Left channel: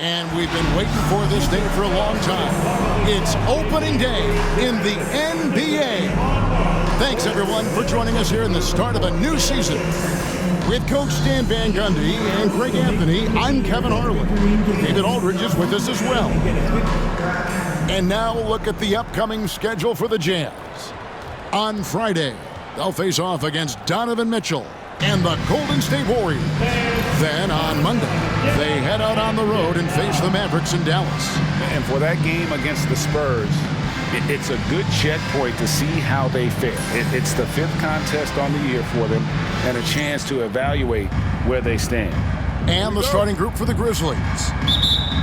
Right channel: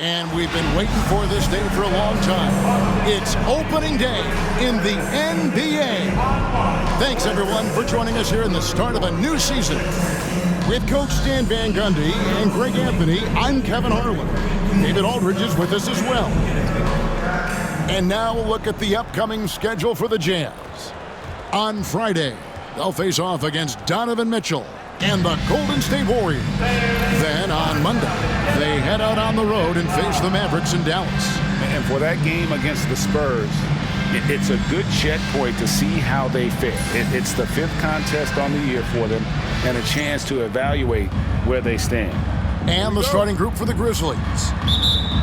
And we've been waiting for this day for a long time. It's opening day in the NBA. Thanks, everyone, for joining us here in the start of a new season. With Coach Stan Van Gundy and Greg Anthony, I'm Kevin Harlan. David Aldridge is with us as well. And now we'll look at the upcoming schedule for the Jazz. On Friday, they'll face off against Donovan Mitchell and the Golden State Warriors. Then on Monday, they head out on the road and face the Mavericks in Dallas. And for that game against the Spurs, it's a good checkpoint to see how they fare. It's the 5th contest on the year for them and a chance to evaluate where they stand. And the starting group for the Grizzlies.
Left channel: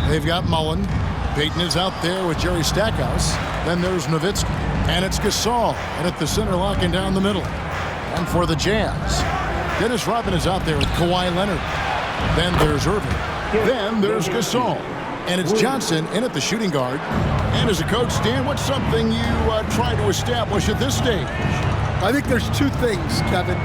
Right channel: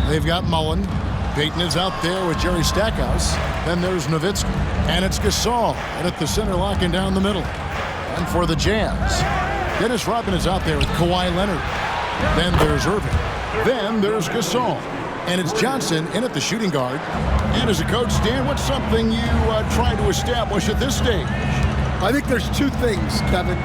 They've got Mullen. Payton is out there with Jerry Stackhouse. Then there's Nowitzki. And it's Gasol and at the center, locking down the middle. And for the Jazz, Dennis Rodman is out there with Kawhi Leonard. Then there's Irving. Then there's Gasol. And it's Johnson in at the shooting guard. And as a coach, Stan, what's something you try to establish at this stage? I think there's 2 things, Kevin.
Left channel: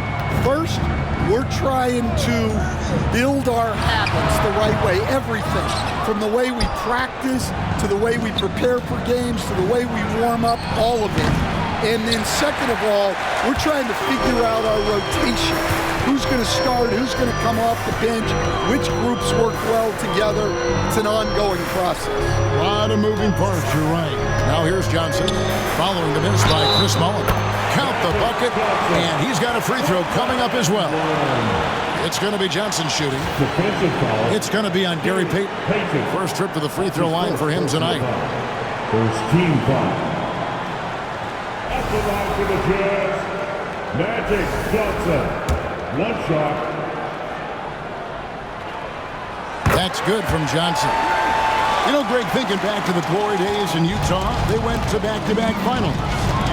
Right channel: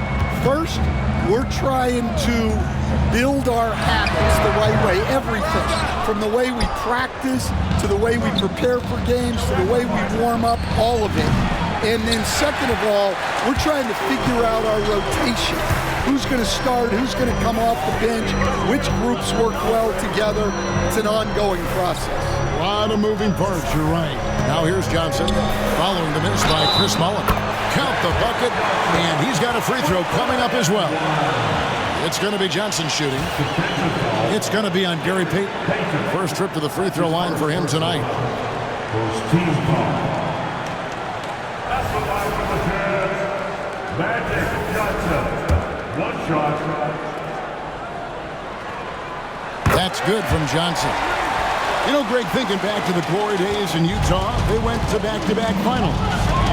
First, we're trying to build our habits the right way, everything. From the way we practice, to the way we prepare for games, to the way we warm up, all of it. And then second of all, we're trying to figure out our rotation. Who's going to start, who's going to come off the bench, which groups work well together. It's an ongoing process. A lot of moving parts, you're right. Now here's Johnson, following the miss by Chris Mullen. Count the bucket, and he's got a free throw coming up as well. It's going to be Johnson shooting. It's going to be on Gary Payton. First trip to the free throw line for him tonight. First team foul. That's the line for the Jazz. Magic Johnson. 1 shot. That's good from Johnson. You know, Greg, thinking back to the glory days in Utah, they went to back-to-back finals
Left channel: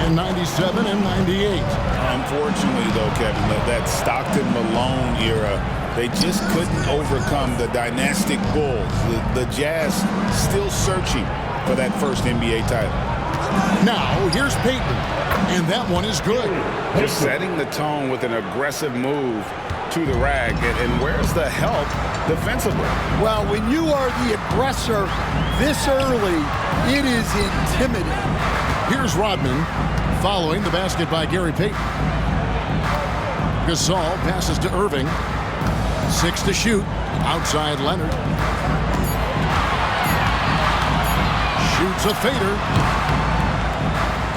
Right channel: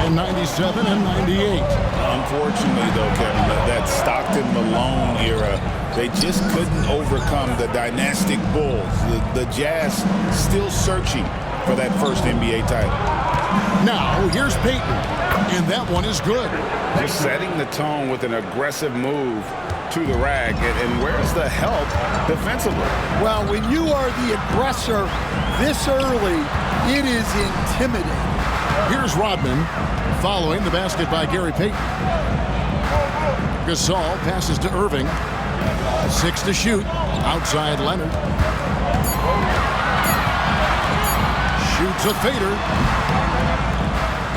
in 97 and 98. Unfortunately, though, Kevin, that Stockton-Malone era, they just couldn't overcome the dynastic Bulls. The Jazz still searching for that first NBA title. Now, here's Payton, and that one is good. Just setting the tone with an aggressive move to the rack. And where's the help defensively? Well, when you are the aggressor this early, it is intimidating. Here's Rodman, following the basket by Gary Payton. Gasol passes to Irving. 6 to shoot. Outside Leonard. Shoots a fader.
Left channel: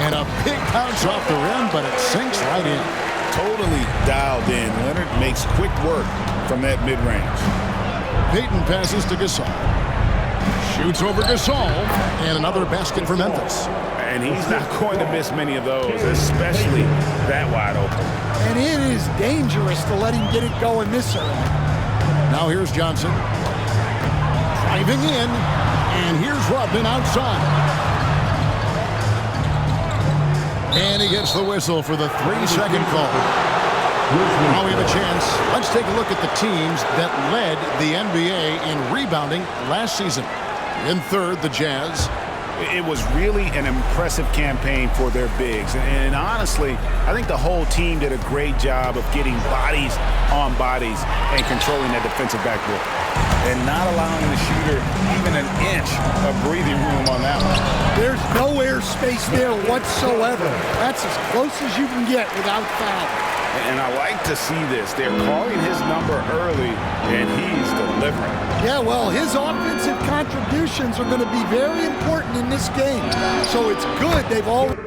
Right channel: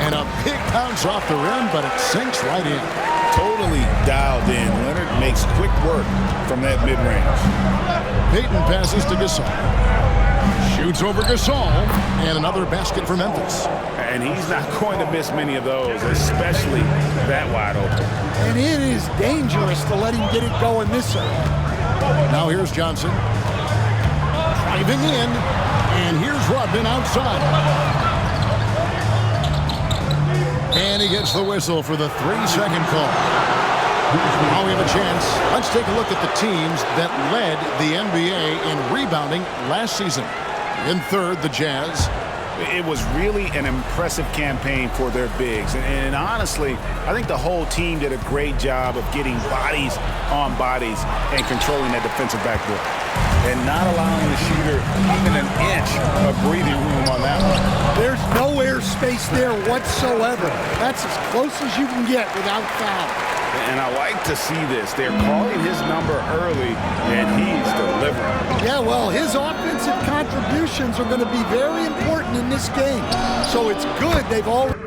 And a big bounce off the rim, but it sinks right in. Totally dialed in. Leonard makes quick work from that mid-range. Payton passes to Gasol. Shoots over Gasol. And another basket for Memphis. And he's not going to miss many of those, especially that wide open. And it is dangerous to let him get it going this early. Now here's Johnson. Driving in. And here's Rodman outside. And he gets the whistle for the 3-second call. Now we have a chance. Let's take a look at the teams that led the NBA in rebounding last season. In third, the Jazz. It was really an impressive campaign for their bigs. And honestly, I think the whole team did a great job of getting bodies on bodies and controlling that defensive backboard. And not allowing the shooter even an inch of breathing room on that one. There's no air space there whatsoever. That's as close as you can get without foul. And I like to see this. They're calling his number early, and he's delivering. Yeah, well, his offensive contributions are going to be very important in this game. So it's good they've already...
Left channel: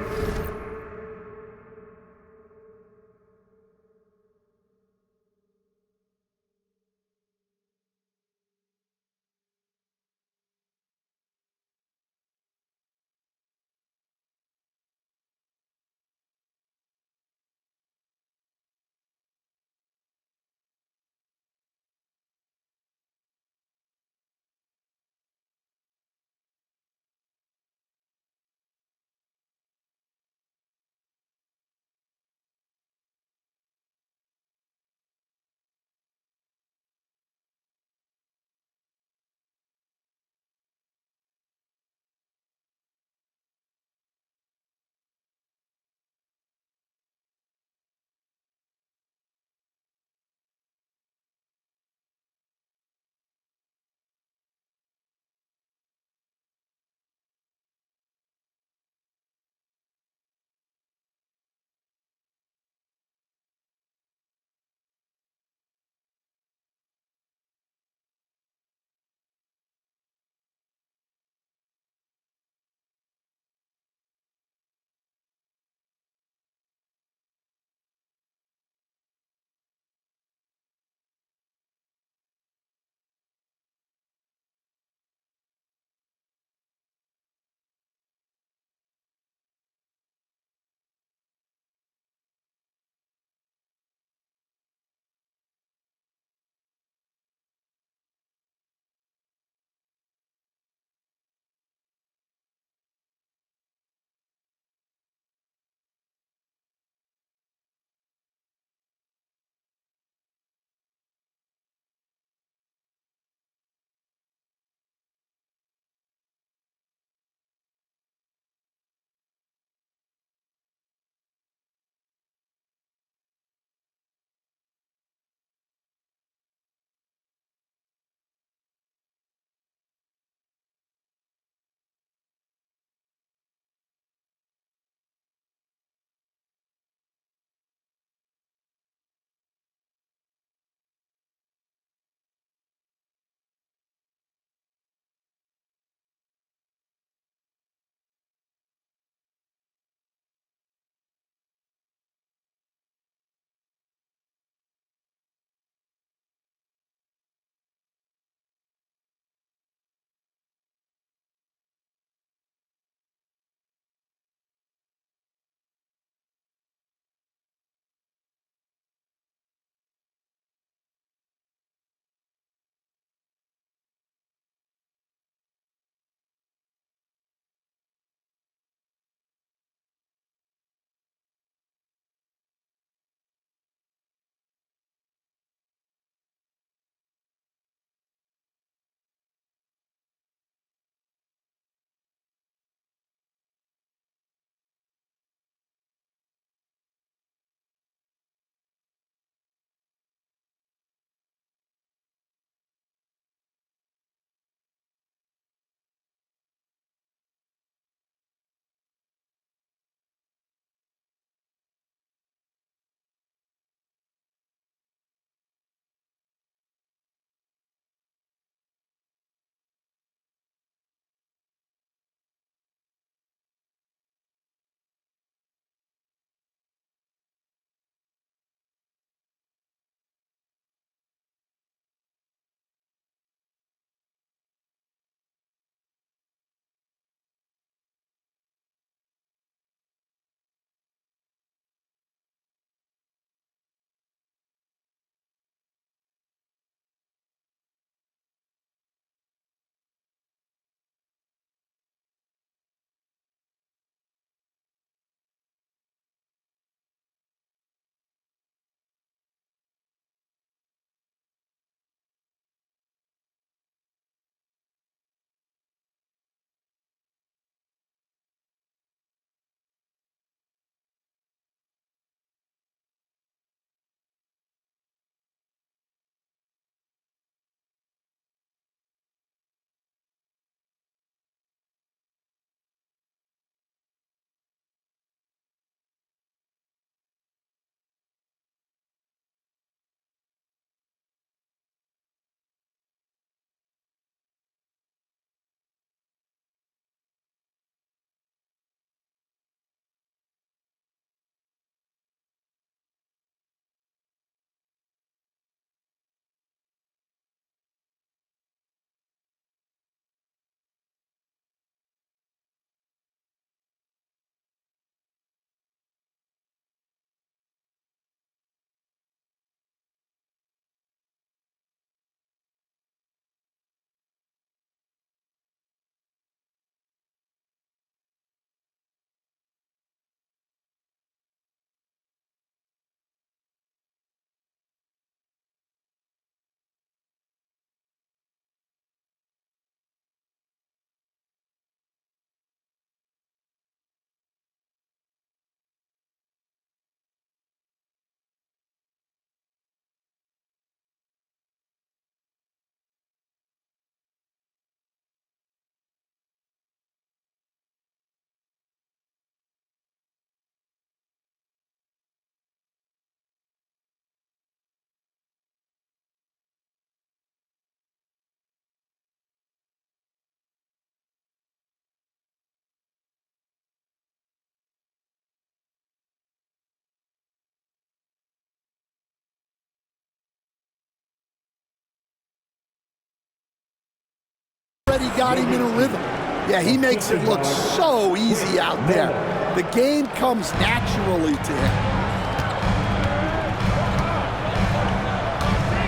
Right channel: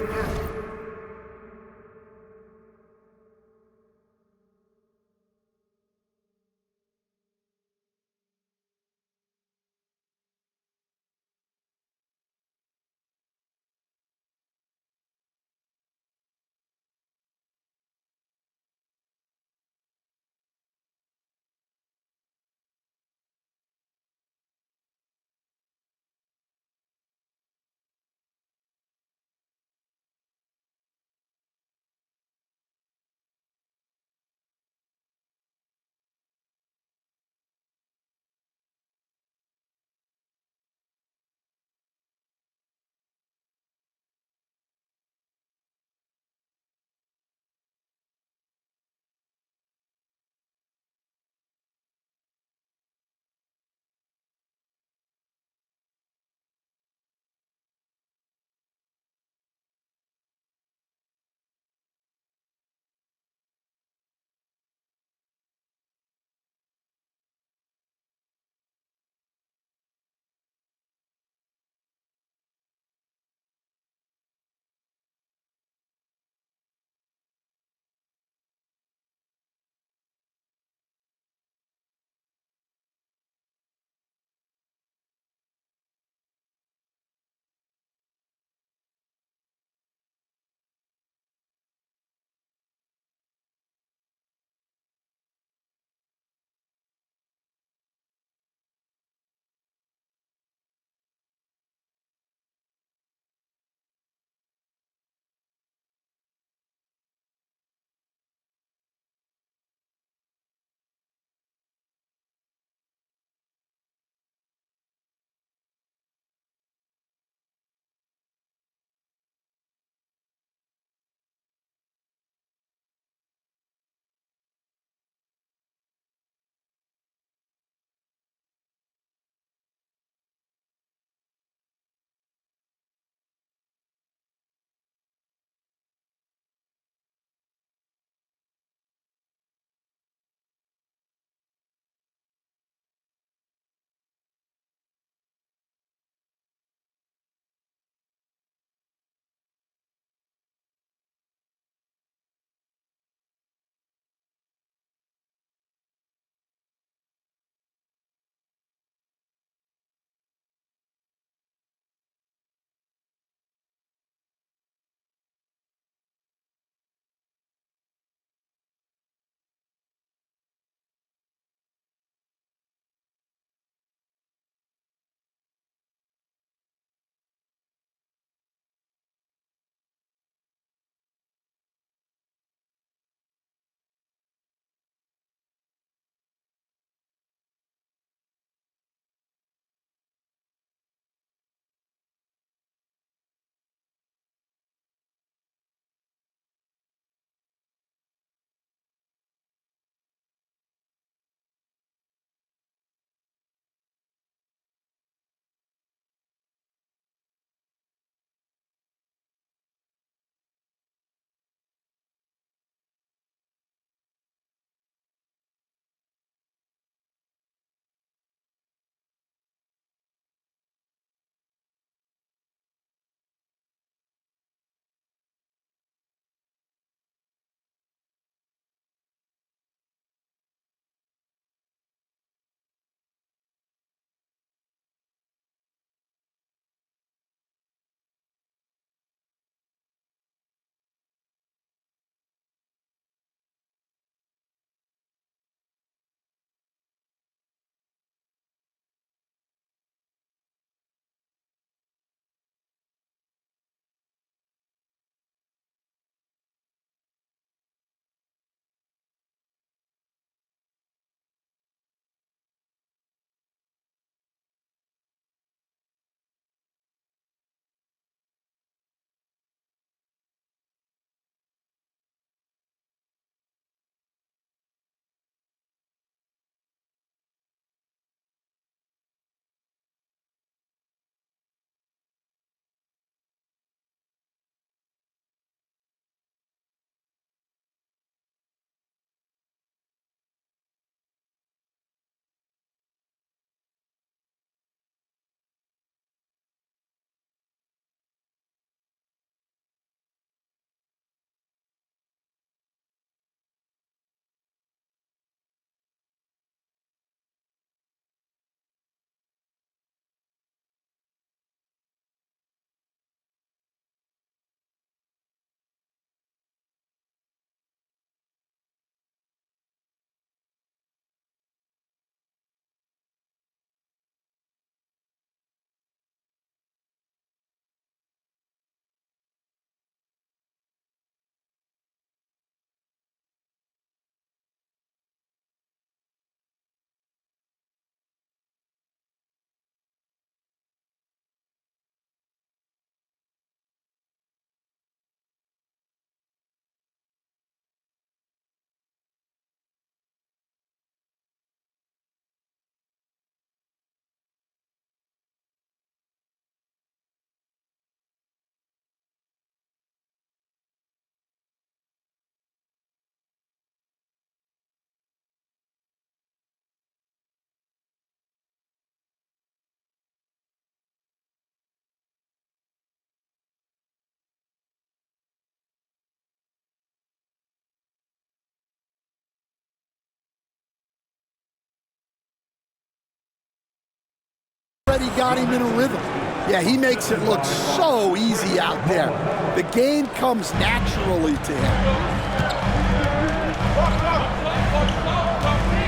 already got him in a rhythm. Yeah, he makes it look so easy out there. The game comes naturally to him.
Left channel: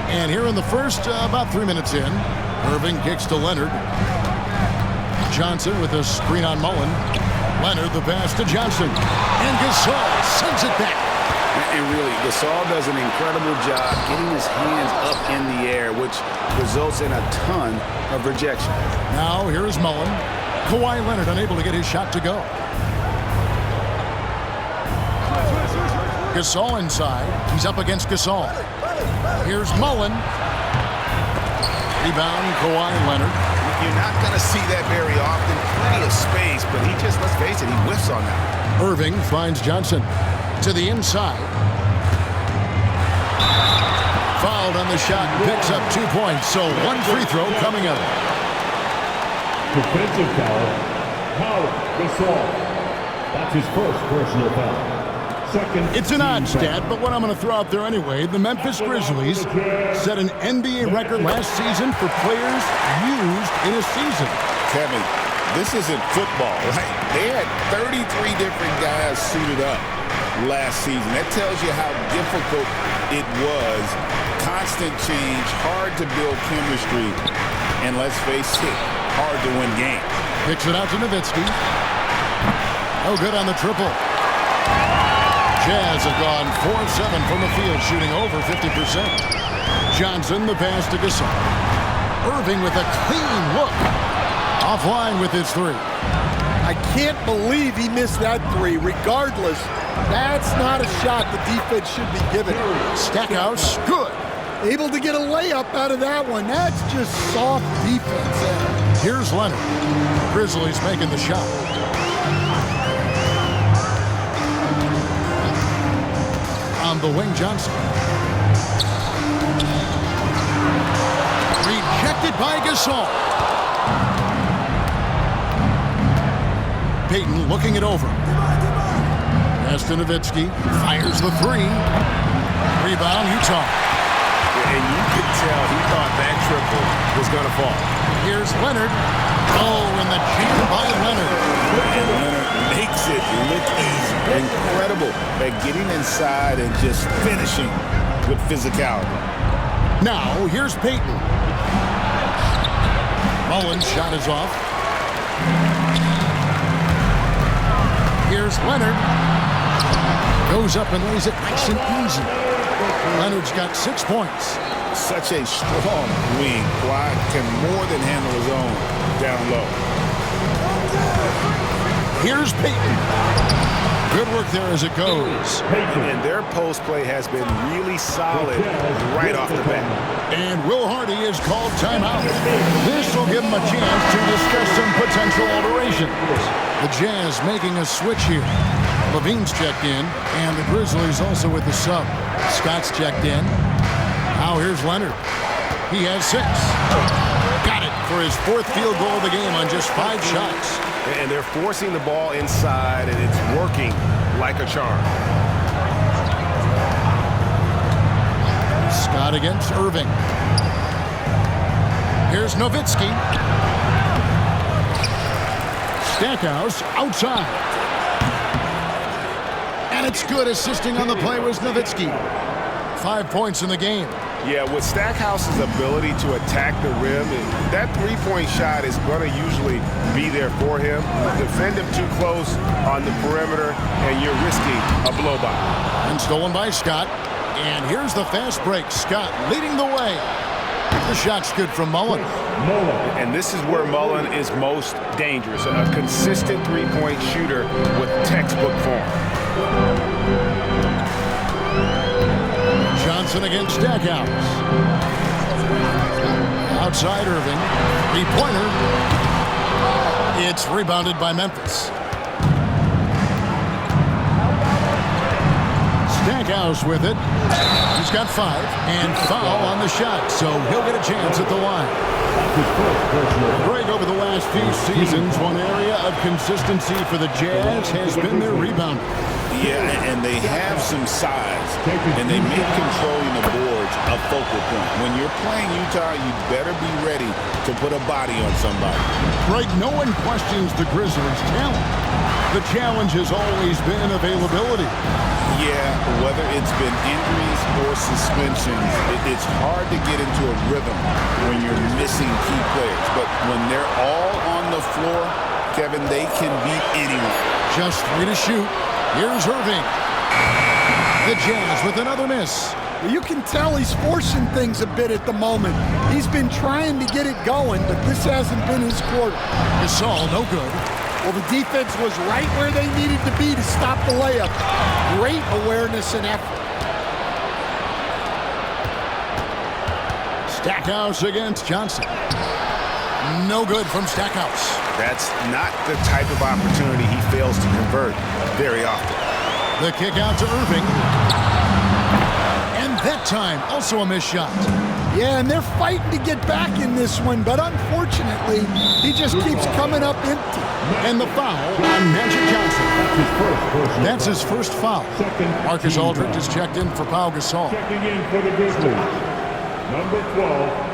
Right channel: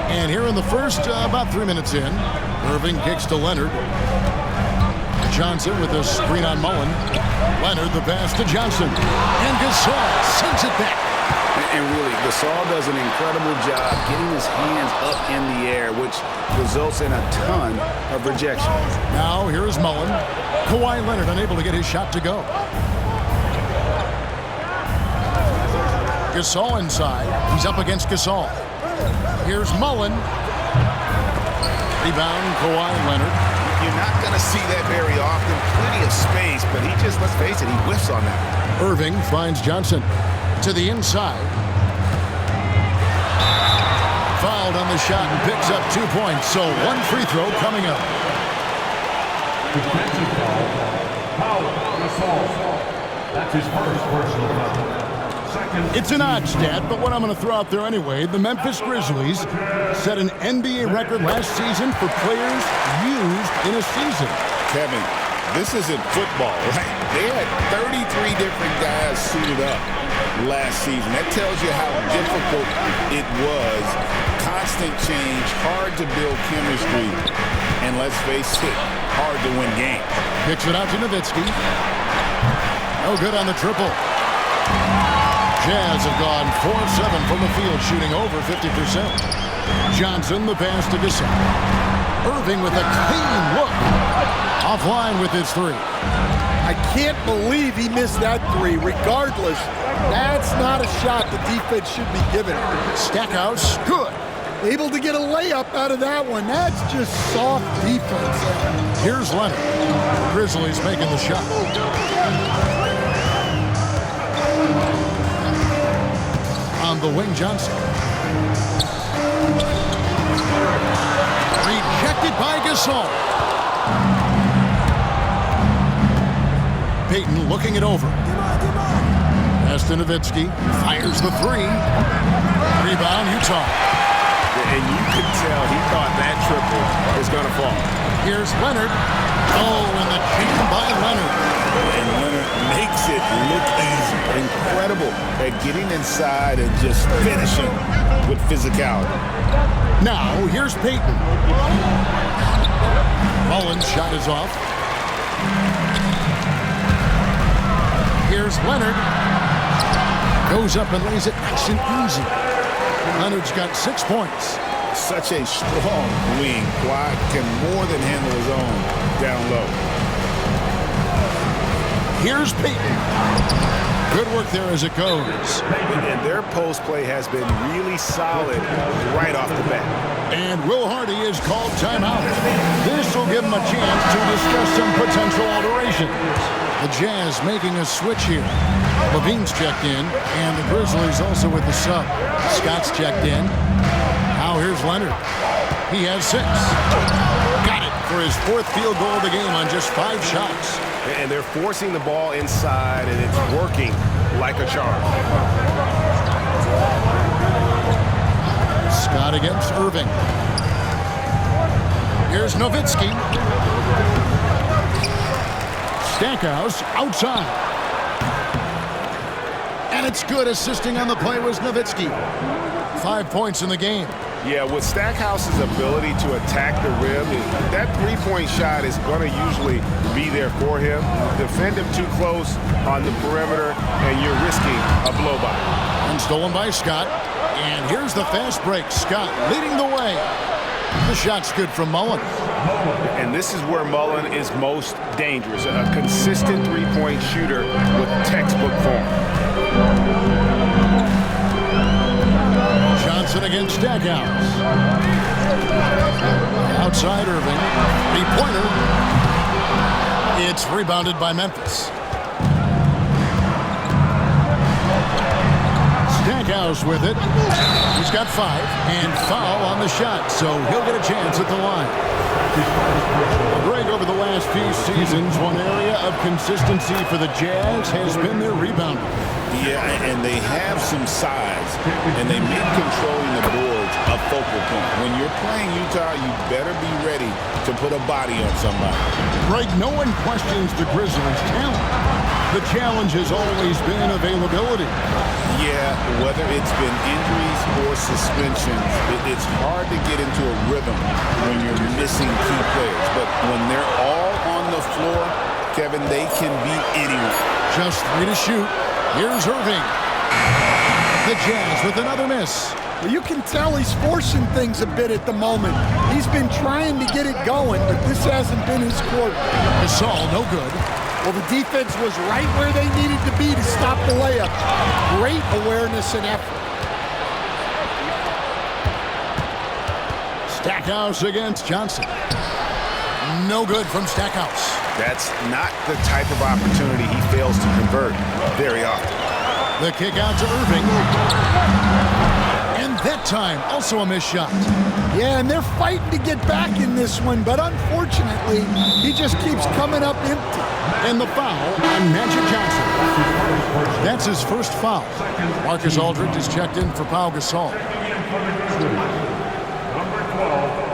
And here in the first, about 3 minutes in, Irving kicks to Leonard. Johnson with a screen on Mullen. Leonard the pass to Johnson. And Gasol sends it back. And really, Gasol does an incredible job getting his hands up in the air, which results in a ton of rejection. Now here is Mullen. Kawhi Leonard unable to get his shot to go. Gasol inside. He's up against Gasol. Here's Mullen. Rebound, Kawhi Leonard. You're not going to see that very often. Plenty of space, but he just, let's face it, he whiffs on that. Irving finds Johnson to the inside. Fouled on the shot and picks up 2 points. So one free throw coming up. Defensive foul, Gasol. That's his first personal foul. Second. It's an odd stat, but what I'm going to throw out there anyway, the Memphis Grizzlies set an NBA record last season for players used in a season. Kevin, this isn't football, right? They had 33 different guys suited up last season. That tells you how difficult it was. Constant change, hard to build chemistry, and let's face it, hard to win games. Kicks it out to Nowitzki. No good on the triple. Jazz have gone 4 of 7 from the field, shooting over 50%. Johnson, the pass to Gasol. Irving with a clean look. Offline with his three. I can't believe he missed that three. Regardless, that's not a shot the defense should be giving him. Stackhouse, good. Able to get a layup out of that one. That's just soft defense there. Here's Leonard. Grizzlies making the shot. On the wing, Johnson. Rejected by Gasol. Payton looking it over. Pass to Nowitzki. Fires the three. Rebound, Utah. And you could tell he thought that triple was going to fall. Here's Leonard. Oh, and the jam by Leonard. And Leonard makes it look easy. Incredible at getting inside and just finishing with physicality. Now, here's Payton. Mullen's shot is off. Here's Leonard. Goes up and lays it nice and easy. Leonard's got 6 points. Such a strong wing. Kawhi can more than handle his own down low. Here's Payton. Good work there as it goes. And their post play has been really solid right off the bat. And Will Hardy is called timeout. This will give him a chance to discuss some potential alterations. The Jazz making a switch here. Levine's checked in, and the Grizzlies also with the sub. Scott's checked in. Now here's Leonard. He has 6. Got it for his 4th field goal of the game on just 5 shots. And they're forcing the ball inside, and it's working like a charm. Scott against Irving. Here's Nowitzki. Stackhouse outside. And it's good. Assisting on the play was Nowitzki. 5 points in the game. Yeah, with Stackhouse's ability to attack the rim, that three-point shot is going to usually be there for him. Defend him too close on the perimeter, and you're risking a blow-by. And stolen by Scott. And here's the fast break. Scott leading the way. The shot's good from Mullen. And this is where Mullen is most dangerous. A consistent three-point shooter with textbook form. Johnson against Stackhouse. Outside Irving. 3-pointer. It's rebounded by Memphis. Stackhouse with it. He's got 5. And foul on the shot, so he'll get a chance at the line. Greg, over the last few seasons, one area of consistency for the Jazz has been their rebounding. Yeah, and they have some size, and they make controlling the boards a focal point. When you're playing Utah, you better be ready to put a body on somebody. Greg, no one questions the Grizzlies' talent. The challenge has always been availability. Yeah, whether it's been injuries or suspensions, it's hard to get into a rhythm when you're missing key players. But when they're all on the floor, Kevin, they can beat anyone. Just 3 to shoot. Here's Irving. The Jazz with another miss. Well, you can tell he's forcing things a bit at the moment. He's been trying to get it going, but this hasn't been his quarter. Gasol, no good. Well, the defense was right where they needed to be to stop the layup. Great awareness and effort. Stackhouse against Johnson. No good from Stackhouse. That's not the type of opportunity he fails to convert very often. The kick out to Irving. And that time, also a missed shot. Yeah, and they're fighting to get back in this one, but unfortunately, he just keeps coming up empty. And the foul on Magic Johnson. That's his first foul. Marcus Aldridge is checked in for Pau Gasol. Checking in for the Grizzlies, number 12,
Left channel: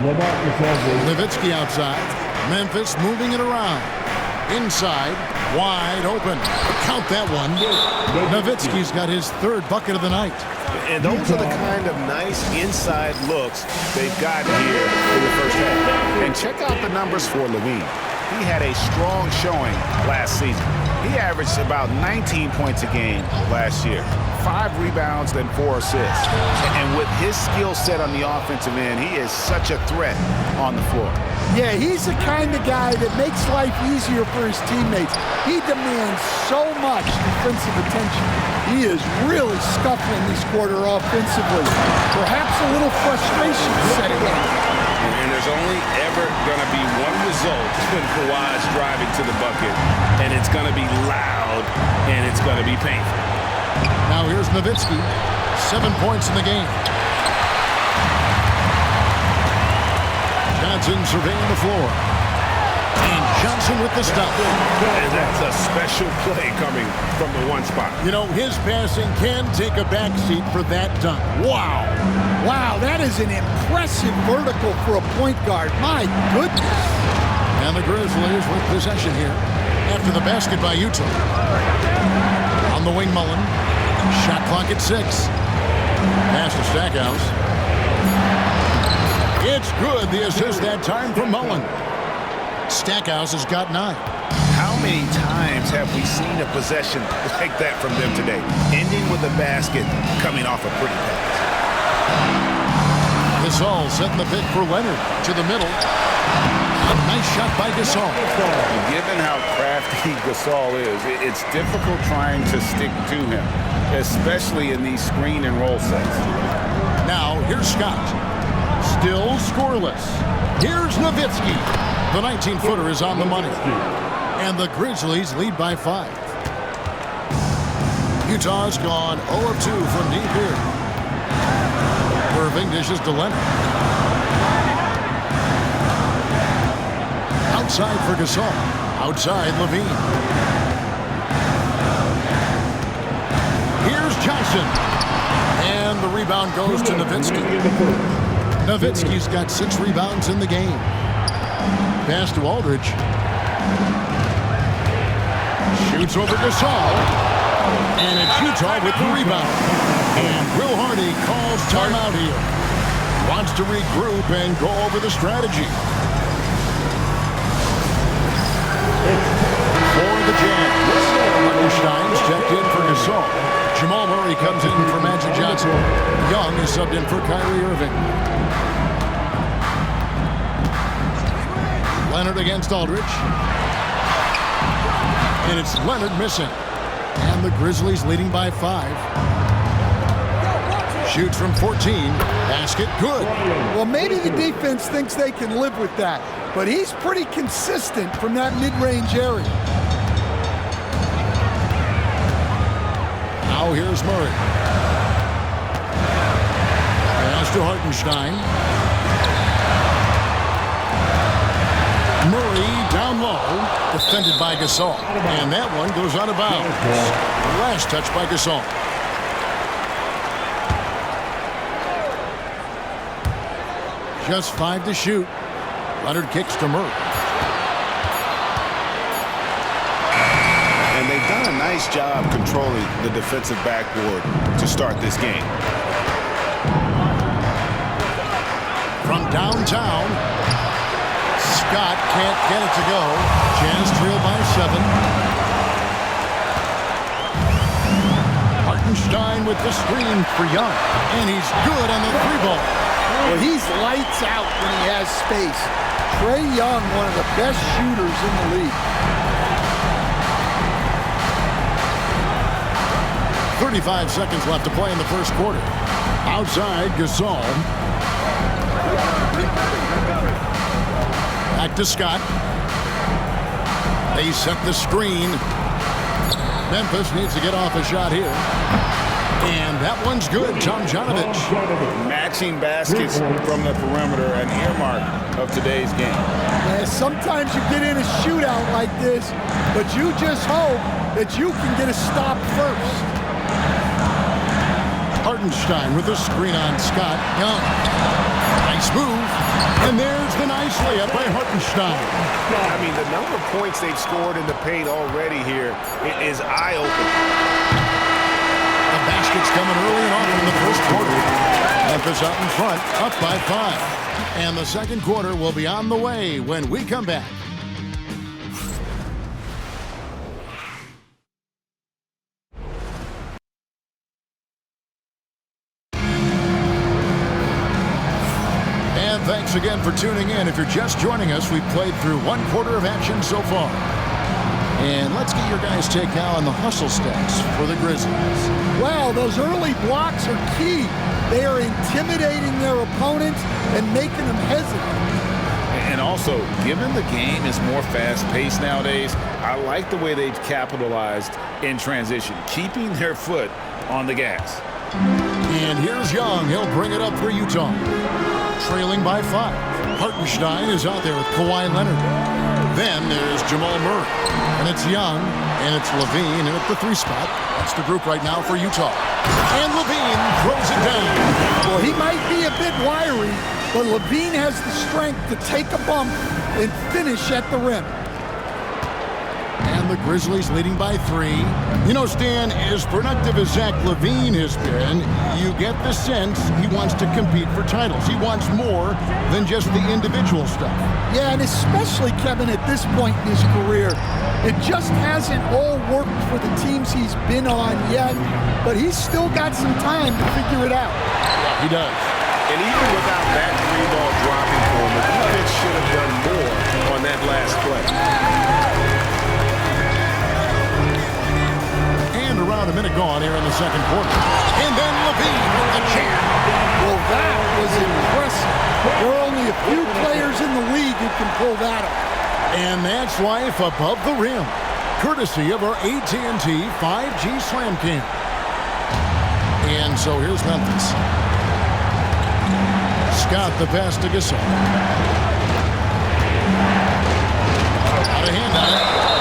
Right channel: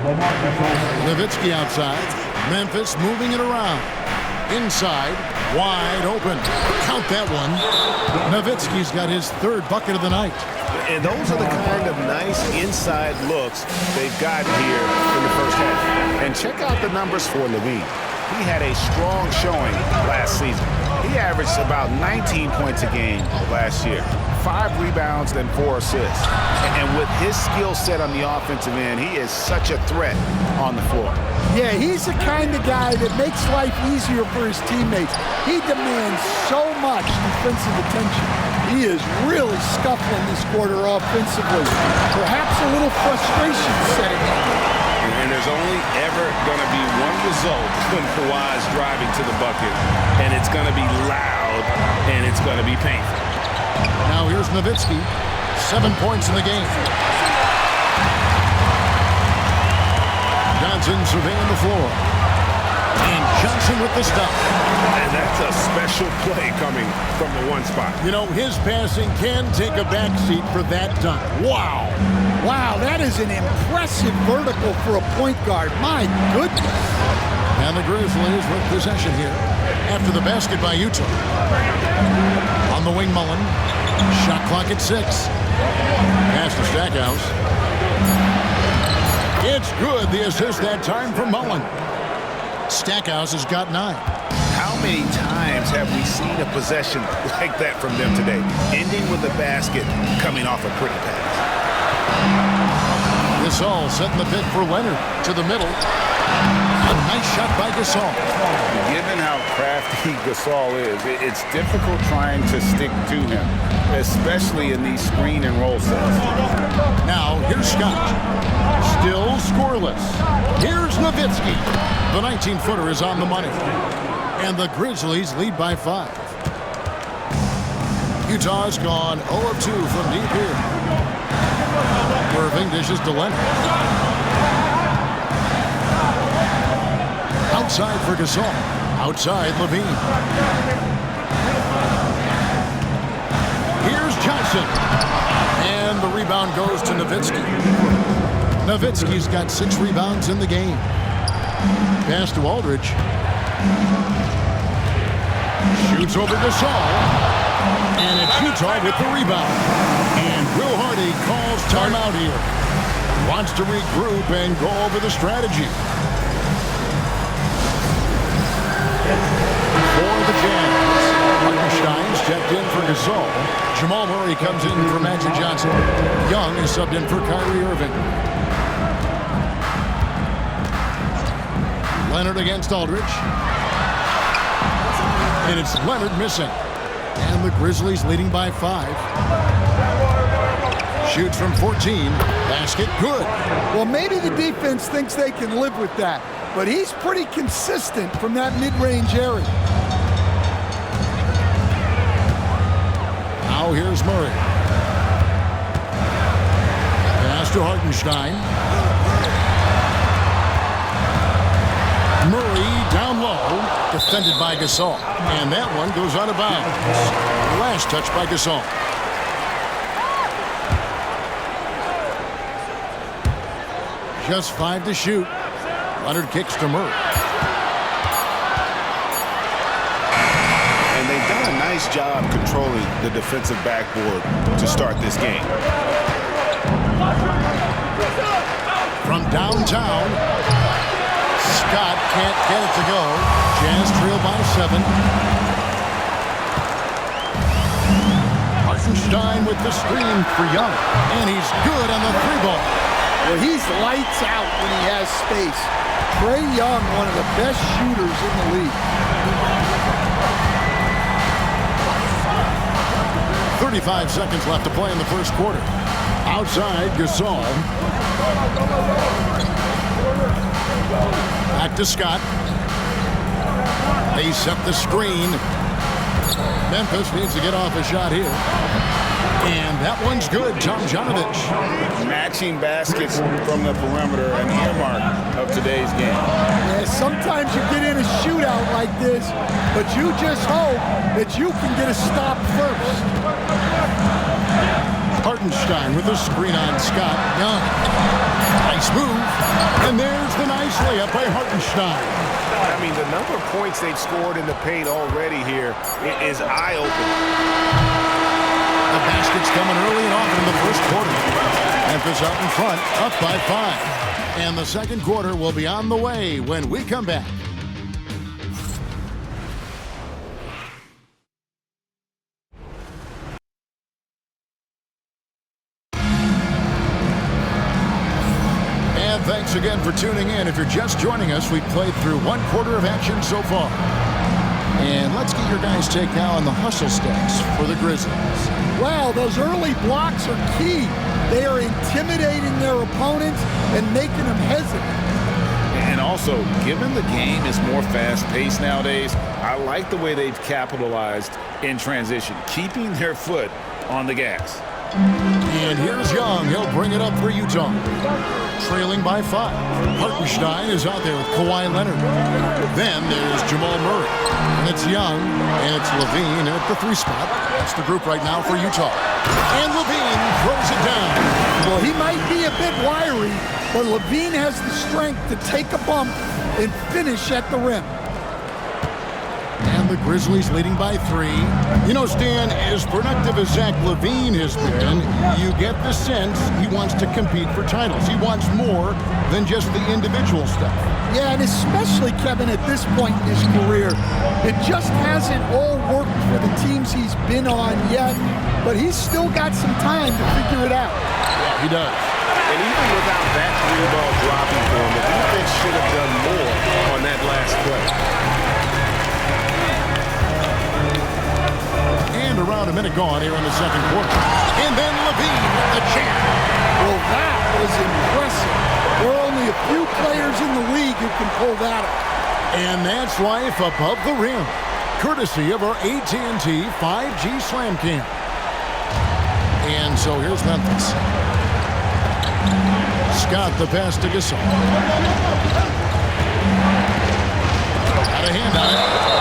LaMarcus Aldridge. Nowitzki outside. Memphis moving it around. Inside, wide open. Count that one. Nowitzki's got his third bucket of the night. And those are the kind of nice inside looks they've gotten here in the first half. And check out the numbers for Levine. He had a strong showing last season. He averaged about 19 points a game last year. 5 rebounds and 4 assists. And with his skill set on the offensive end, he is such a threat on the floor. Yeah, he's the kind of guy that makes life easier for his teammates. He demands so much defensive attention. He is really scuffling this quarter offensively. Perhaps a little frustration setting in. And there's only ever going to be one result when Kawhi's driving to the bucket, and it's going to be loud, and it's going to be painful. Now here's Nowitzki. 7 points in the game. Johnson surveying the floor. And Johnson with the stop. And that's a special play coming from the one spot. You know, his passing can take a backseat for that dunk. Wow. Wow, that is an impressive vertical for a point guard. My goodness. And the Grizzlies with possession here after the basket by Utah. On the wing, Mullen. Shot clock at 6. Pass to Stackhouse. It's good. The assist that time from Mullen. Stackhouse has got 9. How many times have we seen a possession like that from them today? Ending with a basket coming off a pretty pass. Gasol setting the pick for Leonard to the middle. A nice shot by Gasol. Given how crafty Gasol is, it's difficult trying to stick to him, especially in these screen and roll sets. Now, here's Scott. Still scoreless. Here's Nowitzki. The 19-footer is on the money. And the Grizzlies lead by 5. Utah's gone 0 of 2 from deep here. Irving dishes to Leonard. Outside for Gasol. Outside Levine. Here's Johnson. And the rebound goes to Nowitzki. Nowitzki's got 6 rebounds in the game. Pass to Aldridge. Shoots over Gasol. And it's Utah with the rebound. And Will Hardy calls timeout here. Wants to regroup and go over the strategy. For the Jazz, Hartenstein's checked in for Gasol. Jamal Murray comes in for Magic Johnson. Young is subbed in for Kyrie Irving. Leonard against Aldridge. And it's Leonard missing. And the Grizzlies leading by 5. Shoots from 14. Basket good. Well, maybe the defense thinks they can live with that, but he's pretty consistent from that mid-range area. Now here's Murray. Pass to Hartenstein. Murray down low, defended by Gasol. And that one goes out of bounds. Last touch by Gasol. Just 5 to shoot. Leonard kicks to Murray. And they've done a nice job controlling the defensive backboard to start this game. From downtown, Scott can't get it to go. Jazz trail by 7. Hartenstein with the screen for Young. And he's good on the 3-ball. Well, he's lights out when he has space. Trae Young, one of the best shooters in the league. 35 seconds left to play in the first quarter. Outside, Gasol. Back to Scott. They set the screen. Memphis needs to get off a shot here. And that one's good. Tomjanovich. Matching baskets from the perimeter, an earmark of today's game. Yeah, sometimes you get in a shootout like this, but you just hope that you can get a stop first. Hartenstein with the screen on Scott. Young. Nice move. And there's the nice layup by Hartenstein. I mean, the number of points they've scored in the paint already here is eye-opening. The basket's coming early and often in the first quarter. Memphis out in front, up by 5. And the second quarter will be on the way when we come back. And thanks again for tuning in. If you're just joining us, we've played through 1 quarter of action so far. And let's get your guys' take now on the hustle stats for the Grizzlies. Well, those early blocks are key. They are intimidating their opponents and making them hesitant. And also, given the game is more fast-paced nowadays, I like the way they've capitalized in transition, keeping their foot on the gas. And here's Young. He'll bring it up for Utah. Trailing by 5. Hartenstein is out there with Kawhi Leonard. Then there's Jamal Murray. And it's Young, and it's Levine, and at the 3 spot. That's the group right now for Utah. And Levine throws it down. Well, he might be a bit wiry, but Levine has the strength to take a bump and finish at the rim. And the Grizzlies leading by 3. You know, Stan, as productive as Zach LaVine has been, you get the sense he wants to compete for titles. He wants more than just the individual stuff. Yeah, and especially, Kevin, at this point in his career, it just hasn't all worked for the teams he's been on yet, but he's still got some time to figure it out. Yeah, he does. And even without that 3-ball dropping for him, the defense should have done more on that last play. And around a minute gone here in the second quarter. And then Levine with the jam. Well, that was impressive. There are only a few players in the league who can pull that off. And that's life above the rim, courtesy of our AT&T 5G Slam Cam. And so here's Memphis. Scott the pass to Gasol. Out of hand on it.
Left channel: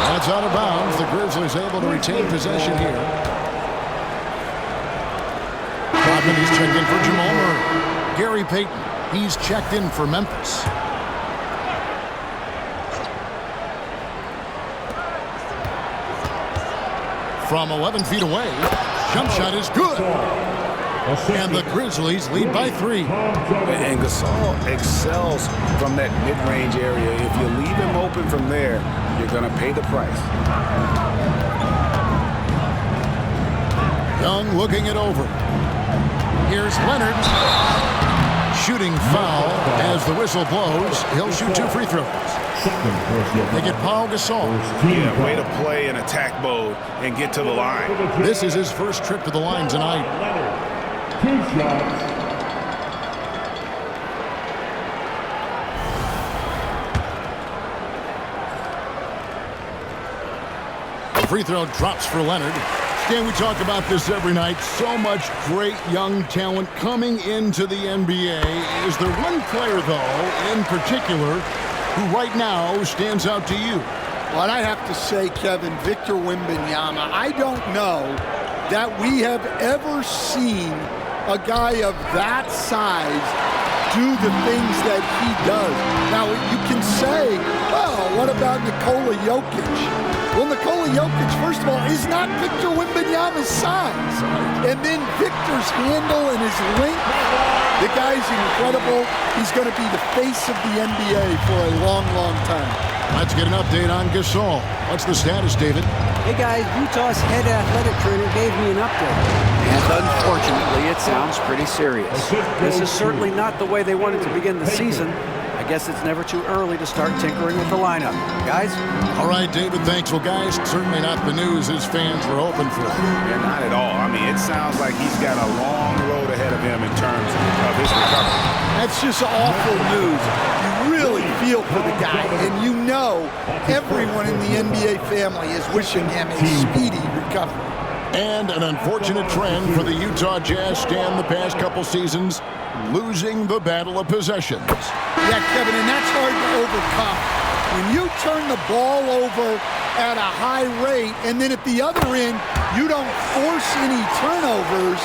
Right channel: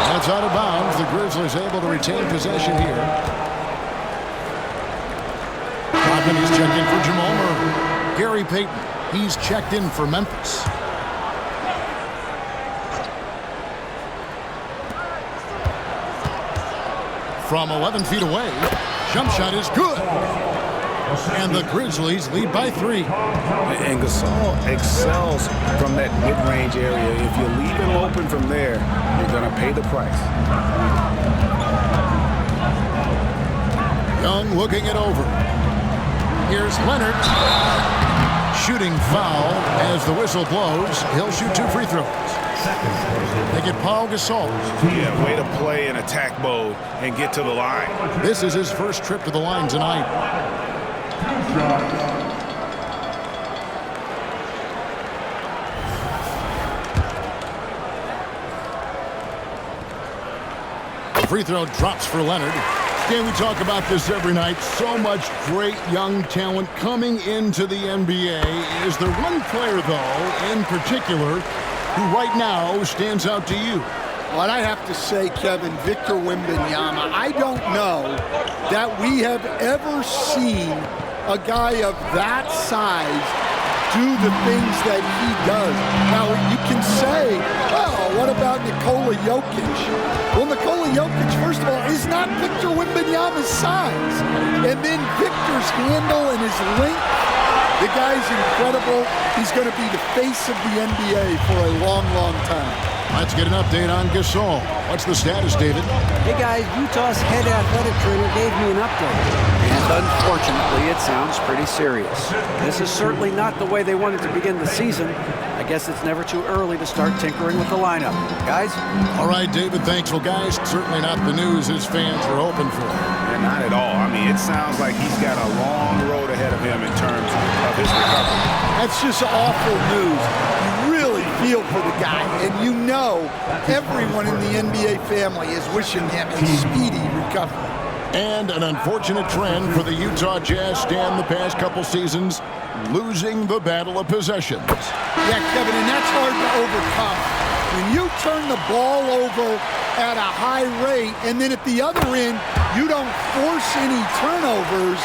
And it's out of bounds. The Grizzlies able to retain possession here. Rodman, he's checked in for Jamal Murray. Gary Payton, he's checked in for Memphis. From 11 feet away, jump shot is good. And the Grizzlies lead by 3. And Gasol excels from that mid-range area. If you leave him open from there, you're going to pay the price. Young looking it over. Here's Leonard. Shooting foul as the whistle blows. He'll shoot 2 free throws. They get Paul Gasol. Yeah, way to play in attack mode and get to the line. This is his first trip to the line tonight. 2 shots. The free throw drops for Leonard. Stan, we talk about this every night. So much great young talent coming into the NBA. Is there one player, though, in particular, who right now stands out to you? Well, I have to say, Kevin, Victor Wembanyama, I don't know that we have ever seen a guy of that size do the things that he does. Now, you can say, well, what about Nikola Jokic? Well, Nikola Jokic, first of all, is not Victor Wembanyama's size. And then Victor's handle and his length, the guy's incredible. He's going to be the face of the NBA for a long, long time. Let's get an update on Gasol. What's the status, David? Hey guys, Utah's head athletic trainer gave me an update. And unfortunately, it sounds pretty serious. This is certainly not the way they wanted to begin the season. I guess it's never too early to start tinkering with the lineup. Guys? All right, David, thanks. Well, guys, certainly not the news his fans were hoping for. Yeah, not at all. I mean, it sounds like he's got a long road ahead of him in terms of his recovery. That's just awful news. You really feel for the guy, and you know everyone in the NBA family is wishing him a speedy recovery. And an unfortunate trend for the Utah Jazz stand the past couple seasons, losing the battle of possessions. Yeah, Kevin, and that's hard to overcome. When you turn the ball over at a high rate, and then at the other end, you don't force any turnovers,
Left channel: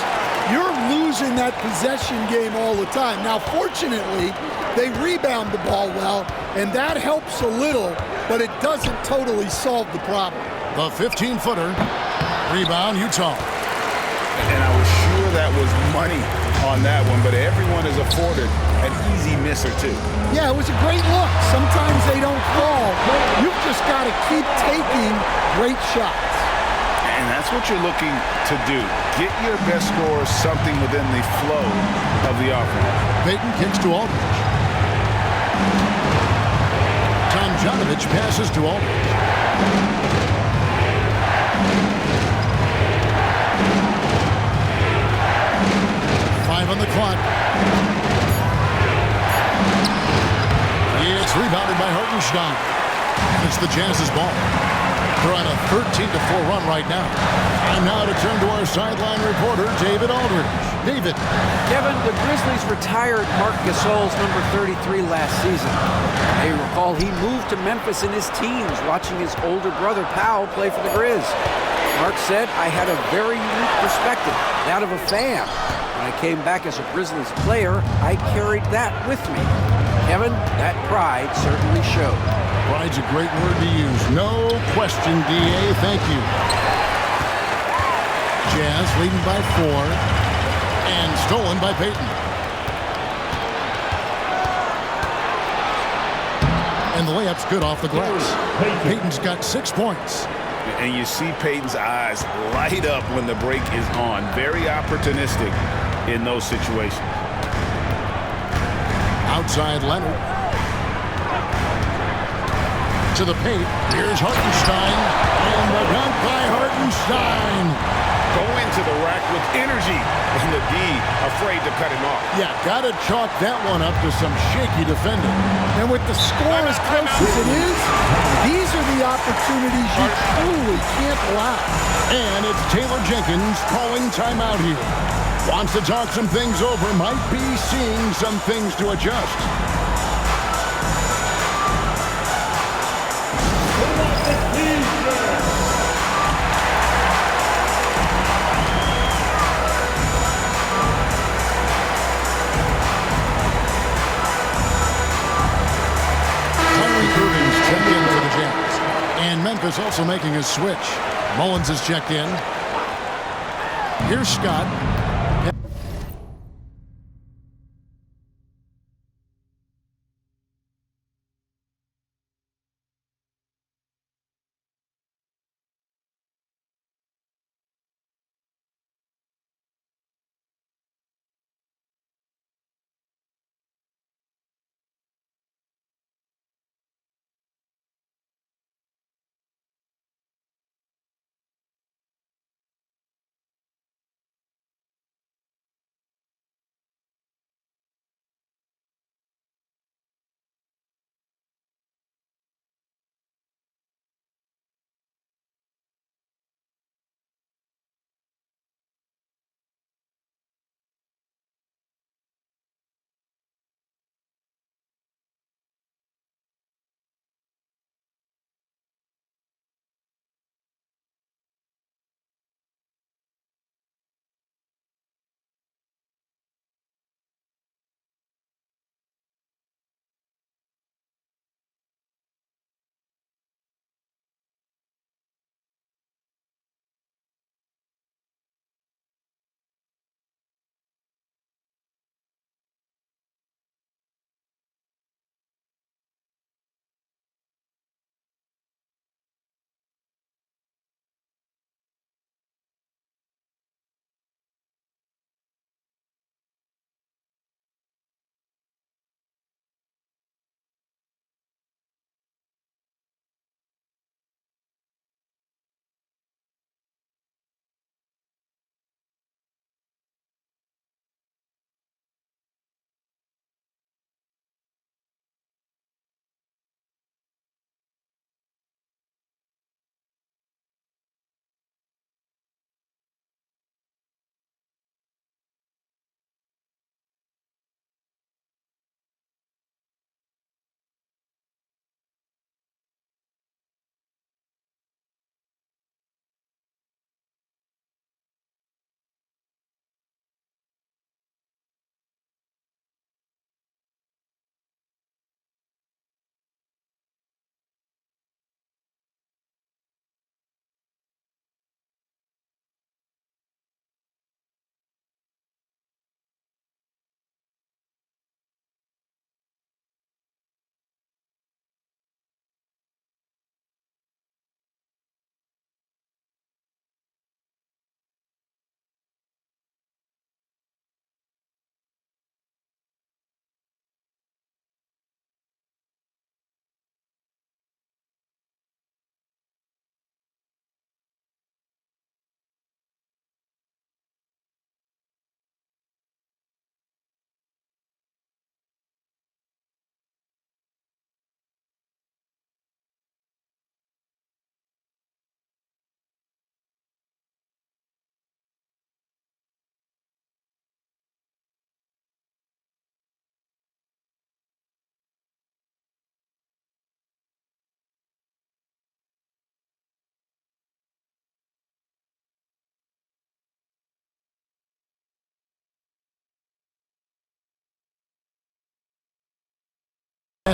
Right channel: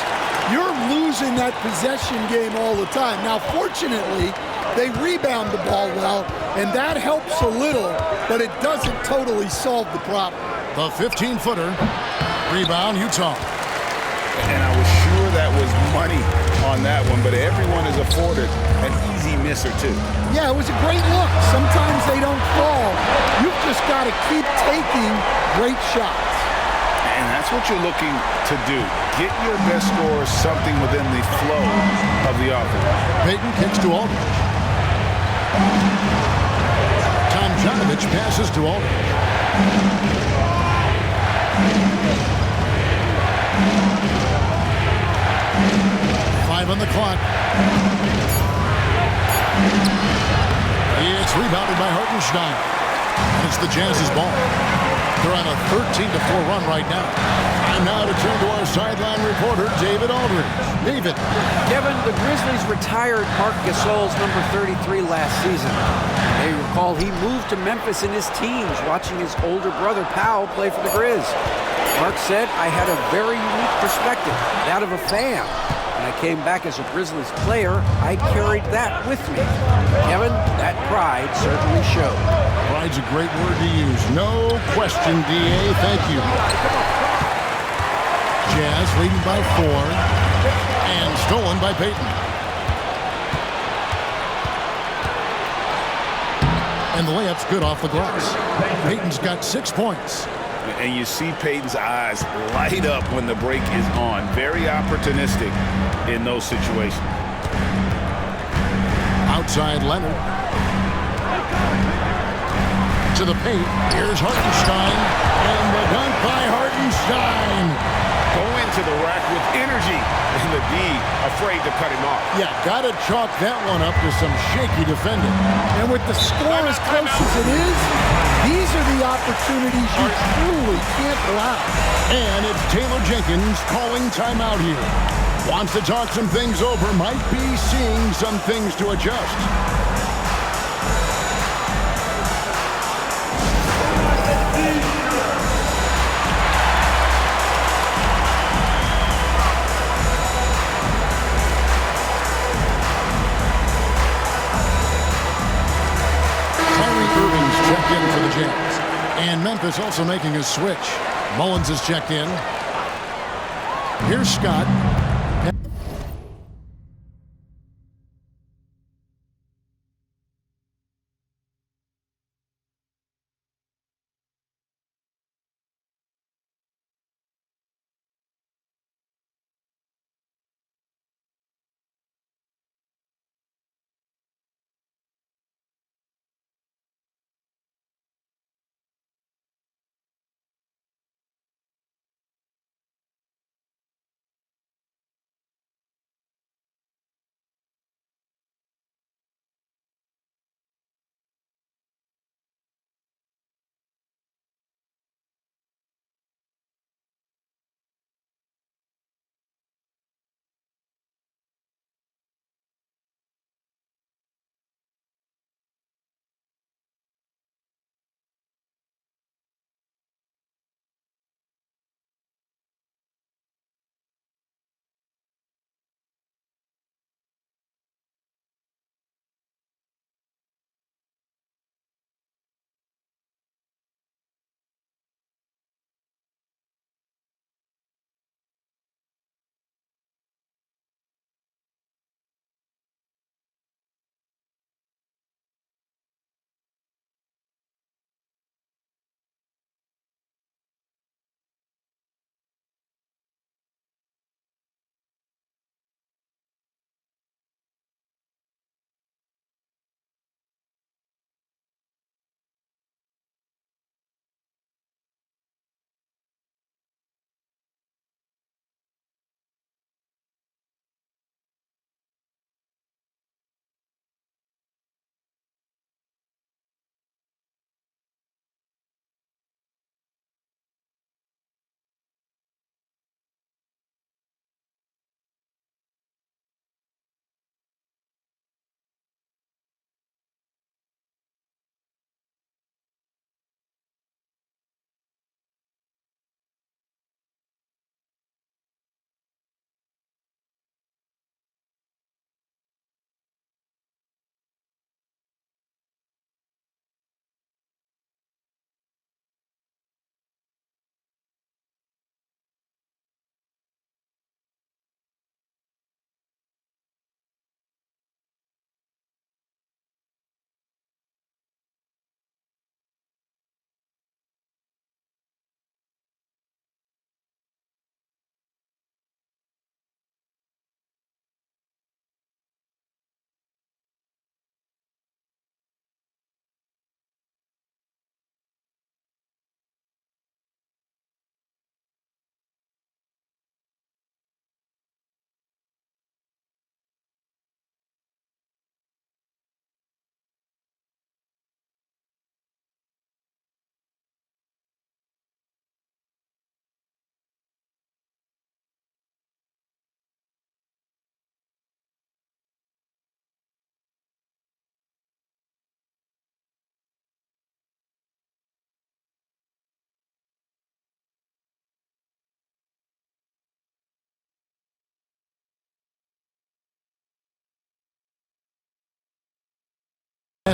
you're losing that possession game all the time. Now, fortunately, they rebound the ball well, and that helps a little, but it doesn't totally solve the problem. The 15-footer, rebound, Utah. And I was sure that was money on that one, but everyone is afforded an easy miss or two. Yeah, it was a great look. Sometimes they don't fall. You've just got to keep taking great shots. And that's what you're looking to do. Get your best scorers something within the flow of the offense. Payton kicks to Aldridge. Tomjanovich passes to Aldridge. Five on the clock. It's rebounded by Hartenstein. And it's the Jazz's ball. They're on a 13-4 run right now. Time now to turn to our sideline reporter, David Aldridge. David. Kevin, the Grizzlies retired Marc Gasol's number 33 last season. You may recall he moved to Memphis in his teens, watching his older brother Powell play for the Grizz. Marc said, I had a very unique perspective, that of a fan. When I came back as a Grizzlies player, I carried that with me. Kevin, that pride certainly showed. Pride's a great word to use. No question, D.A. Thank you. Jazz leading by 4 and stolen by Payton. And the layup's good off the glass. Payton's got 6 points. And you see Payton's eyes light up when the break is on. Very opportunistic in those situations. Outside Leonard. To the paint. Here's Hartenstein. And the dunk by Hartenstein. Go into the rack with energy. And the D afraid to cut him off. Yeah, gotta chalk that one up to some shaky defending. And with the score as close as it is, these are the opportunities you truly can't allow. And it's Taylor Jenkins calling timeout here. Wants to talk some things over, might be seeing some things to adjust. Irving's checked in for the Jazz. And Memphis also making a switch. Mullins has checked in. Here's Scott.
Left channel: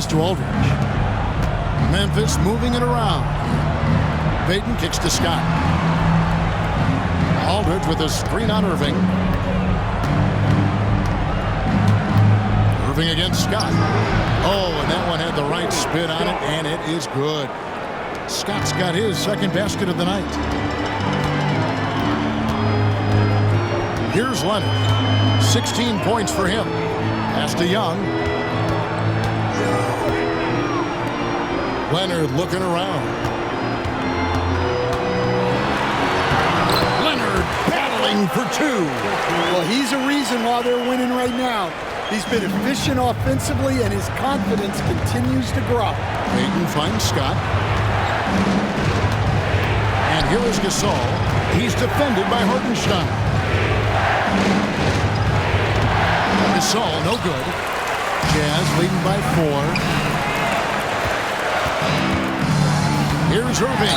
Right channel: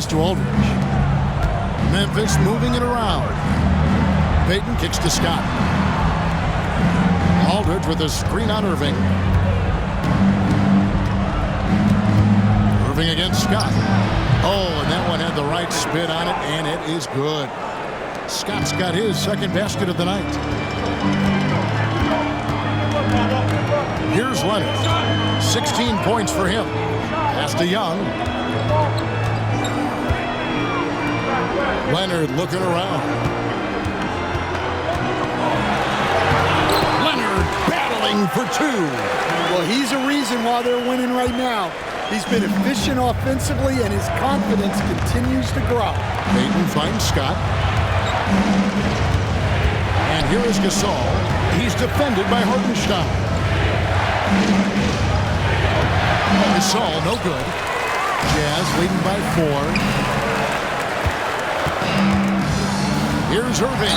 pass to Aldridge. Memphis moving it around. Payton kicks to Scott. Aldridge with a screen on Irving. Irving against Scott. Oh, and that one had the right spin on it, and it is good. Scott's got his second basket of the night. Here's Leonard. 16 points for him. Pass to Young. Leonard looking around. Leonard battling for two. Well, he's a reason why they're winning right now. He's been efficient offensively, and his confidence continues to grow. Payton finds Scott. And here is Gasol. He's defended by Hartenstein. Gasol, no good. Jazz leading by 4. Here's Irving.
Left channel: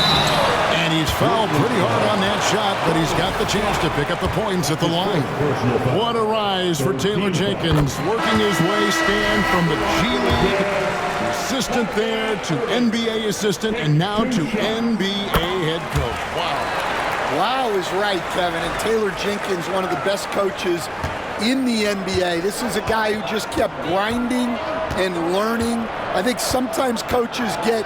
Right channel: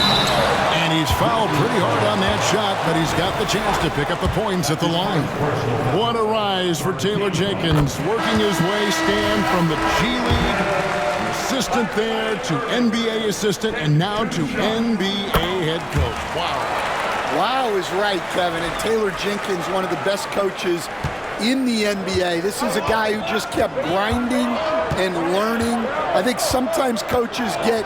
And he's fouled pretty hard on that shot, but he's got the chance to pick up the points at the line. What a rise for Taylor Jenkins, working his way stand from the G League assistant there to NBA assistant and now to NBA head coach. Wow. Wow is right, Kevin. And Taylor Jenkins, one of the best coaches in the NBA. This is a guy who just kept grinding and learning. I think sometimes coaches get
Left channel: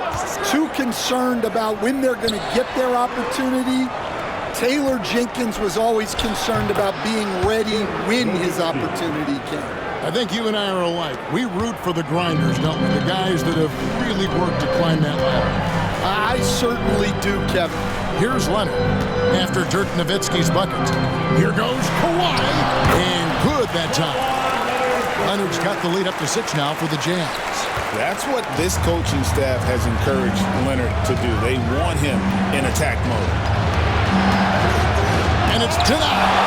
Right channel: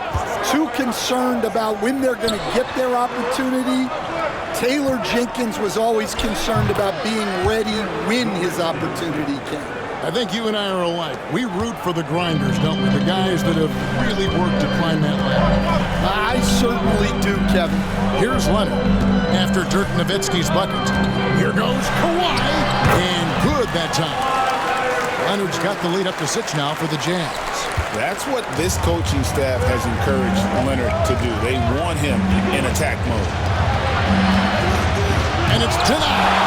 too concerned about when they're going to get their opportunity. Taylor Jenkins was always concerned about being ready when his opportunity came. I think you and I are alike. We root for the grinders, don't we? The guys that have really worked to climb that ladder. I certainly do, Kevin. Here's Leonard after Dirk Nowitzki's bucket. Here goes Kawhi, and good that time. Leonard's got the lead up to 6 now for the Jazz. That's what this coaching staff has encouraged Leonard to do. They want him in attack mode. And it's denied.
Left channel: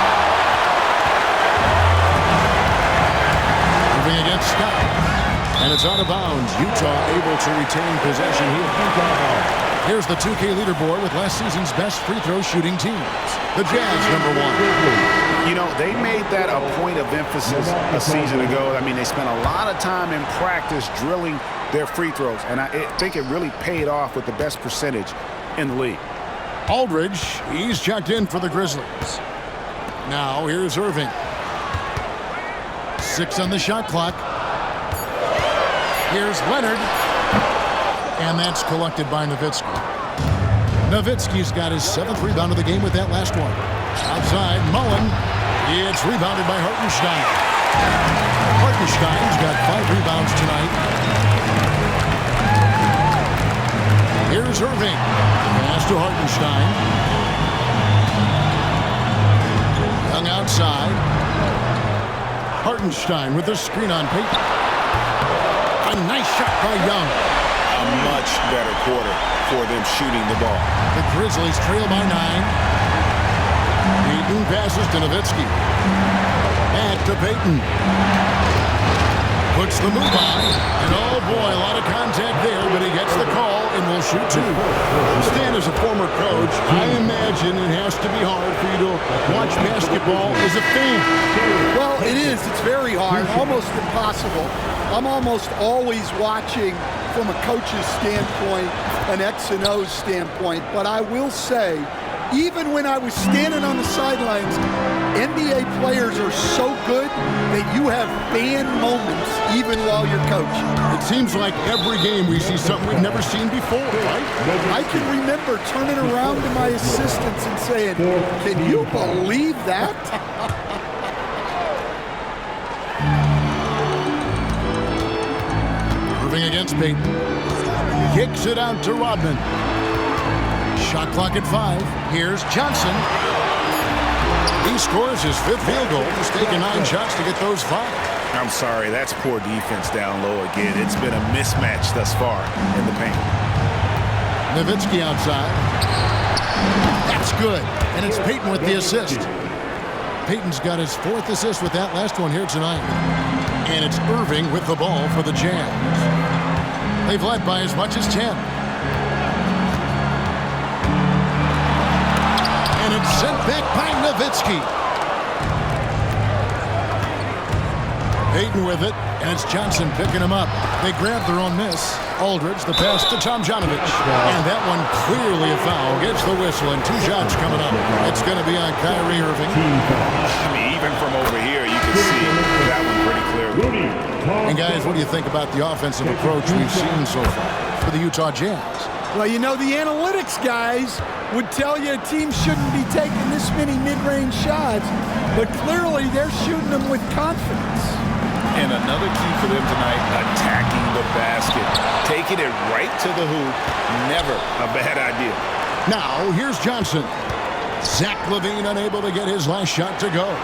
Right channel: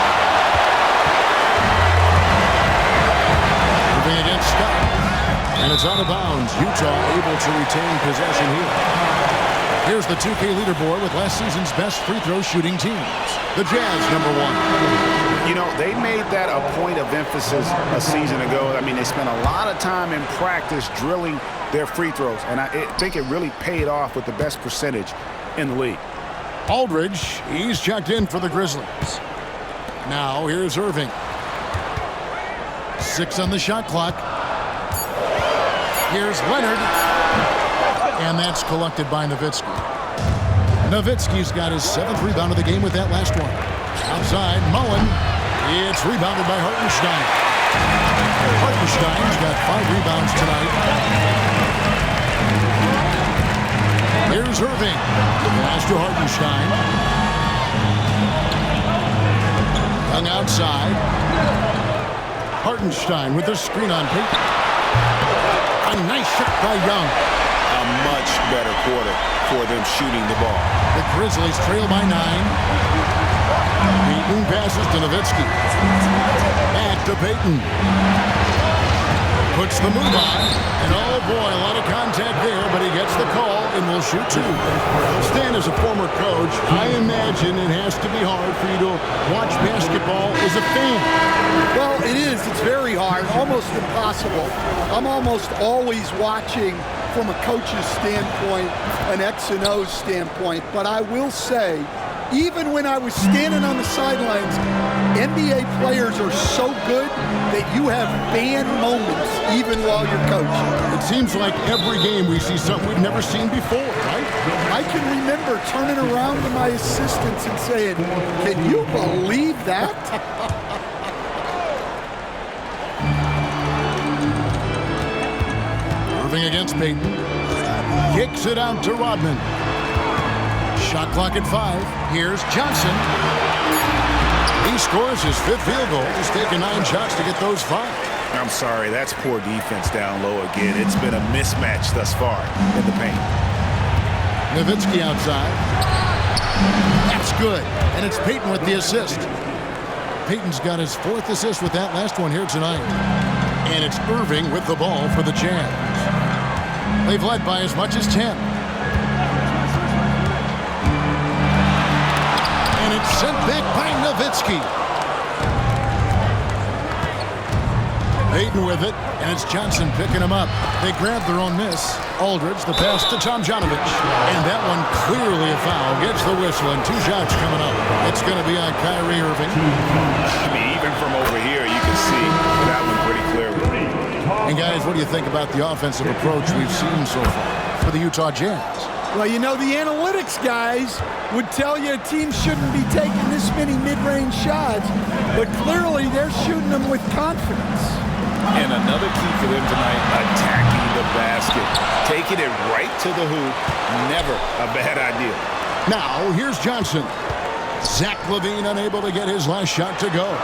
Moving against Scott. And it's out of bounds. Utah able to retain possession here. Here's the 2K leaderboard with last season's best free throw shooting teams. The Jazz, #1. You know, they made that a point of emphasis a season ago. I mean, they spent a lot of time in practice drilling their free throws, and I think it really paid off with the best percentage in the league. Aldridge, he's checked in for the Grizzlies. Now here's Irving. 6 on the shot clock. Here's Leonard. And that's collected by Nowitzki. Nowitzki's got his 7th rebound of the game with that last one. Outside, Mullen. It's rebounded by Hartenstein. Hartenstein's got 5 rebounds tonight. Here's Irving. Pass to Hartenstein. Young outside. Hartenstein with the screen on Payton. A nice shot by Young. A much better quarter for them shooting the ball. The Grizzlies trail by 9. Payton passes to Nowitzki. Back to Payton. Puts the move on. And oh boy, a lot of contact there, but he gets the call and will shoot 2. Stan, as a former coach, I imagine it has to be hard for you to watch basketball as a fan. Well, it is. It's very hard, almost impossible. I'm almost always watching from a coach's standpoint, an X and O's standpoint. But I will say, even when I was standing on the sidelines, NBA players are so good that you have fan moments even while you're coaching. It seems like every game we see something we've never seen before, right? I can remember turning around to my assistants and saying, "Can you believe that?" Irving against Payton. Kicks it out to Rodman. Shot clock at 5. Here's Johnson. He scores his 5th field goal. He's taken 9 shots to get those 5. I'm sorry, that's poor defense down low again. It's been a mismatch thus far in the paint. Nowitzki outside. That's good. And it's Payton with the assist. Payton's got his 4th assist with that last one here tonight. And it's Irving with the ball for the Jazz. They've led by as much as 10. And it's sent back by Nowitzki. Hayden with it, and it's Johnson picking him up. They grab their own miss. Aldridge, the pass to Tomjanovich. And that one clearly a foul. Gets the whistle, and 2 shots coming up. It's going to be on Kyrie Irving. I mean, even from over here, you can see that one pretty clearly. And guys, what do you think about the offensive approach we've seen so far for the Utah Jazz? Well, you know, the analytics guys would tell you a team shouldn't be taking this many mid-range shots, but clearly they're shooting them with confidence. And another key for them tonight, attacking the basket. Taking it right to the hoop, never a bad idea. Now, here's Johnson. Zach LaVine unable to get his last shot to go.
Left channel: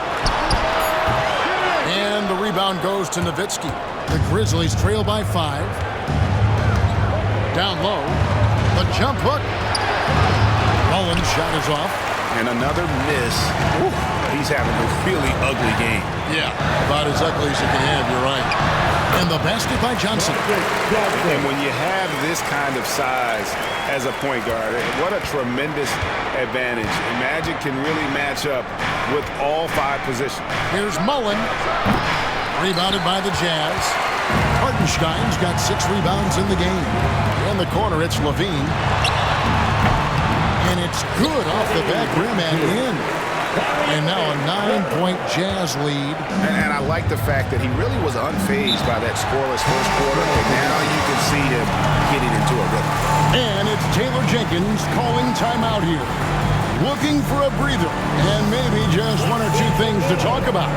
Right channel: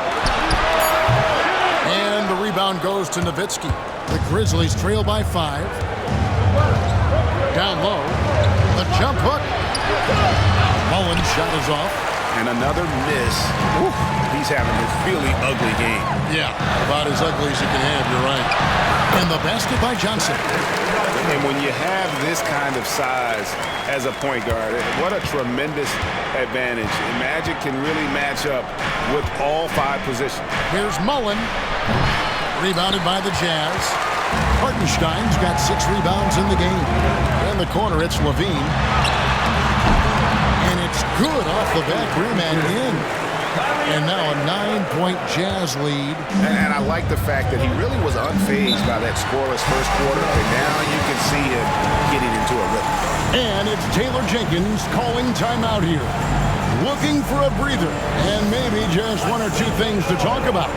And the rebound goes to Nowitzki. The Grizzlies trail by 5. Down low. The jump hook. Mullen's shot is off. And another miss. Ooh, he's having a really ugly game. Yeah, about as ugly as you can have, you're right. And the basket by Johnson. And when you have this kind of size as a point guard, what a tremendous advantage. And Magic can really match up with all 5 positions. Here's Mullen. Rebounded by the Jazz. Hartenstein's got 6 rebounds in the game. In the corner, it's LaVine. And it's good off the back rim and in. And now a 9-point Jazz lead. And I like the fact that he really was unfazed by that scoreless first quarter. And now you can see him getting into a rhythm. And it's Taylor Jenkins calling timeout here. Looking for a breather and maybe just 1 or 2 things to talk about.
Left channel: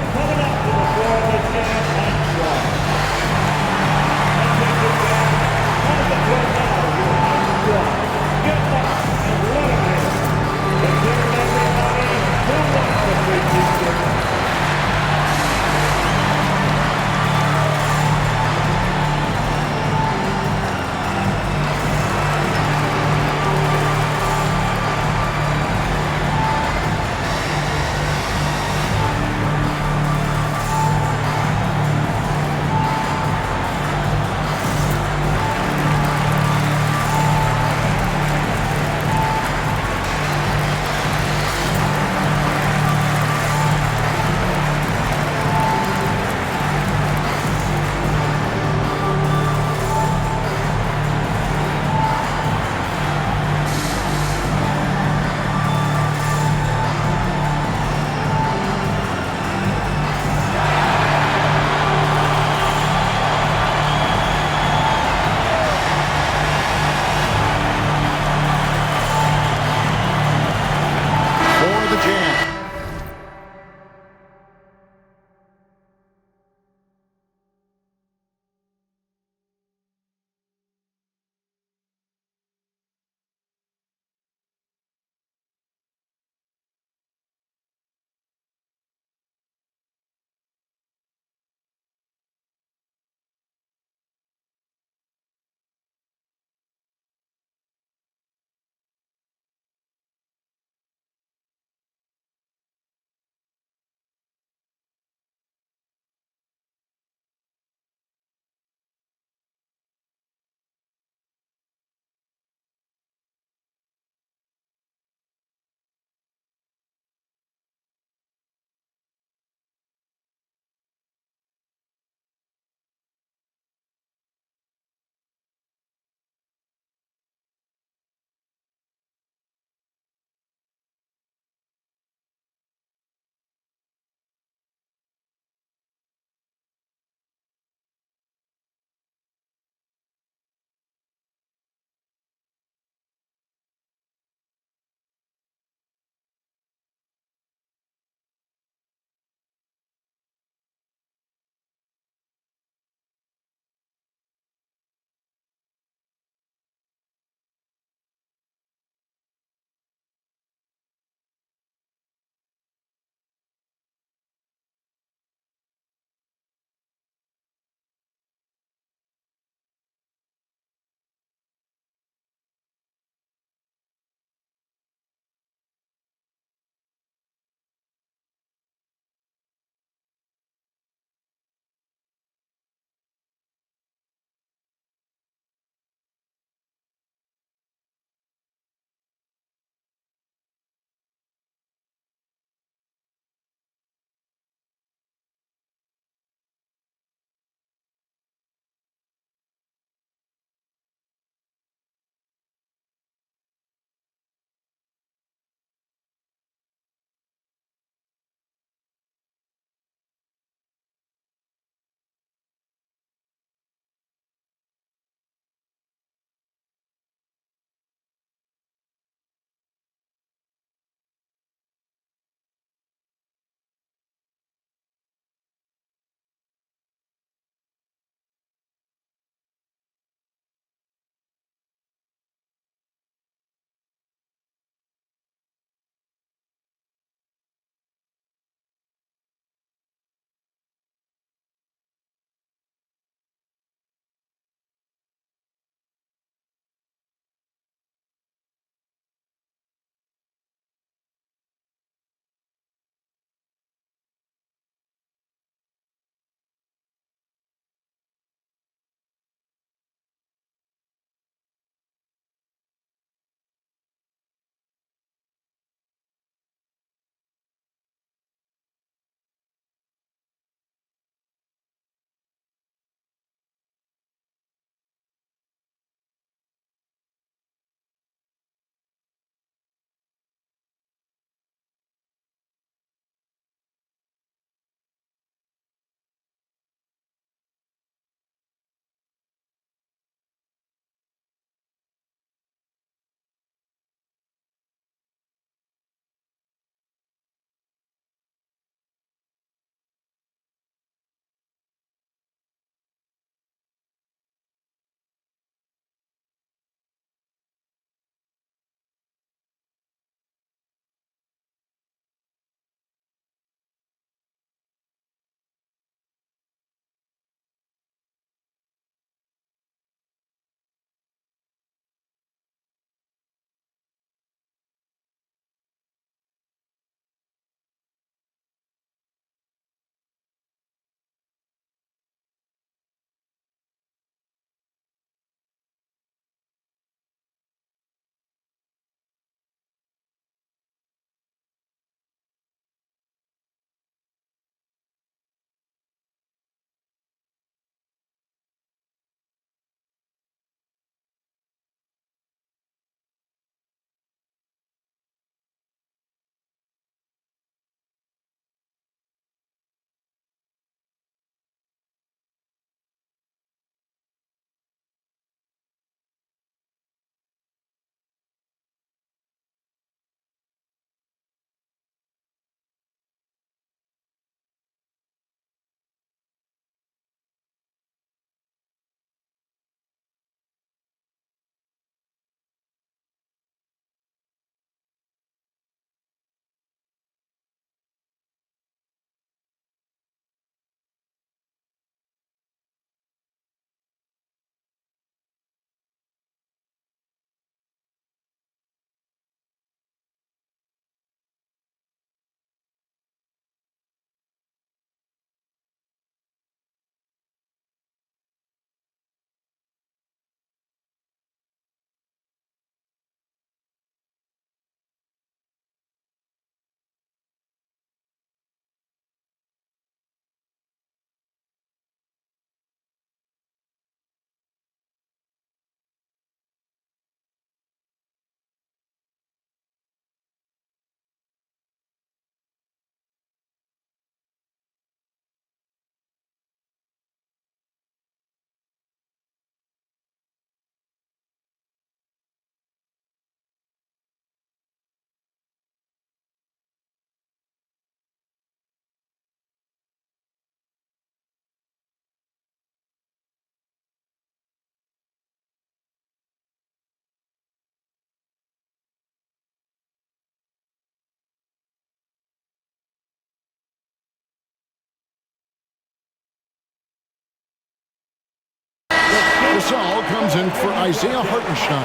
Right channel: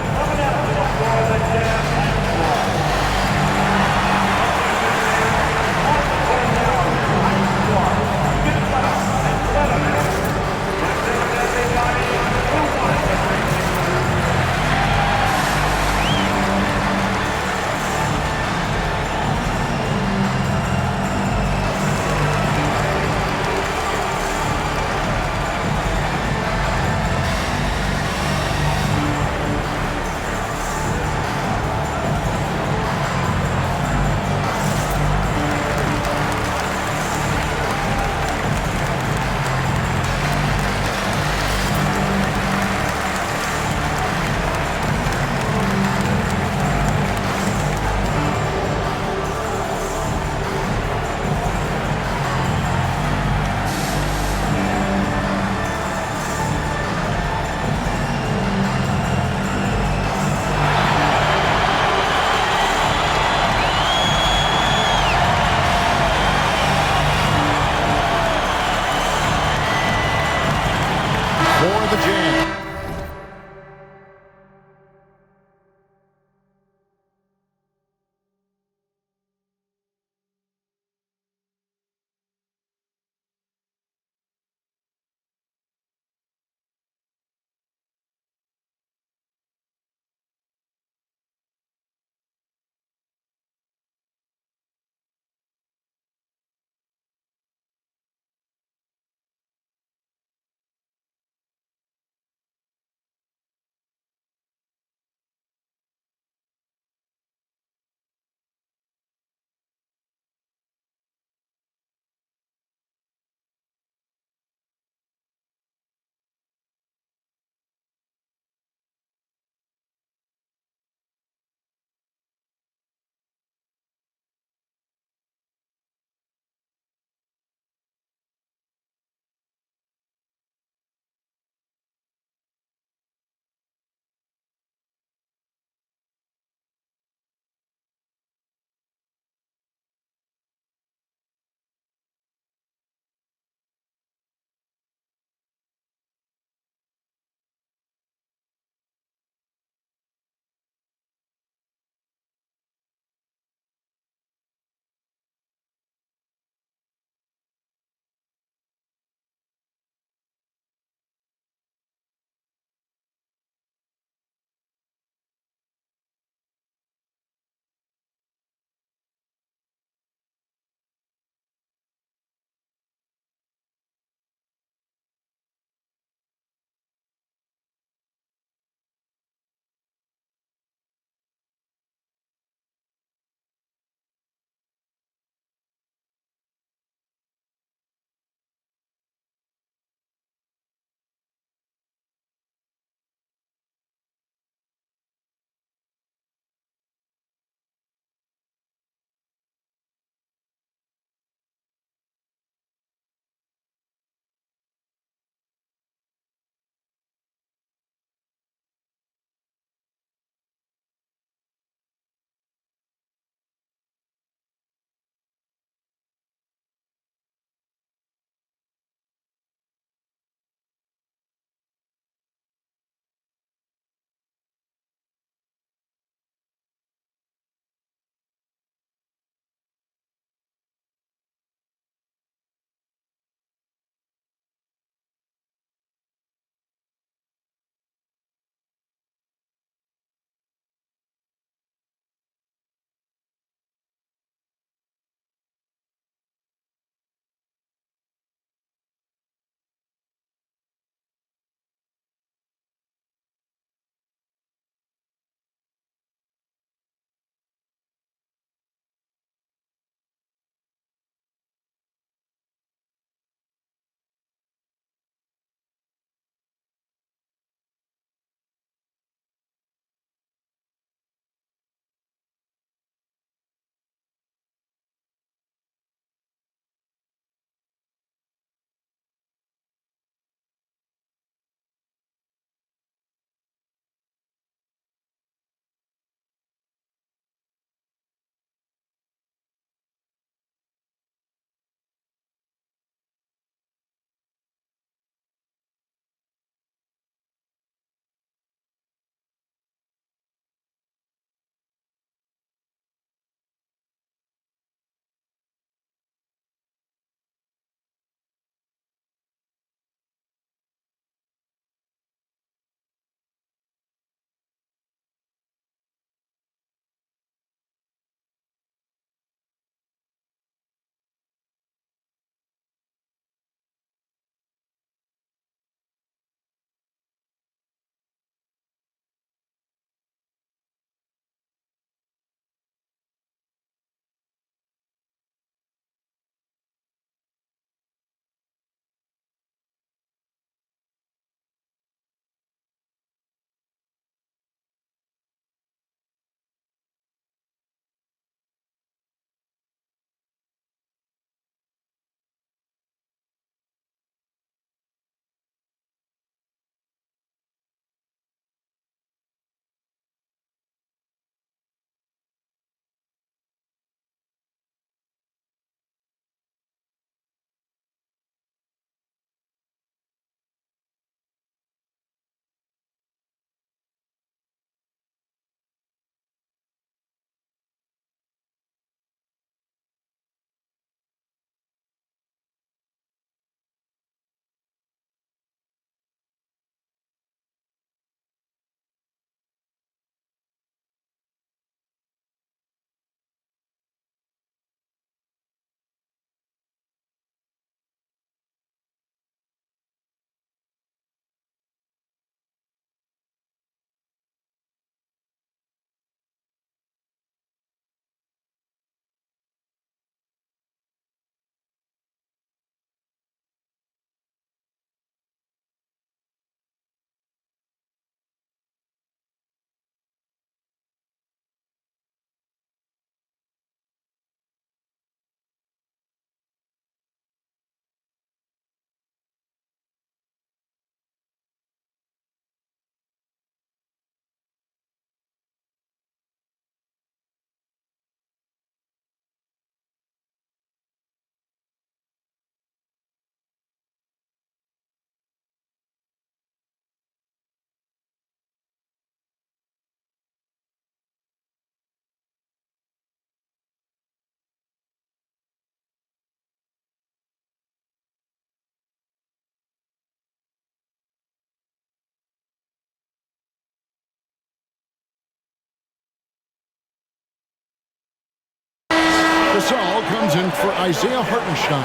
Gasol comes in for Isaiah Hartenstein.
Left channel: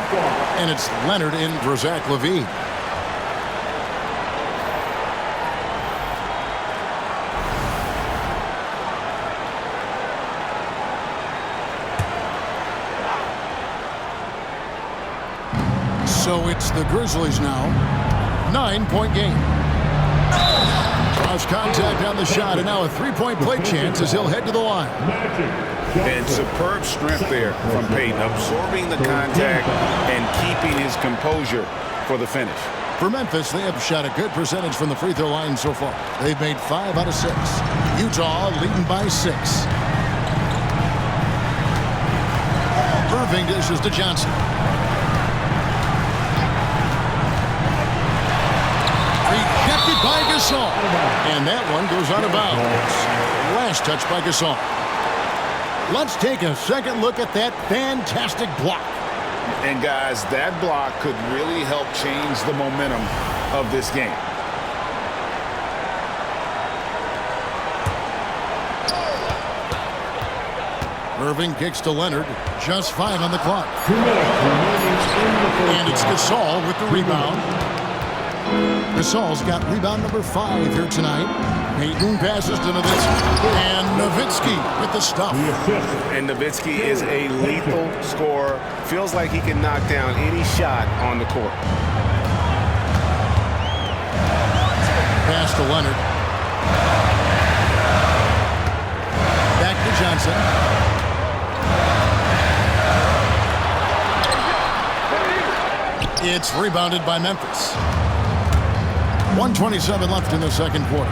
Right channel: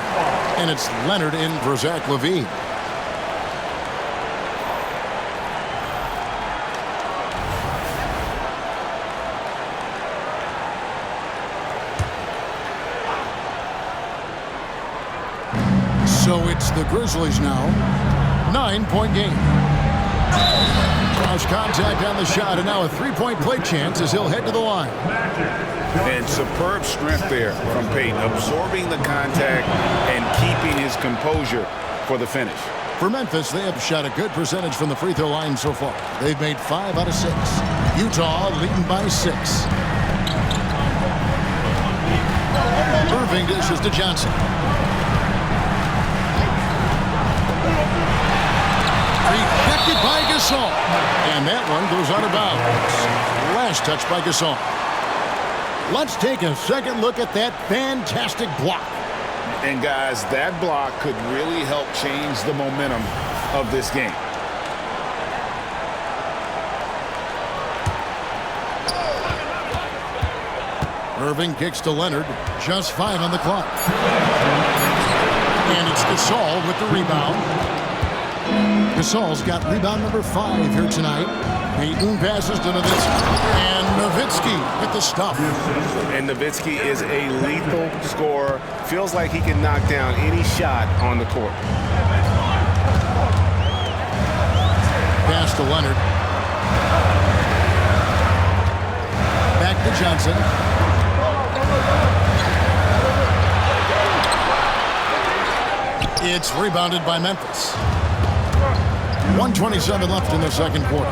And it's Leonard in for Zach LaVine. So it's the Grizzlies now. 9-point game. Cross contact on the shot, and now a three-point play chance as he'll head to the line. And superb strength there from Payton, absorbing the contact and keeping his composure for the finish. For Memphis, they have shot a good percentage from the free throw line so far. They've made 5 out of 6. Utah leading by 6. Irving dishes to Johnson. Rejected by Gasol. And that one goes out of bounds. Last touch by Gasol. Let's take a second look at that fantastic block. And guys, that block could really help change the momentum of this game. Irving kicks to Leonard. Just 5 on the clock. And it's Gasol with the rebound. Gasol's got rebound number 5 here tonight. Payton passes to Nowitzki. And Nowitzki with the stuff. And Nowitzki is a lethal scorer. Feels like he can knock down any shot on the court. Pass to Leonard. Back to Johnson. It's rebounded by Memphis. 1:27 left in the second quarter.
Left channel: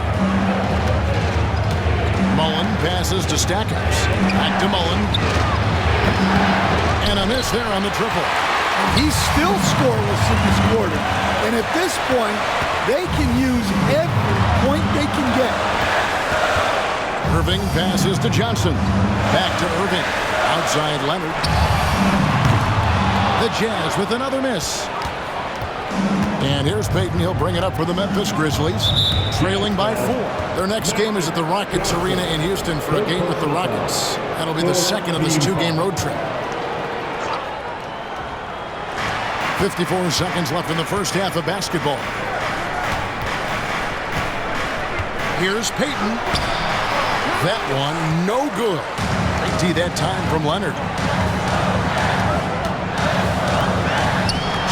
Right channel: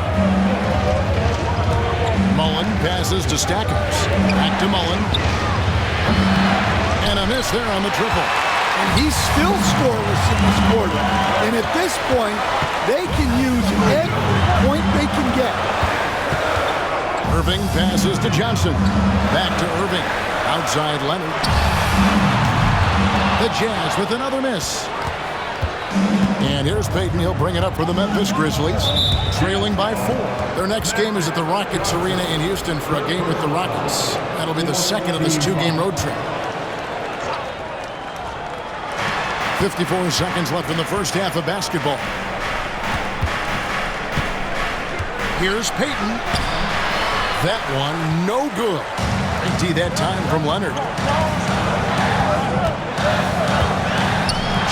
Mullen passes to Stackhouse. Back to Mullen. And a miss there on the triple. And he's still scoreless in this quarter. And at this point, they can use every point they can get. Irving passes to Johnson. Back to Irving. Outside Leonard. The Jazz with another miss. And here's Payton. He'll bring it up for the Memphis Grizzlies, trailing by 4. Their next game is at the Rockets Arena in Houston for a game with the Rockets. That'll be the second of this 2-game road trip. 54 seconds left in the first half of basketball. Here's Payton. That one, no good. Great D that time from Leonard.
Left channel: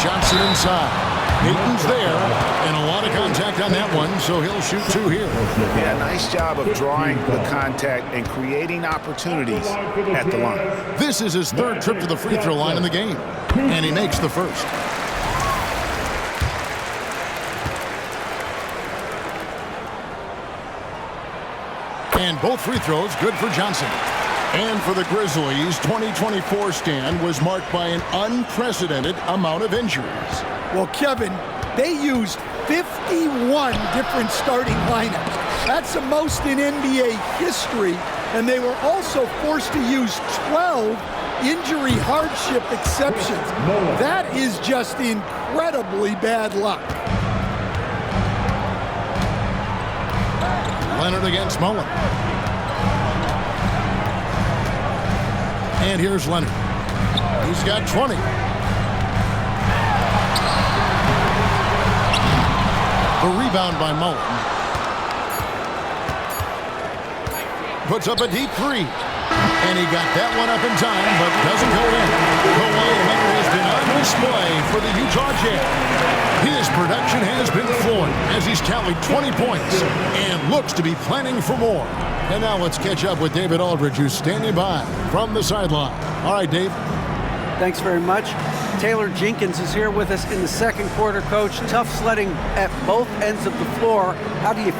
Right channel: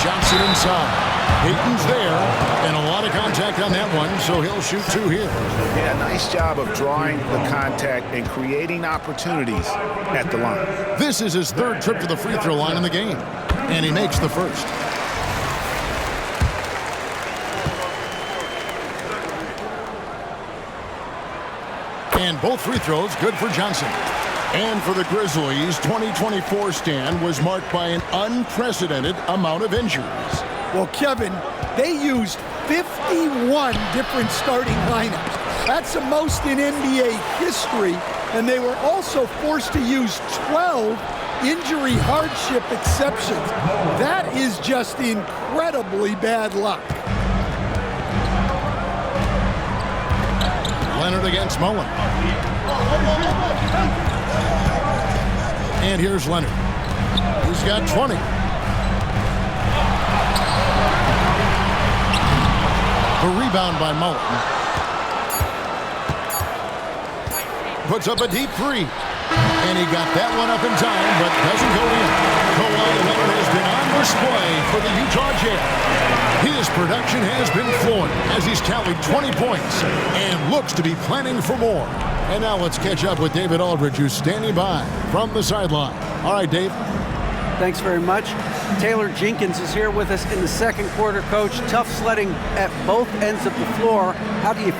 Johnson inside. Payton's there, and a lot of contact on that one, so he'll shoot 2 here. Yeah, nice job of drawing the contact and creating opportunities at the line. This is his 3rd trip to the free throw line in the game, and he makes the first. And both free throws good for Johnson. And for the Grizzlies, 2024 stand was marked by an unprecedented amount of injuries. Well, Kevin, they used 51 different starting lineups. That's the most in NBA history. And they were also forced to use 12 injury hardship exceptions. That is just incredibly bad luck. Leonard against Mullen. And here's Leonard. He's got 20. The rebound by Mullen. Puts up a deep 3. And he got that one up in time, but doesn't go in. Kawhi Leonard has been on display for the Utah Jazz. His production has been flowing as he's tallied 20 points and looks to be planning for more. And now let's catch up with David Aldridge, who's standing by from the sideline. All right, Dave. Thanks very much. Taylor Jenkins is here with us in the second quarter, Coach. Tough sledding at both ends of the floor. How do you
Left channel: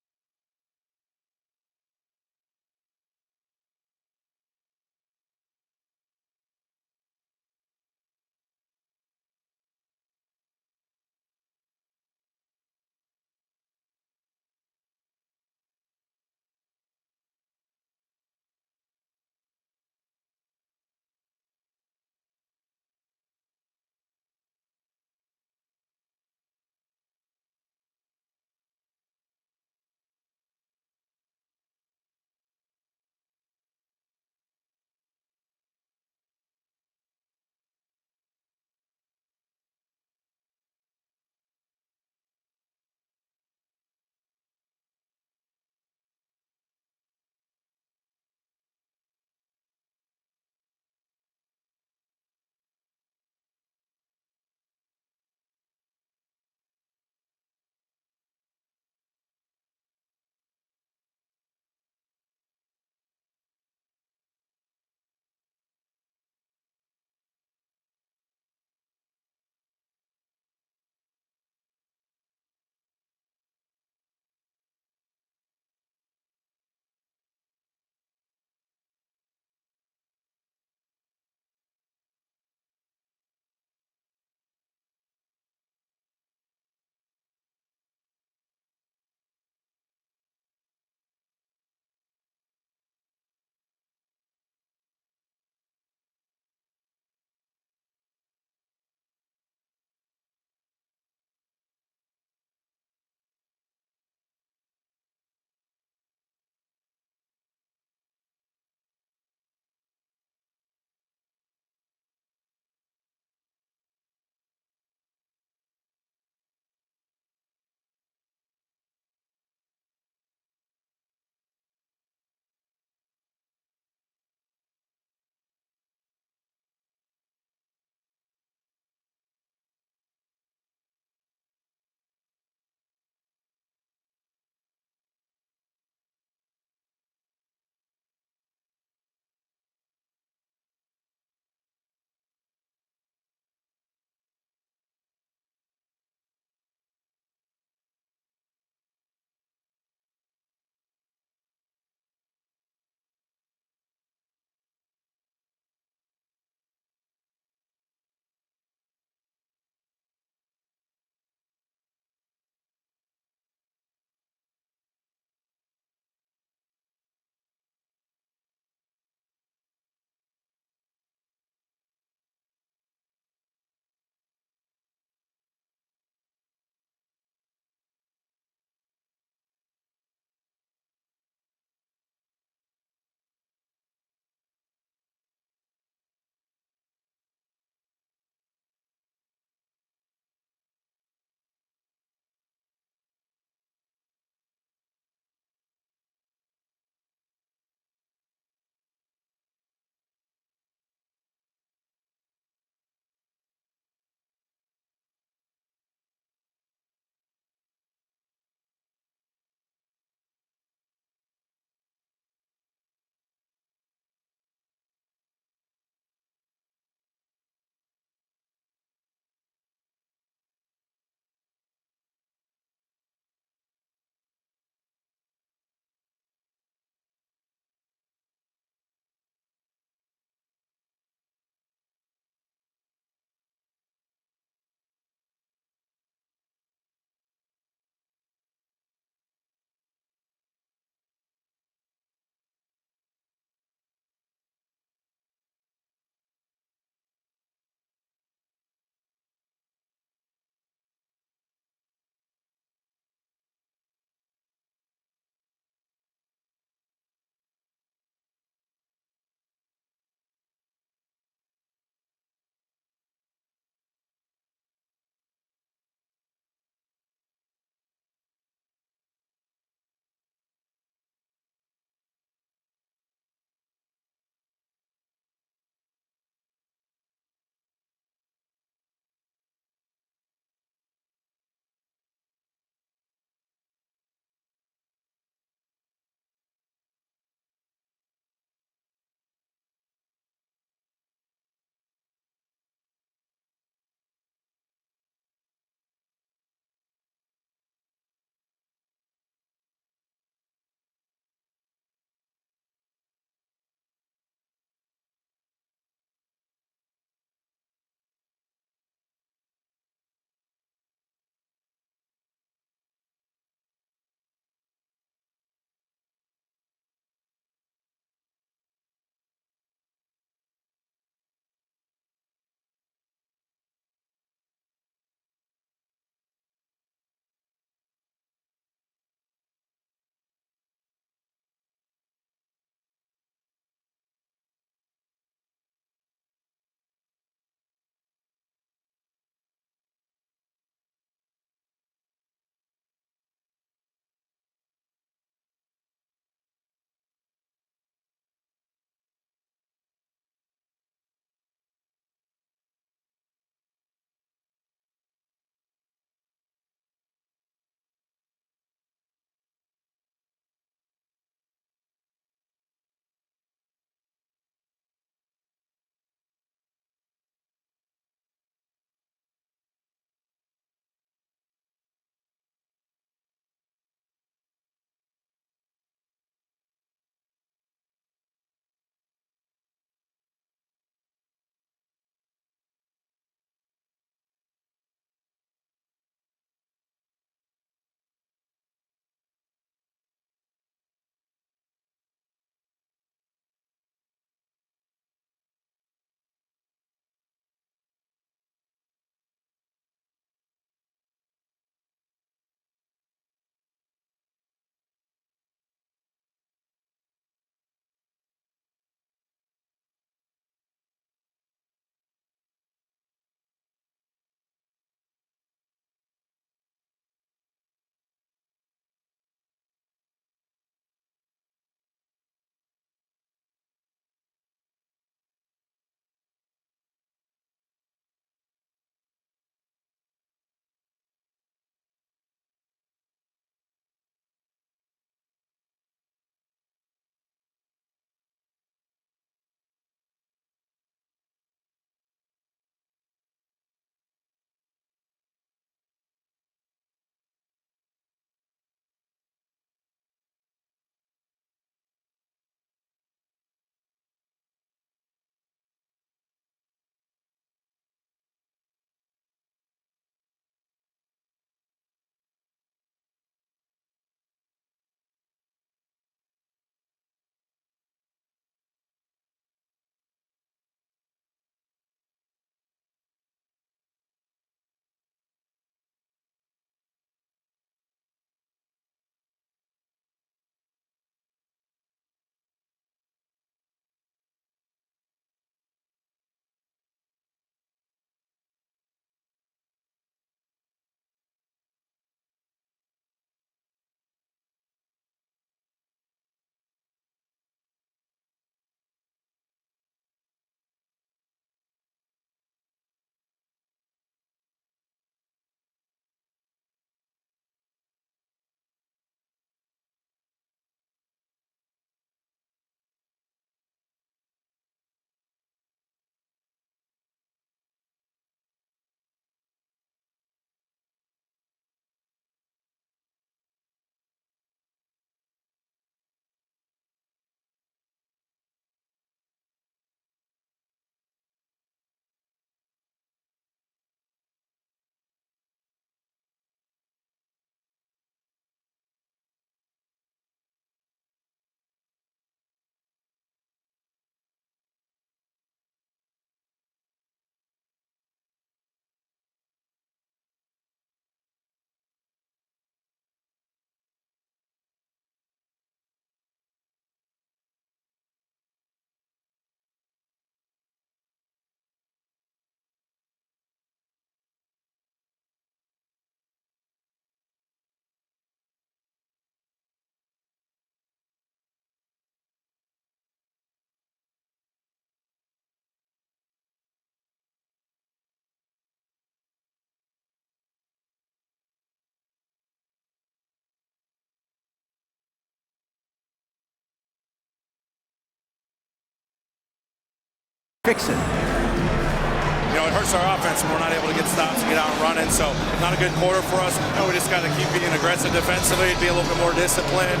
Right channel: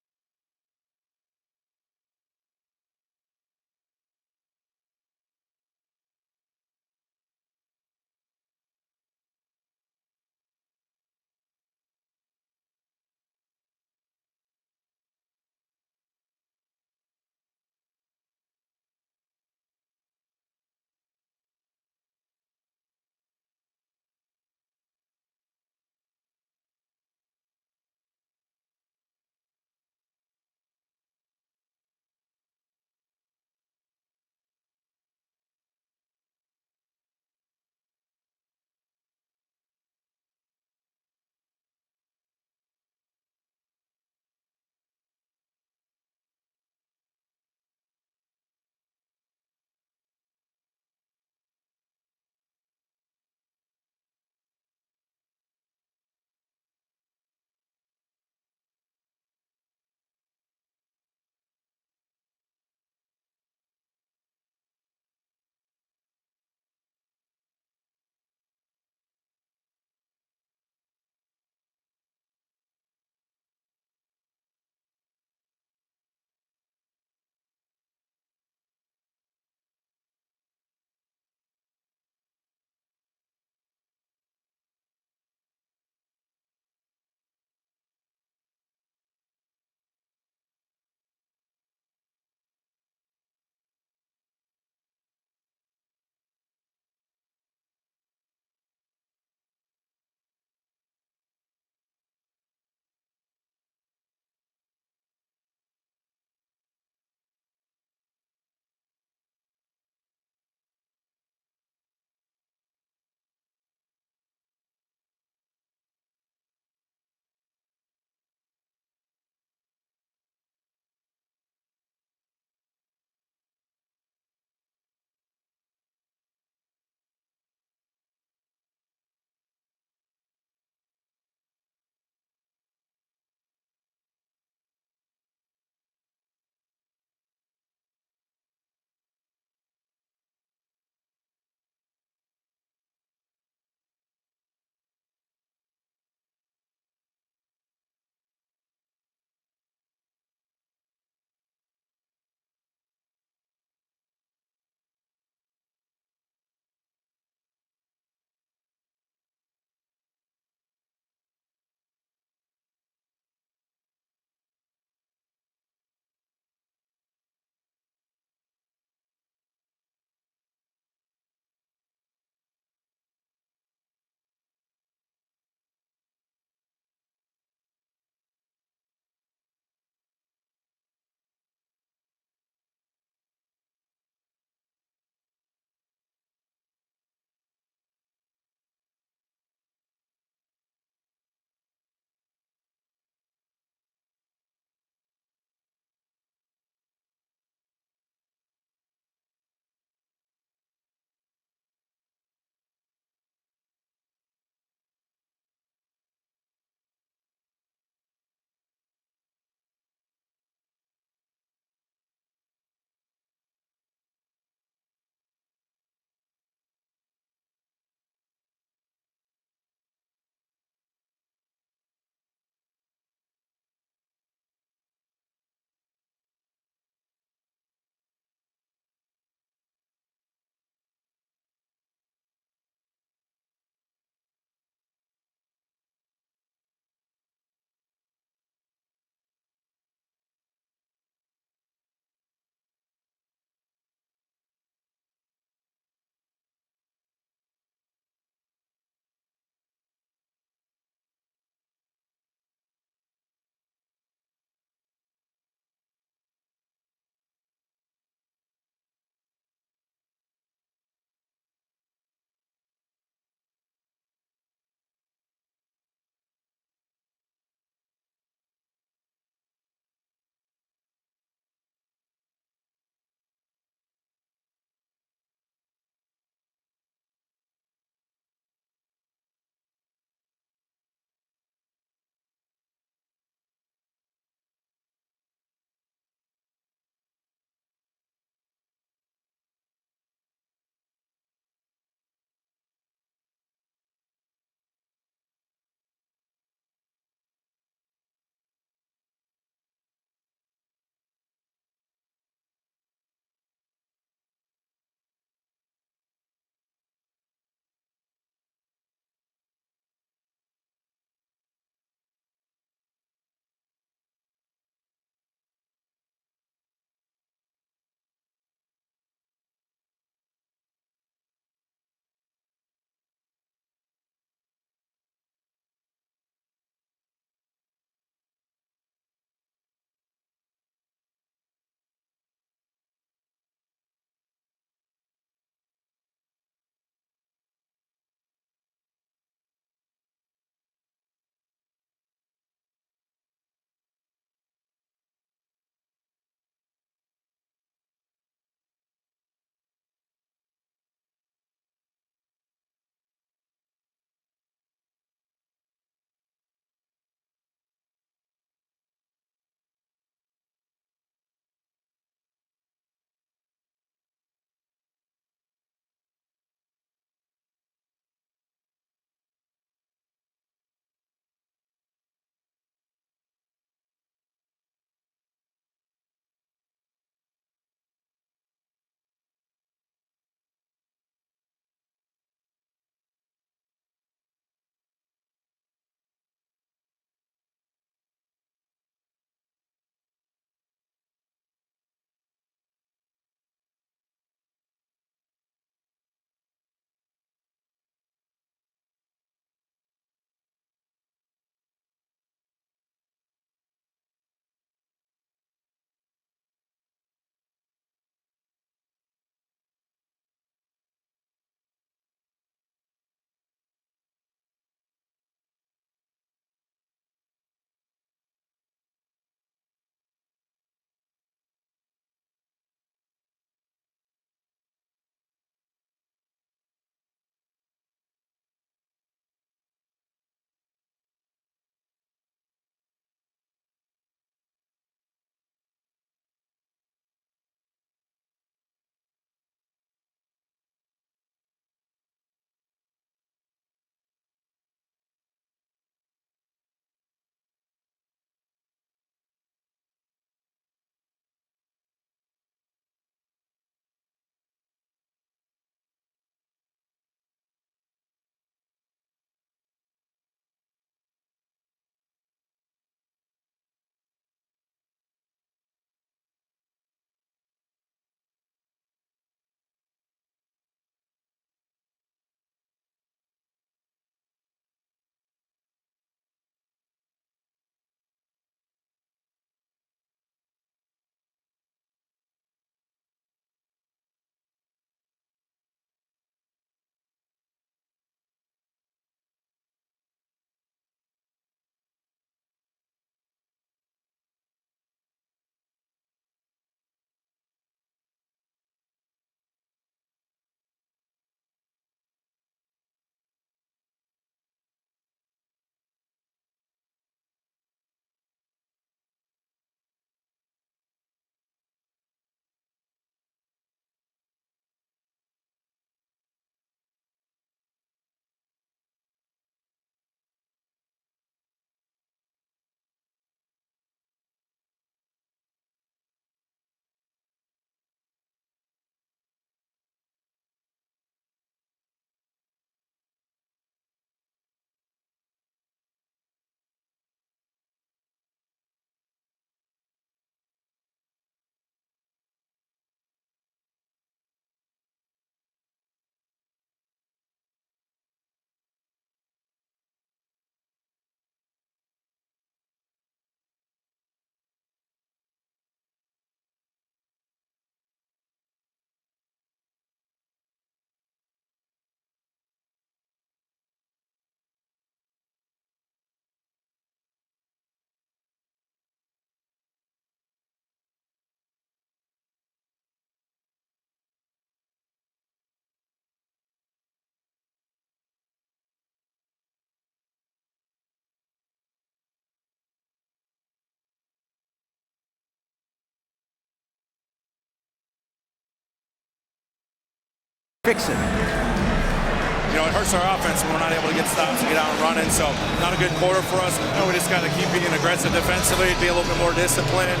fix it. You know, it hurts our offense when we're not able to get stops and get out and running. So not a good quarter for us. We just got to keep being aggressive defensively, be a little bit more disciplined.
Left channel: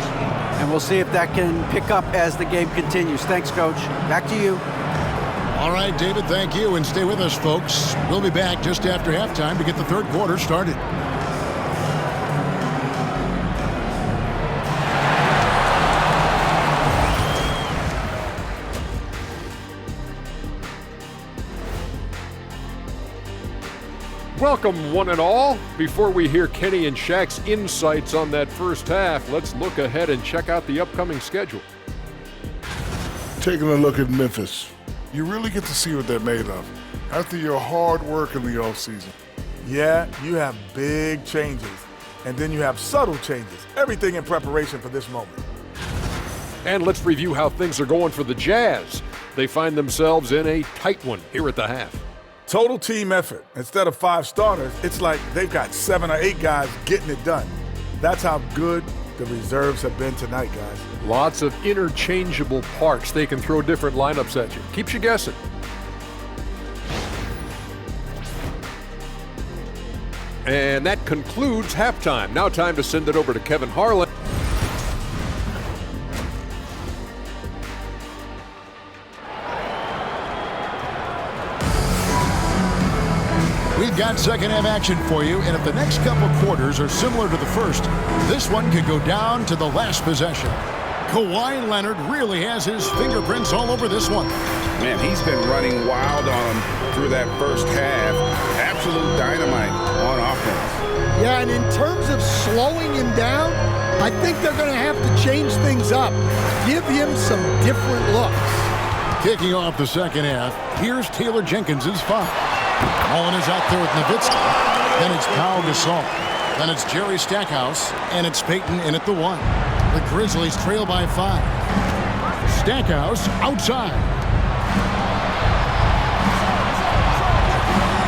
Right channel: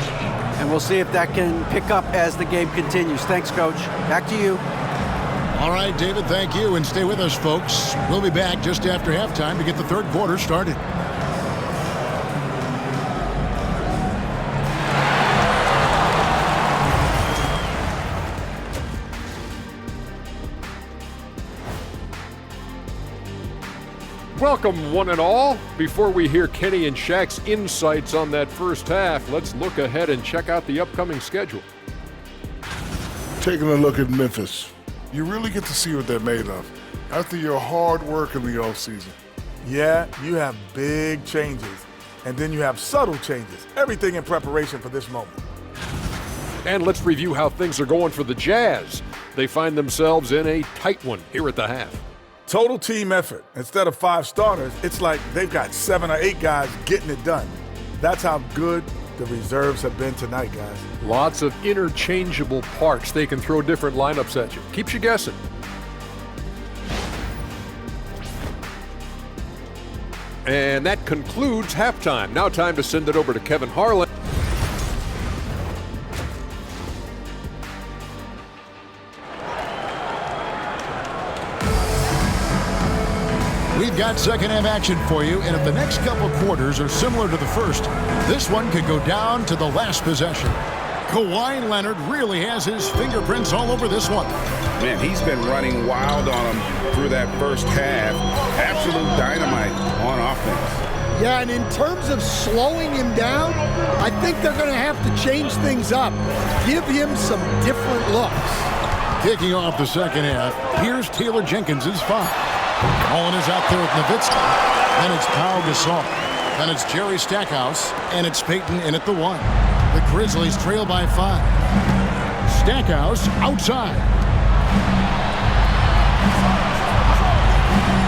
And we'll see if that can pick up as the game continues. Thanks, Coach. Back to you. All right, David, thank you. And stay with us, folks. We'll be back just after halftime to get the third quarter started. Welcome, one and all. Before we hear Kenny and Shaq's insights on that first half, let's look ahead and check out the upcoming schedule. Taking a look at Memphis, you really get to see what they're made of after your hard work in the offseason. Yeah, you have big changes, and then you have subtle changes. Everything in preparation for this moment. And let's review how things are going for the Jazz. They find themselves in a tight one here at the half. Total team effort. Instead of 5 starters, it's like they've got 7 or 8 guys getting it done. That's how good the reserves have been tonight, guys. Lots of interchangeable parts. They can throw different lineups at you. Keeps you guessing. And that concludes halftime. Now time to send it over to Kevin Harlan. We've got second half action for you, and if the next couple quarters are similar to the first, this one could go down to the last possession. Kawhi Leonard really has his fingerprints all over this one. Man, he's been running wild on him through that first half. Absolute dynamite on offense. Yeah, and in terms of slowing him down, I think they're going to have to change things up. Give him some different looks. Kicking off the second half, here's Taylor Jenkins' foul. Mullen is out there with Nowitzki. Then it's Pau Gasol. Then it's Jerry Stackhouse. And it's Payton in at the 1. The Grizzlies trail by 5. Stackhouse outside.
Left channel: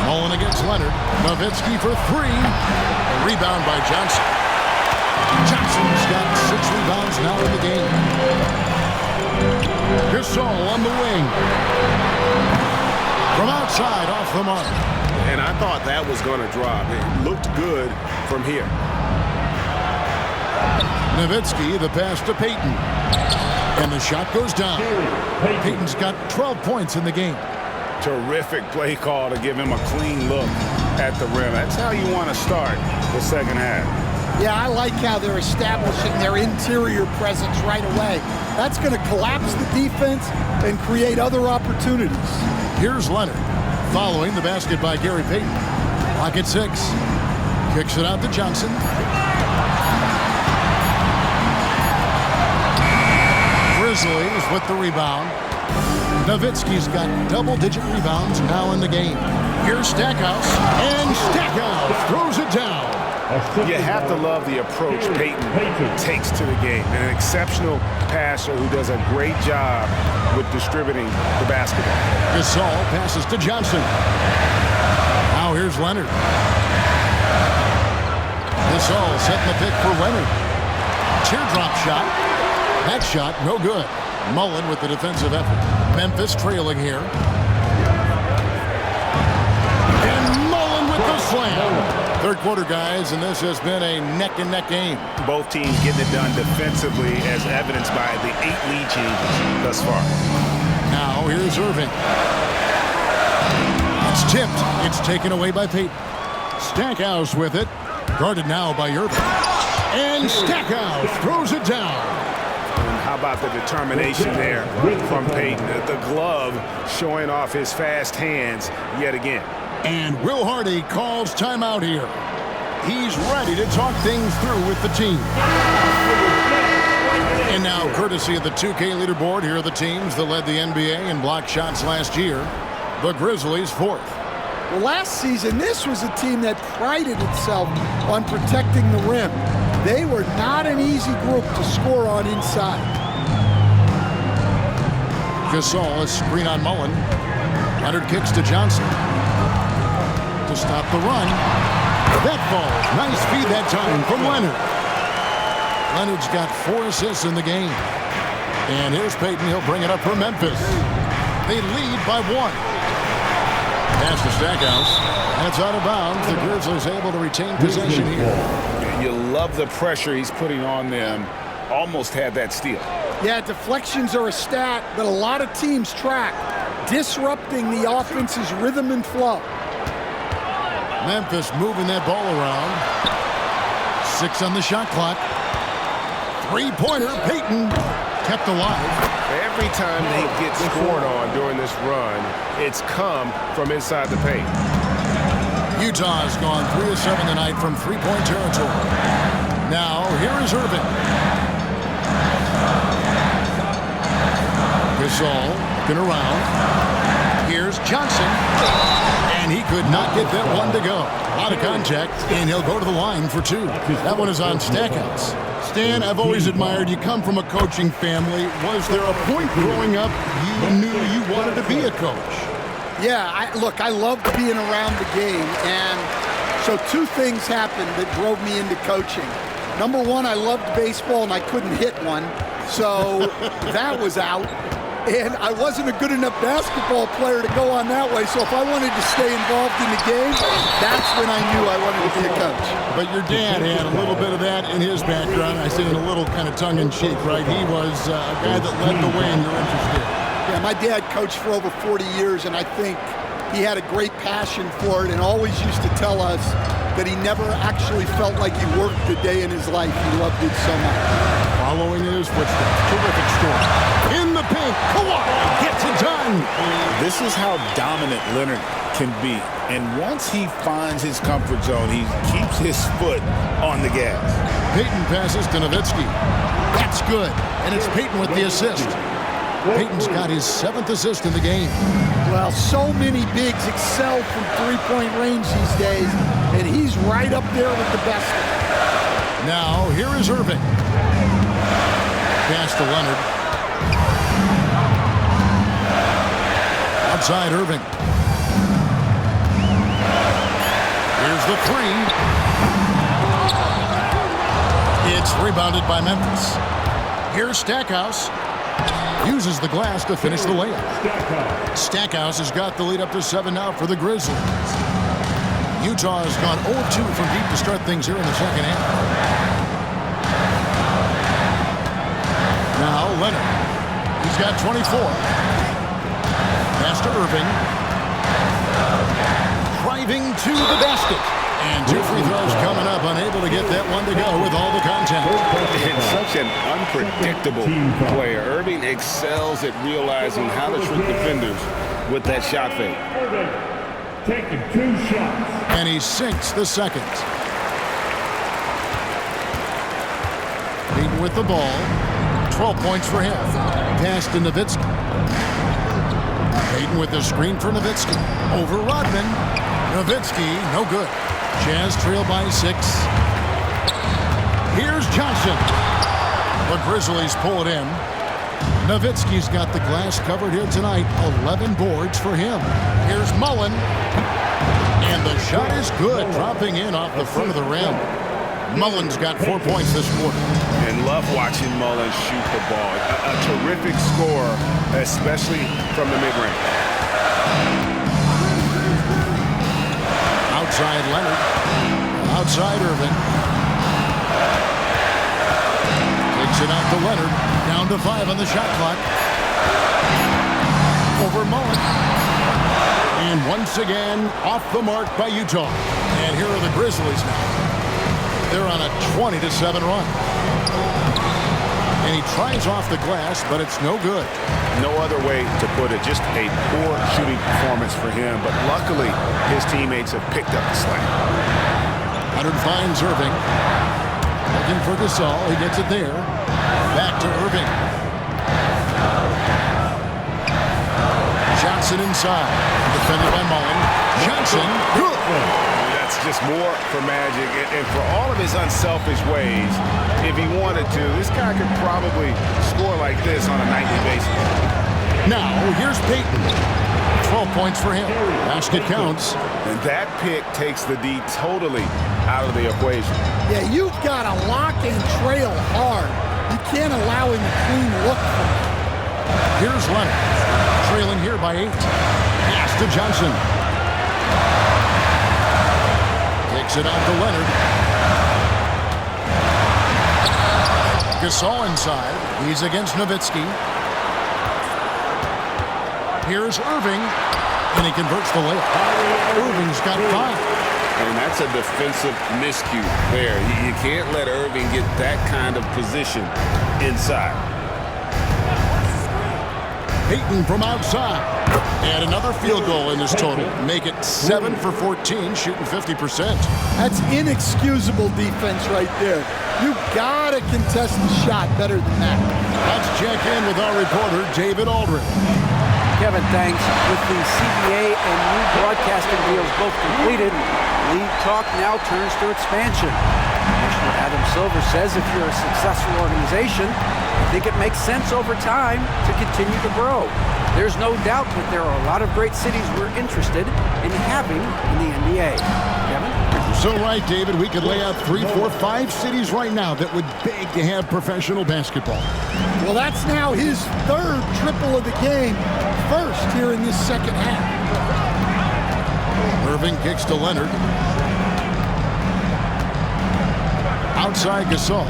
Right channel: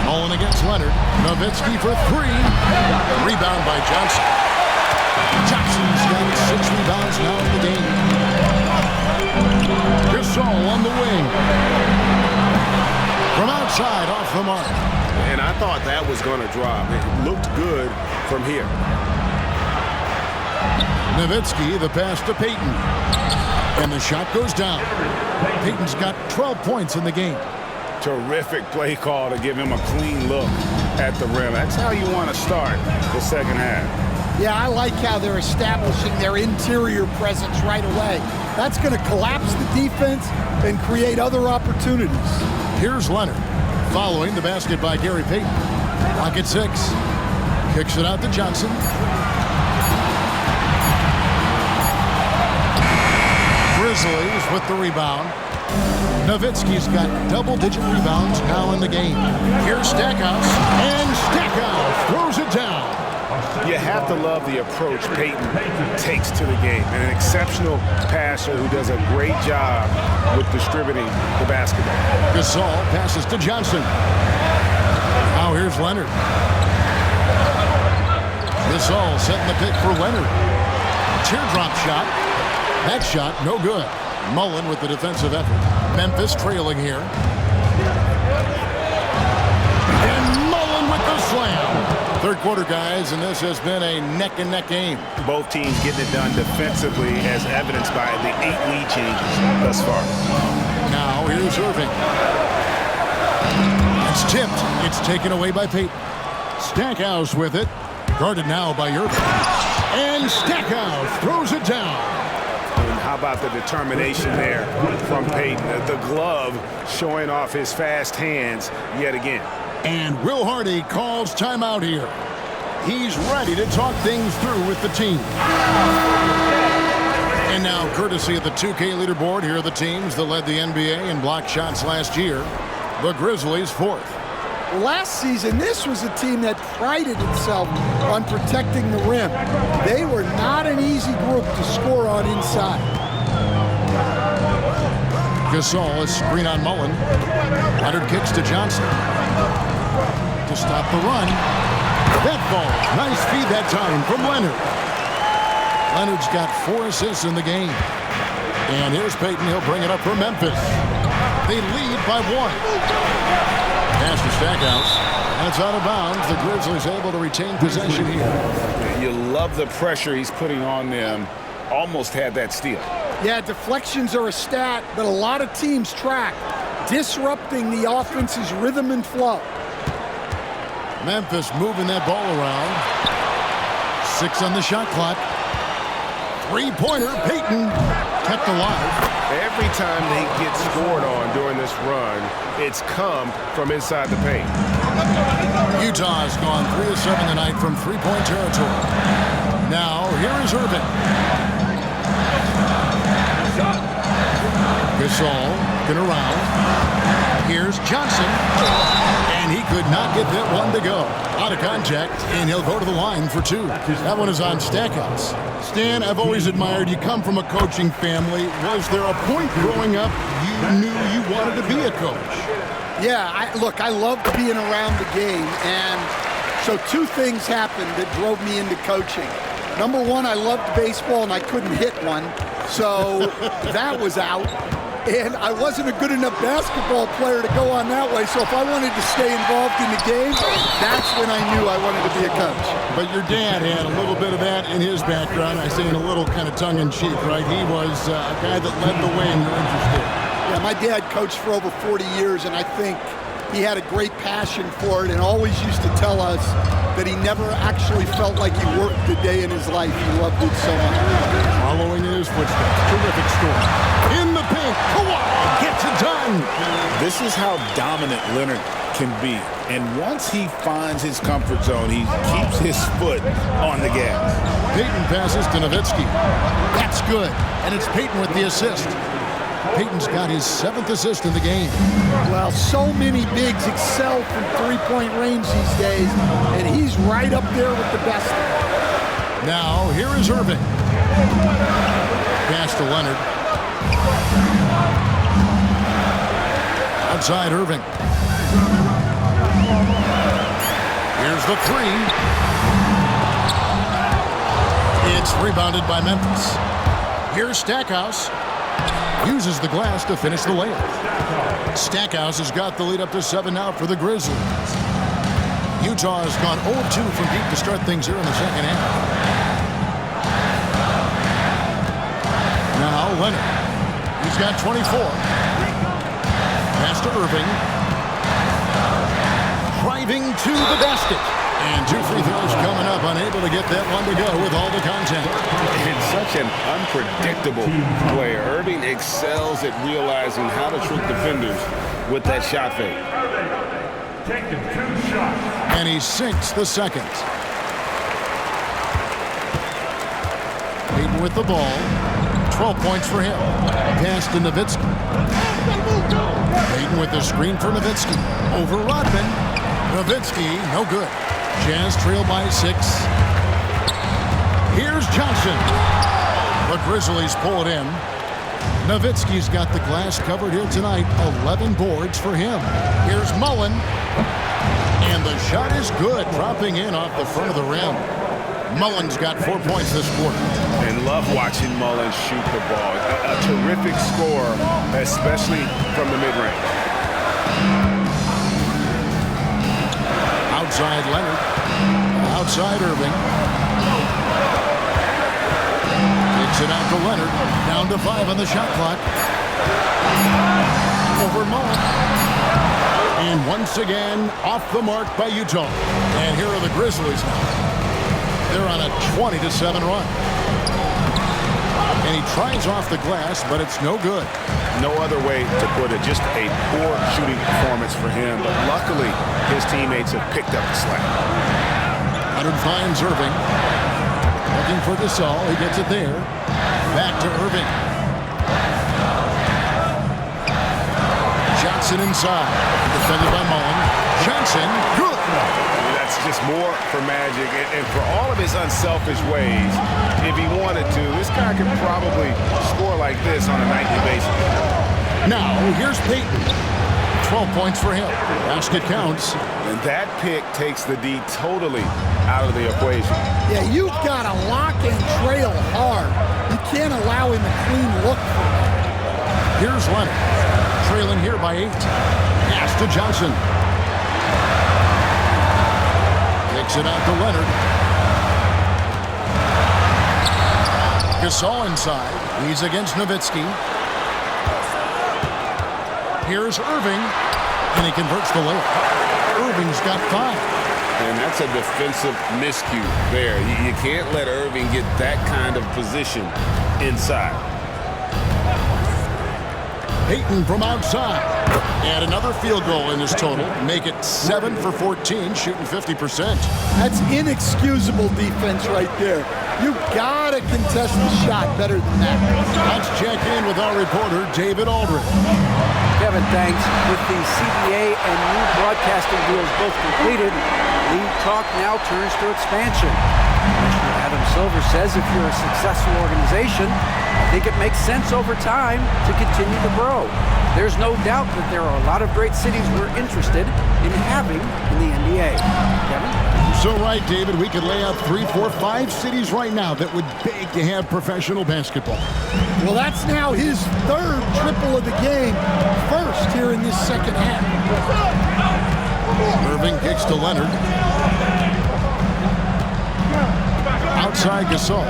Mullen against Leonard. Nowitzki for 3. Rebound by Johnson. Johnson's got 6 rebounds now in the game. Gasol on the wing. From outside, off the mark. And I thought that was going to drop. It looked good from here. Nowitzki, the pass to Payton. And the shot goes down. Payton's got 12 points in the game. Terrific play call to give him a clean look at the rim. That's how you want to start the second half. Yeah, I like how they're establishing their interior presence right away. That's going to collapse the defense and create other opportunities. Here's Leonard, following the basket by Gary Payton. Clock at 6. Kicks it out to Johnson. Grizzlies with the rebound. Nowitzki's got double-digit rebounds now in the game. Here's Stackhouse, and Stackhouse throws it down. You have to love the approach Payton takes to the game. An exceptional passer who does a great job with distributing the basketball. Gasol passes to Johnson. Now here's Leonard. Gasol setting the pick for Leonard. Teardrop shot. That shot, no good. Mullen with the defensive effort. Memphis trailing here. And Mullen with the slam. Third quarter, guys, and this has been a neck-and-neck game. Both teams getting it done defensively, as evidenced by the 8 lead changes thus far. Now here's Irving. It's tipped. It's taken away by Payton. Stackhouse with it. Guarded now by Irving. And Stackhouse throws it down. And how about the determination there from Payton? The glove showing off his fast hands yet again. And Will Hardy calls timeout here. He's ready to talk things through with the team. And now, courtesy of the 2K leaderboard, here are the teams that led the NBA in block shots last year. The Grizzlies 4th. Well, last season, this was a team that prided itself on protecting the rim. They were not an easy group to score on inside. Gasol is screen on Mullen. Leonard kicks to Johnson. To stop the run. That falls. Nice feed that time from Leonard. Leonard's got 4 assists in the game. And here's Payton. He'll bring it up for Memphis. They lead by 1. Pass to Stackhouse, and it's out of bounds. The Grizzlies able to retain possession here. You love the pressure he's putting on them. Almost had that steal. Yeah, deflections are a stat that a lot of teams track, disrupting the offense's rhythm and flow. Memphis moving that ball around. 6 on the shot clock. Three-pointer, Payton kept alive. Every time they get scored on during this run, it's come from inside the paint. Utah's gone 3 of 7 tonight from three-point territory. Now, here is Irving. Gasol looking around. Here's Johnson. And he could not get that one to go. A lot of contact, and he'll go to the line for 2. That one is on Stackhouse. Stan, I've always admired you. Come from a coaching family. Was there a point growing up you knew you wanted to be a coach? Yeah, I loved being around the game, and so 2 things happened that drove me into coaching. Number 1, I loved baseball, and I couldn't hit one, so that was out. And I wasn't a good enough basketball player to go on that way, so if I wanted to stay involved in the game, that's when I knew I wanted to be a coach. But your dad had a little bit of that in his background. I say in a little kind of tongue-in-cheek, right? He was a guy that led the way in your interest there. Yeah, my dad coached for over 40 years, and I think he had a great passion for it and always used to tell us that he never actually felt like he worked a day in his life. He loved it so much. Following in his footsteps, terrific score. In the paint, Kawhi gets it done. This is how dominant Leonard can be. And once he finds his comfort zone, he keeps his foot on the gas. Payton passes to Nowitzki. That's good. And it's Payton with the assist. Payton's got his 7th assist in the game. Well, so many bigs excel from three-point range these days, and he's right up there with the best of them. Now, here is Irving. Pass to Leonard. Outside Irving. Here's the 3. It's rebounded by Memphis. Here's Stackhouse. Uses the glass to finish the layup. Stackhouse has got the lead up to 7 now for the Grizzlies. Utah has gone 0-2 from deep to start things here in the second half. Now Leonard. He's got 24. Pass to Irving. Driving to the basket. And 2 free throws coming up, unable to get that one to go with all the contact. And such an unpredictable player. Irving excels at realizing how to trick defenders with that shot fake. Taking 2 shots. And he sinks the second. Payton with the ball. 12 points for him. Pass to Nowitzki. Payton with the screen for Nowitzki. Over Rodman. Nowitzki, no good. Jazz trail by 6. Here's Johnson. The Grizzlies pull it in. Nowitzki's got the glass covered here tonight. 11 boards for him. Here's Mullen. And the shot is good, dropping in off the front of the rim. Mullen's got 4 points this quarter. And love watching Mullen shoot the ball. A terrific scorer, especially from the mid-range. Outside Leonard. Outside Irving. Kicks it out to Leonard. Down to 5 on the shot clock. Over Mullen. And once again, off the mark by Utah. And here are the Grizzlies now. They're on a 20-7 run. And he tries off the glass, but it's no good. No other way to put it. Just a poor shooting performance for him. But luckily, his teammates have picked up the slack. Leonard finds Irving. Looking for Gasol. He gets it there. Back to Irving. Johnson inside. Defended by Mullen. Johnson, good. That's just more for Magic. And for all of his unselfish ways, if he wanted to, this guy could probably score like this on a nightly basis. Now, here's Payton. 12 points for him. Basket counts. And that pick takes the D totally out of the equation. Yeah, you've got to lock and trail hard. You can't allow him a clean look from that. Here's Leonard. trailing here by 8. Pass to Johnson. Takes it out to Leonard. Gasol inside. He's against Nowitzki. Here's Irving, and he converts the layup. Irving's got 5. And that's a defensive miscue there. You can't let Irving get that kind of position inside. Payton from outside. And another field goal in this total. Make it 7 for 14, shooting 50%. That's inexcusable defense right there. You gotta contest the shot better than that. Let's check in with our reporter, David Aldridge. Kevin, thanks. With the CBA and new broadcasting deals both completed, league talk now turns to expansion. Commissioner Adam Silver says if you're a successful organization, I think it makes sense over time to continue to grow. There's no doubt that there are a lot of great cities we're interested in having in the NBA. Kevin? So right, David, we could lay out 3, 4, 5 cities right now that would beg to have professional basketball. Well, that's now his 3rd triple of the game, first here in this second half. Irving kicks to Leonard. Outside Gasol.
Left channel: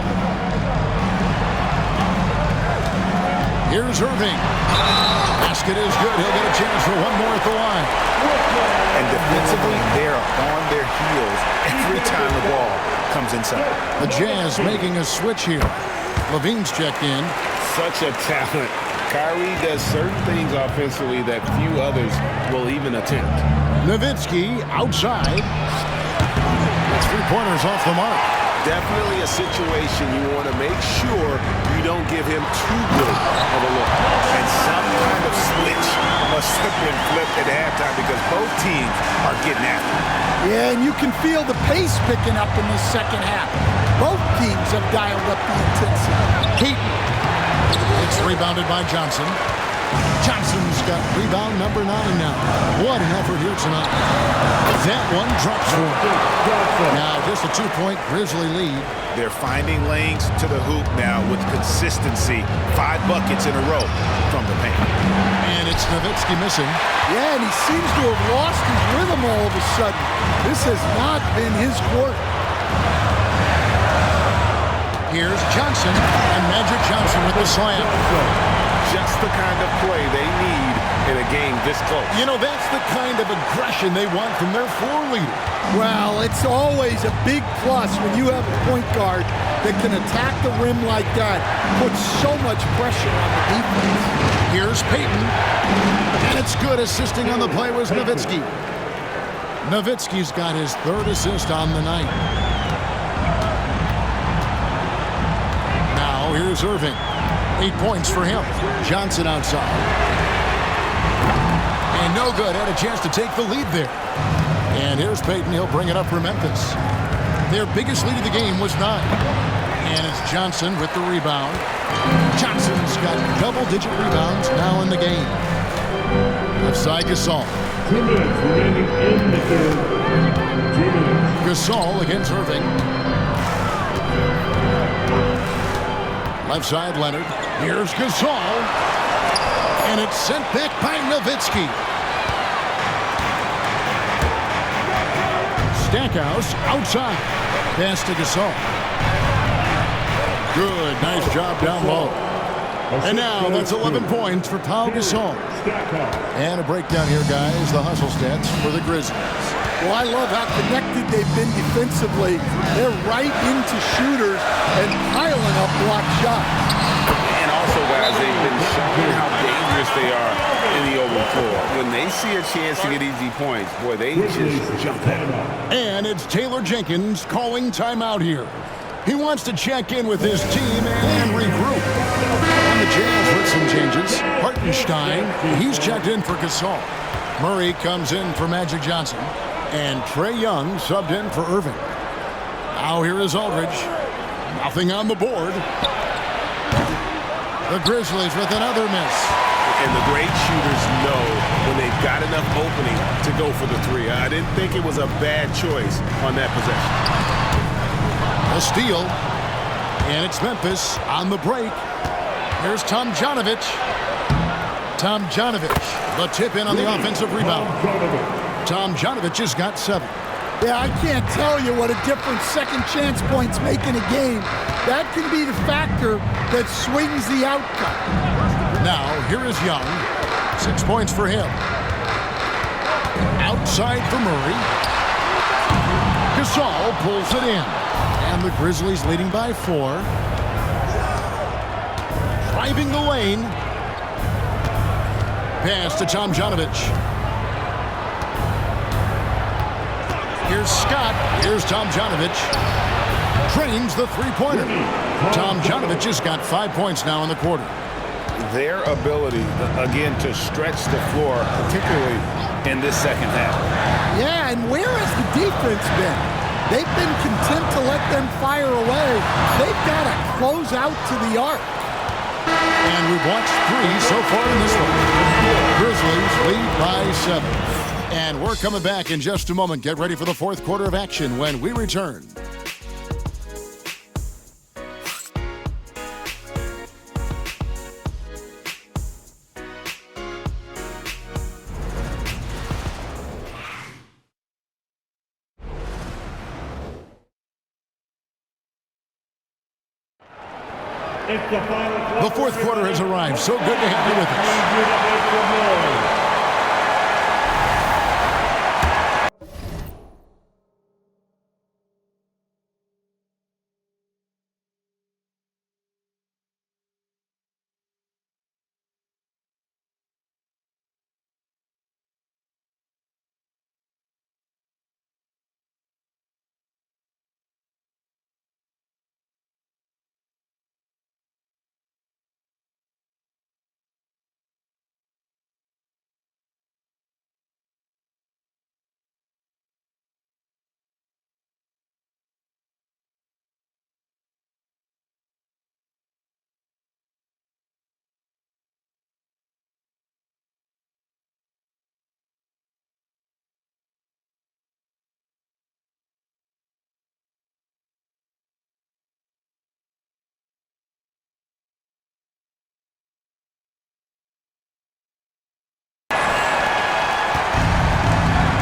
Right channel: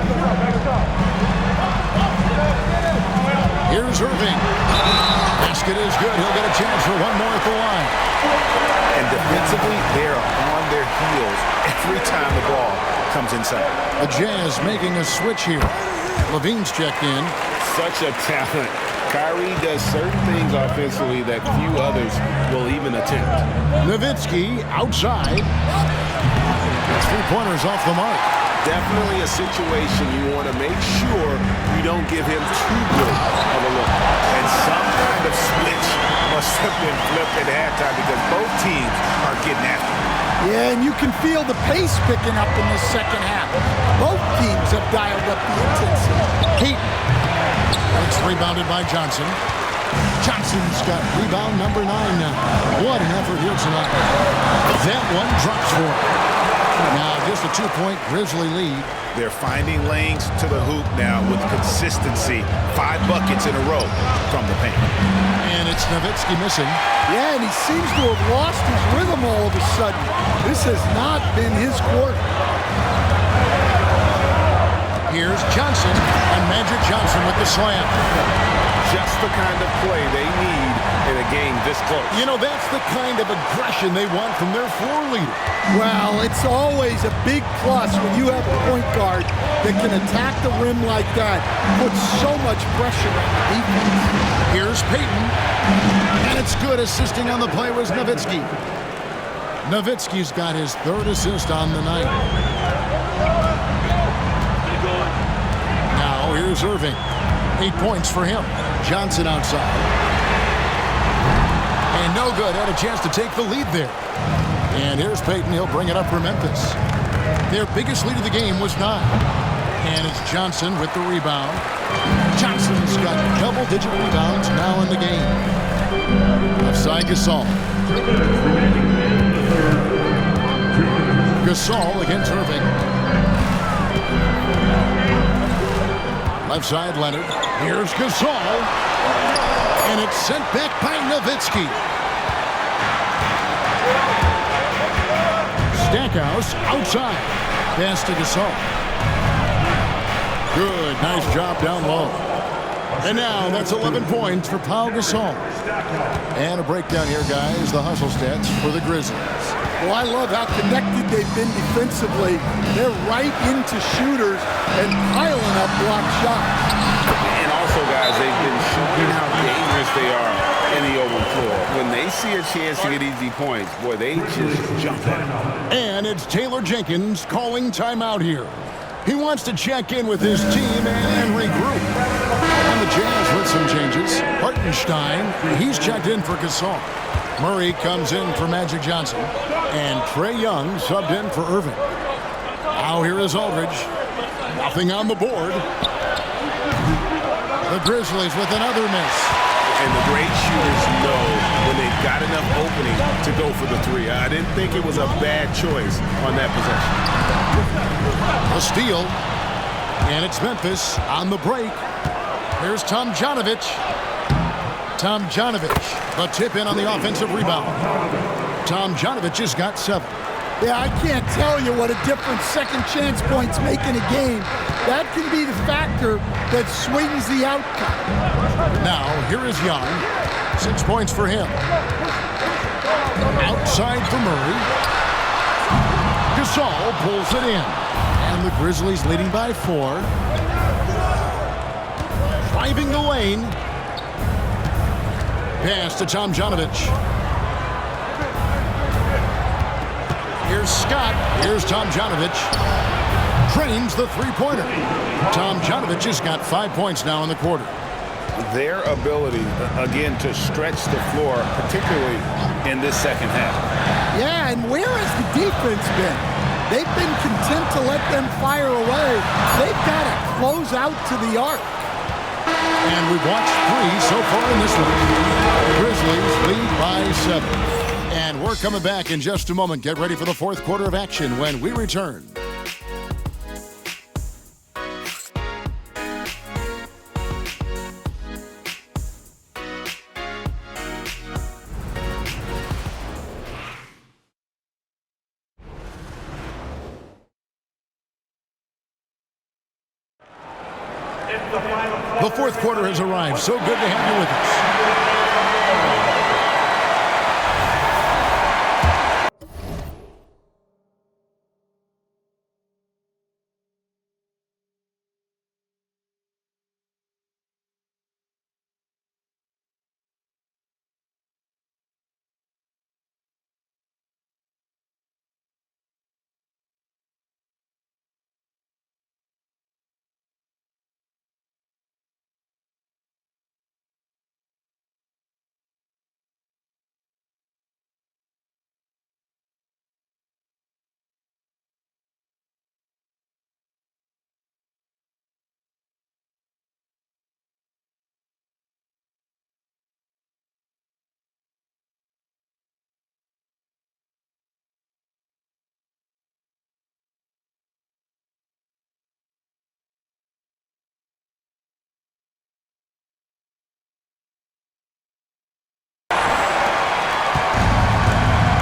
Here's Irving. Basket is good. He'll get a chance for one more at the line. And defensively, they are on their heels every time the ball comes inside. The Jazz making a switch here. Levine's checked in. Such a talent. Kyrie does certain things offensively that few others will even attempt. Nowitzki outside. That's 3-pointers off the mark. Definitely a situation you want to make sure you don't give him too good of a look. And some kind of switch must have been flipped at halftime because both teams are getting after it. Yeah, and you can feel the pace picking up in this second half. Both teams have dialed up the intensity. Payton. It's rebounded by Johnson. Johnson's got rebound number 9 now. What an effort here tonight. That one drops for him. Now just a 2-point Grizzly lead. They're finding lanes to the hoop now with consistency. 5 buckets in a row from the paint. And it's Nowitzki missing. Yeah, and he seems to have lost his rhythm all of a sudden. This has not been his quarter. Here's Johnson, and Magic Johnson with the slam. Just the kind of play they need in a game this close. You know, that's the kind of aggression they want from their floor leader. Well, it's always a big plus when you have a point guard that can attack the rim like that, puts so much pressure on the defense. Here's Payton, and it's good. Assisting on the play was Nowitzki. Nowitzki's got his 3rd assist on the night. Now here's Irving. 8 points for him. Johnson outside. And no good. Had a chance to take the lead there. And here's Payton. He'll bring it up for Memphis. Their biggest lead of the game was 9. And it's Johnson with the rebound. Johnson's got double-digit rebounds now in the game. Left side, Gasol. 2 minutes remaining in the third. 2 minutes. Gasol against Irving. Left side, Leonard. Here's Gasol. And it's sent back by Nowitzki. Stackhouse outside. Pass to Gasol. Good. Nice job down low. And now that's 11 points for Pau Gasol. And a breakdown here, guys. The hustle stats for the Grizzlies. Well, I love how connected they've been defensively. They're right into shooters and piling up block shots. And also, guys, they've been showing how dangerous they are in the open floor. When they see a chance to get easy points, boy, they just jump at it. And it's Taylor Jenkins calling timeout here. He wants to check in with his team and regroup. On the Jazz with some changes. Hartenstein, he's checked in for Gasol. Murray comes in for Magic Johnson. And Trae Young subbed in for Irving. Now here is Aldridge. Nothing on the board. The Grizzlies with another miss. And the great shooters know when they've got enough opening to go for the 3. I didn't think it was a bad choice on that possession. A steal. And it's Memphis on the break. Here's Tomjanovich. Tomjanovich, the tip in on the offensive rebound. Tomjanovich has got 7. Yeah, I can't tell you what a difference second chance points make in a game. That can be the factor that swings the outcome. Now, here is Young. 6 points for him. Outside for Murray. Gasol pulls it in. And the Grizzlies leading by 4. Driving the lane. Pass to Tomjanovich. Here's Scott. Here's Tomjanovich. Drains the three-pointer. Tomjanovich has got 5 points now in the quarter. Their ability, again, to stretch the floor, particularly in this second half. Yeah, and where has the defense been? They've been content to let them fire away. They've got to close out to the arc. And we've watched 3 so far in this one. Grizzlies lead by 7. And we're coming back in just a moment. Get ready for the fourth quarter of action when we return. The fourth quarter has arrived. So good to have you with us.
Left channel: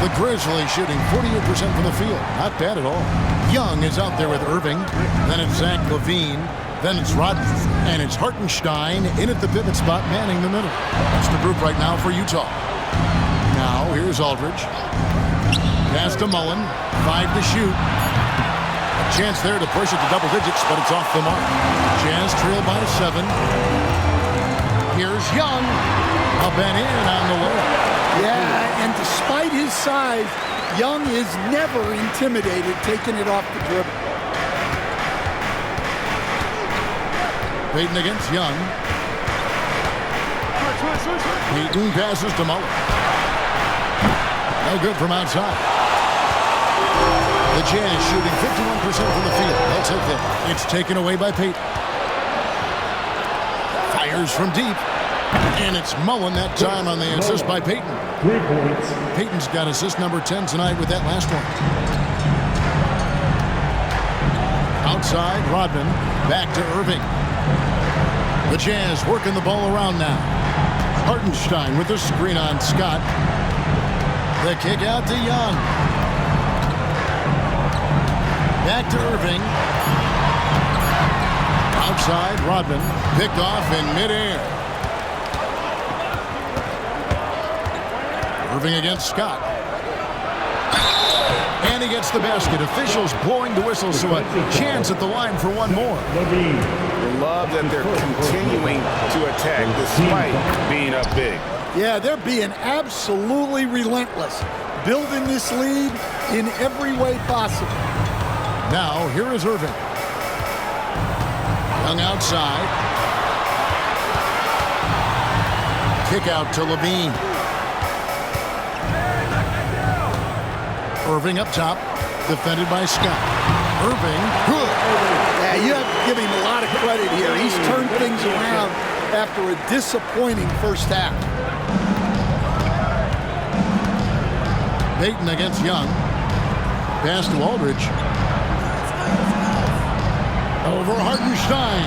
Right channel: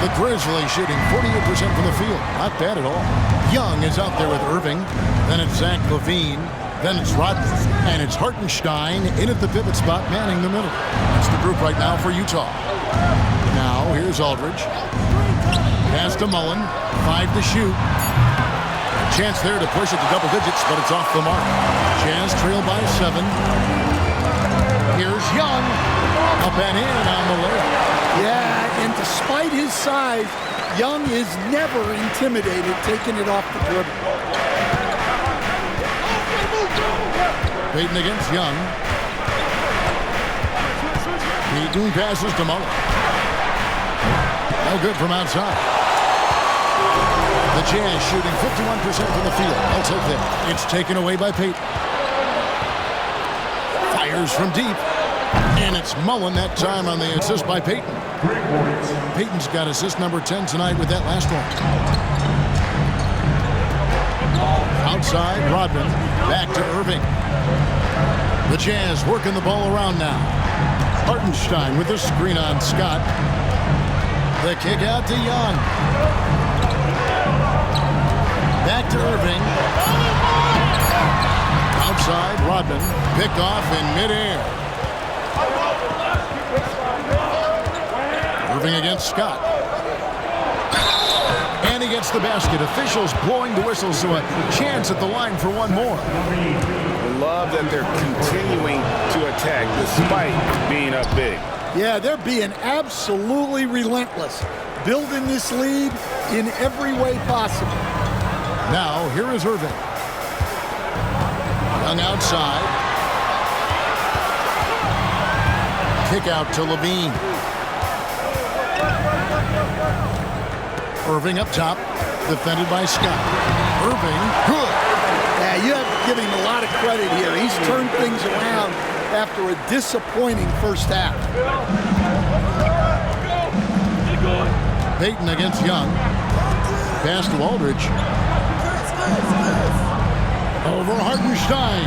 The Grizzlies shooting 48% from the field. Not bad at all. Young is out there with Irving. Then it's Zach LaVine. Then it's Rodman. And it's Hartenstein in at the pivot spot, manning the middle. That's the group right now for Utah. Now, here's Aldridge. Pass to Mullen. 5 to shoot. A chance there to push it to double digits, but it's off the mark. Jazz trail by 7. Here's Young. Up and in on the layup. Yeah, and despite his size, Young is never intimidated taking it off the dribble. Payton against Young. Payton passes to Mullen. No good from outside. The Jazz shooting 51% from the field. They'll take that. It's taken away by Payton. Fires from deep. And it's Mullen that time on the assist by Payton. 3 points. Payton's got assist number 10 tonight with that last one. Outside, Rodman. Back to Irving. The Jazz working the ball around now. Hartenstein with the screen on Scott. The kick out to Young. Back to Irving. Outside, Rodman. Picked off in midair. Irving against Scott. And he gets the basket. Officials blowing the whistle, so a chance at the line for one more. Love that they're continuing to attack despite being up big. Yeah, they're being absolutely relentless, building this lead in every way possible. Now, here is Irving. Young outside. Kick out to LaVine. Irving up top, defended by Scott. Irving, good. Yeah, you have to give him a lot of credit here. He's turned things around after a disappointing first half. Payton against Young. Pass to Aldridge. Over Hartenstein.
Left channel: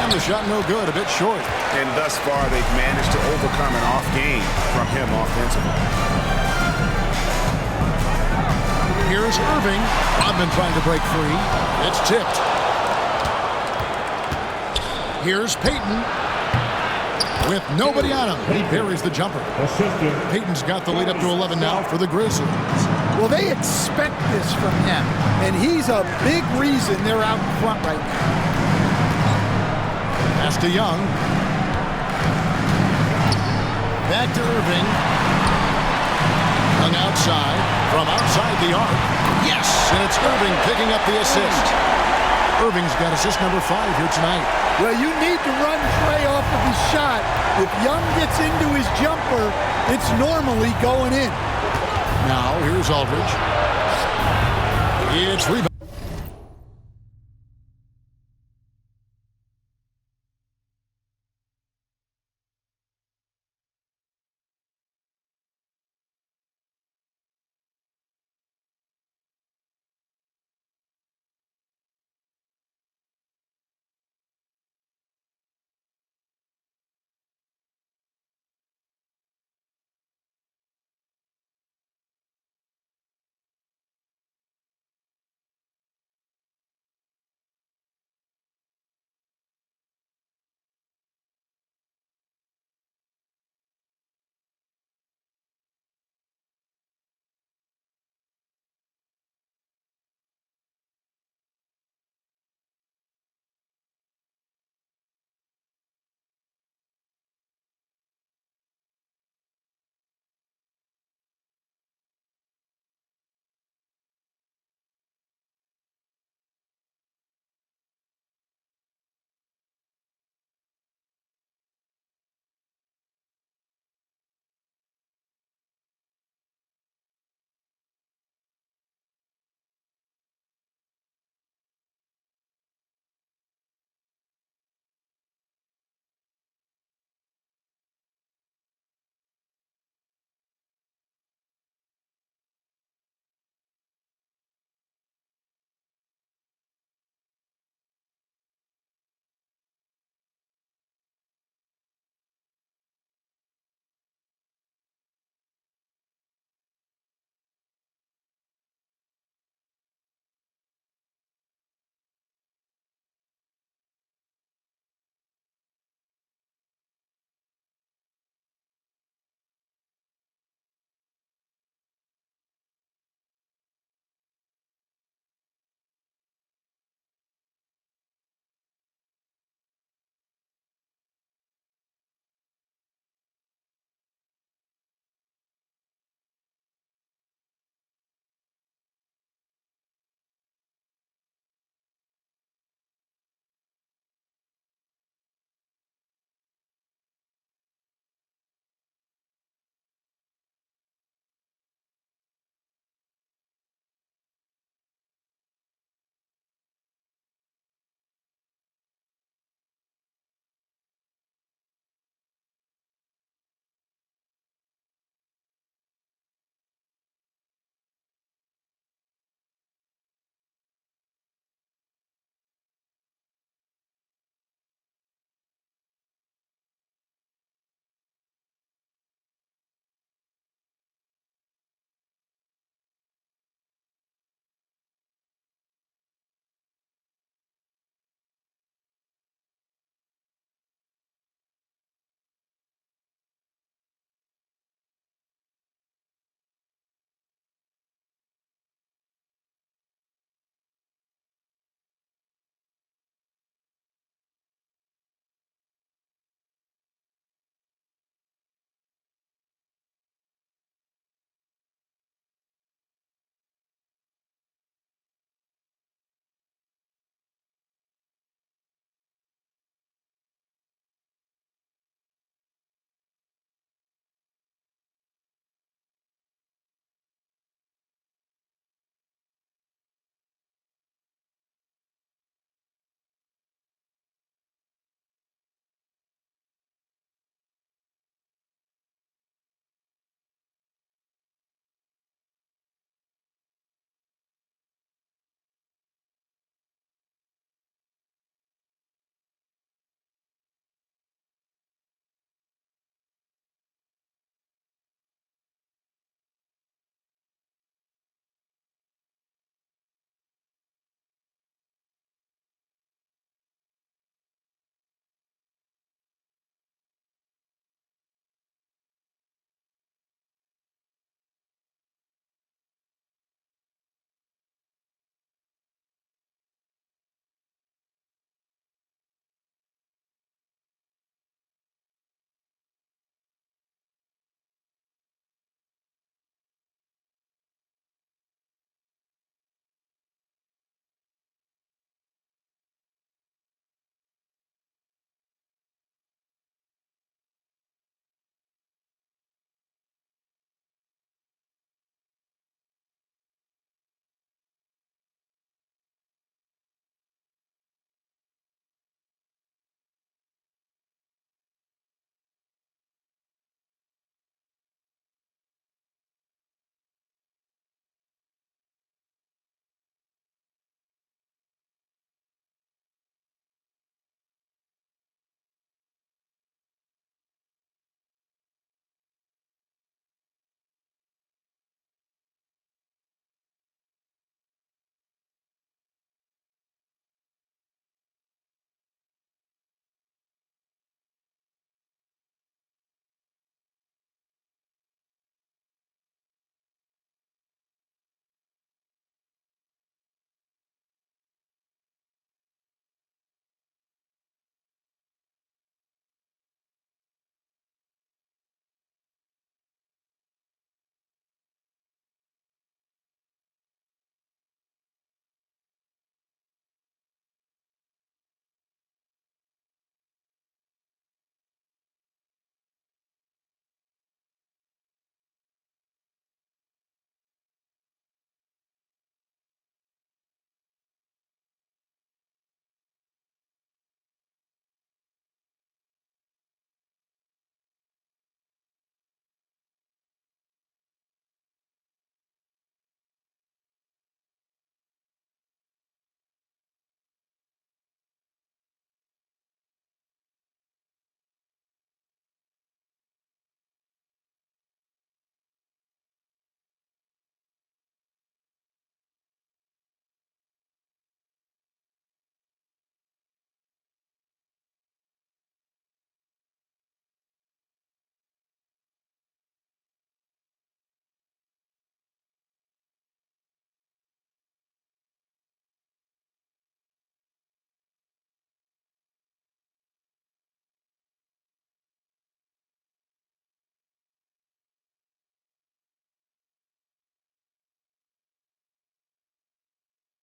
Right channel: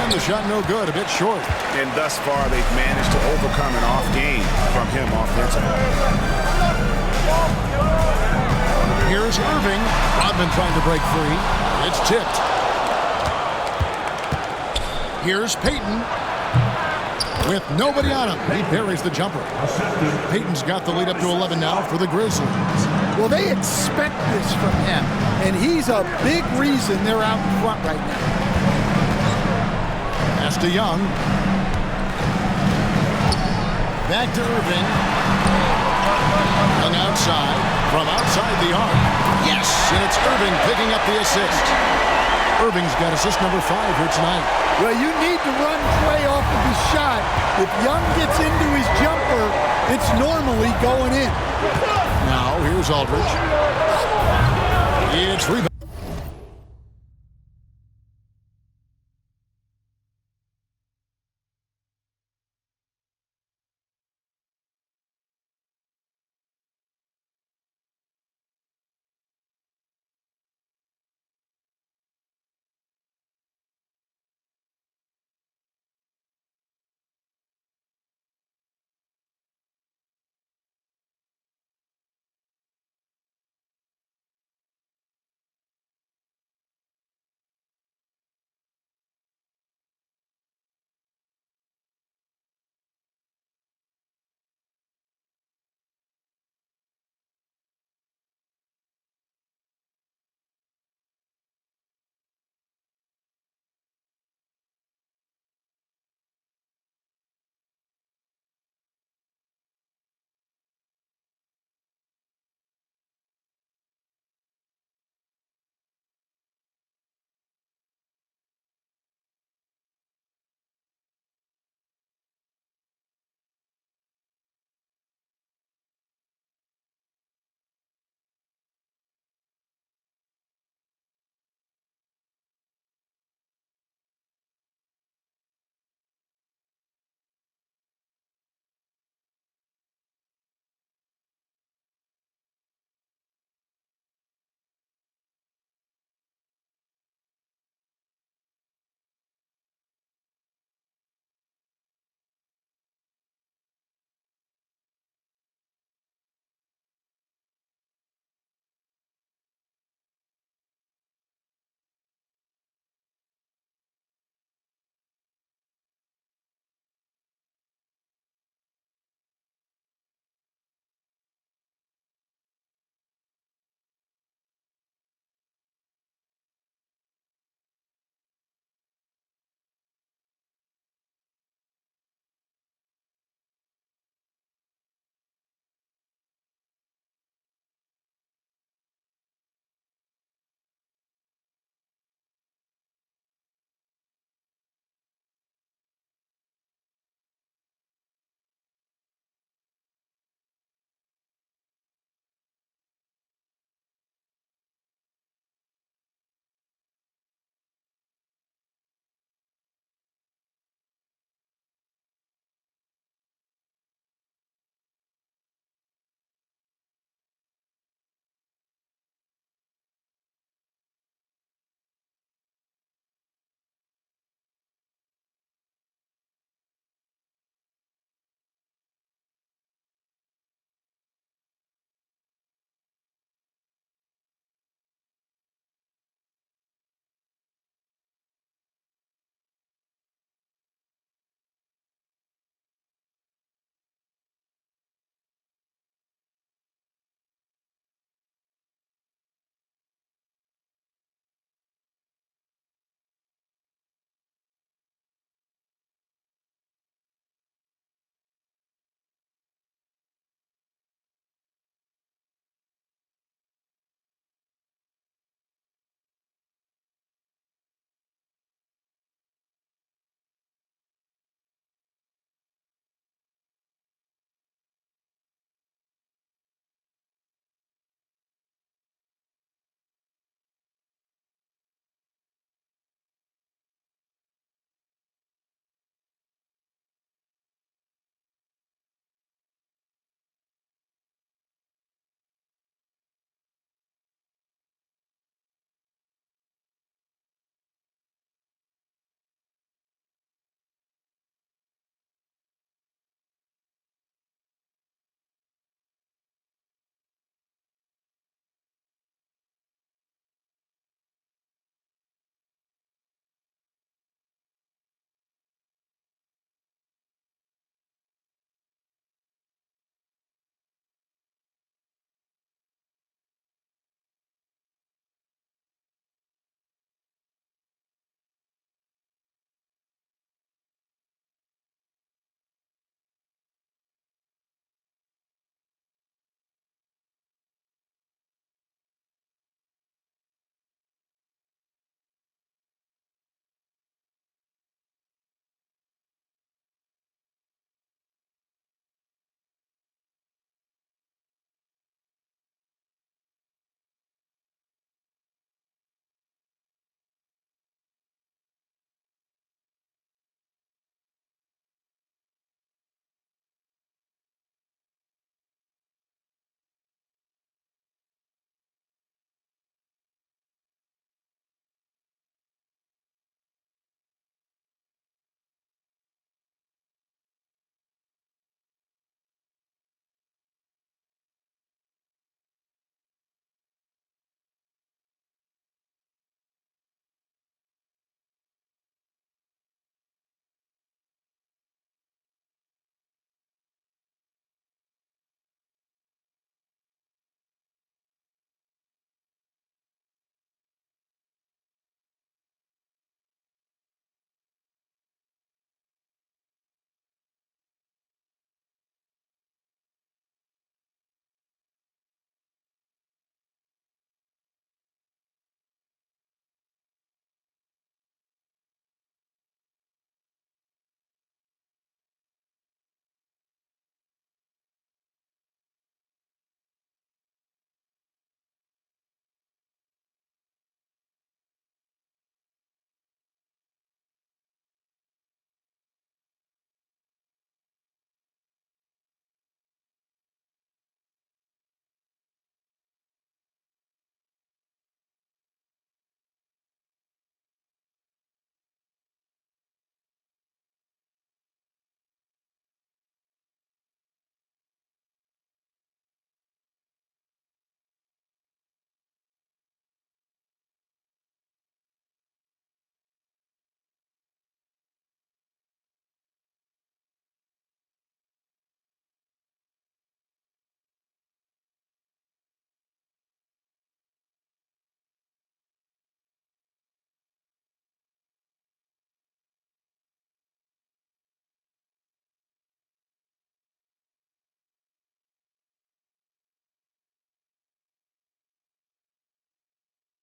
And one. The shot no good, a bit short. And thus far, they've managed to overcome an off game from him offensively. Here's Irving. Rodman trying to break free. It's tipped. Here's Payton. With nobody on him, he buries the jumper. Payton's got the lead up to 11 now for the Grizzlies. Well, they expect this from him, and he's a big reason they're out in front right now. Pass to Young. Back to Irving. Young outside. From outside the arc. Yes! And it's Irving picking up the assist. Irving's got assist number 5 here tonight. Well, you need to run Trey off of his shot. If Young gets into his jumper, it's normally going in. Now, here's Aldridge. It's rebound.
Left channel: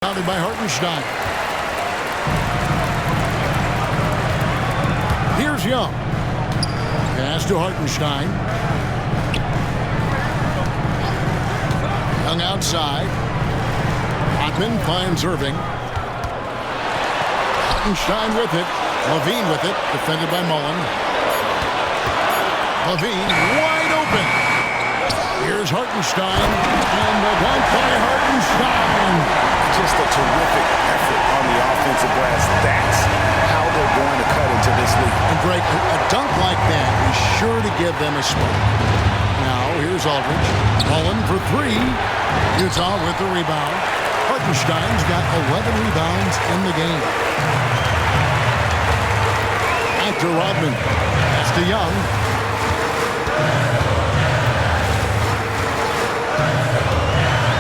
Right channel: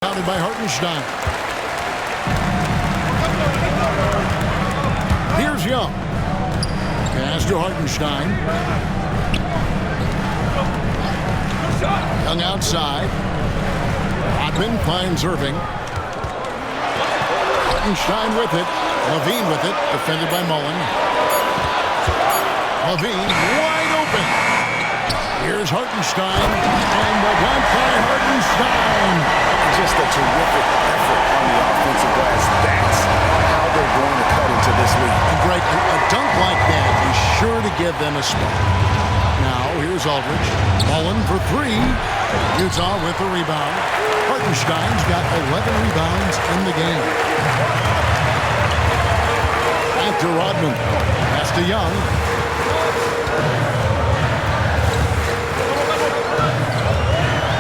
Rebounded by Hartenstein. Here's Young. Pass to Hartenstein. Young outside. Rodman finds Irving. Hartenstein with it. Levine with it. Defended by Mullen. Levine wide open. Here's Hartenstein. And the dunk by Hartenstein. Just a terrific effort on the offensive glass. That's how they're going to cut into this league. And Greg, a dunk like that is sure to give them a spark. Now, here's Aldridge. Mullen for three. Utah with the rebound. Hartenstein's got 11 rebounds in the game. Back to Rodman. Pass to Young.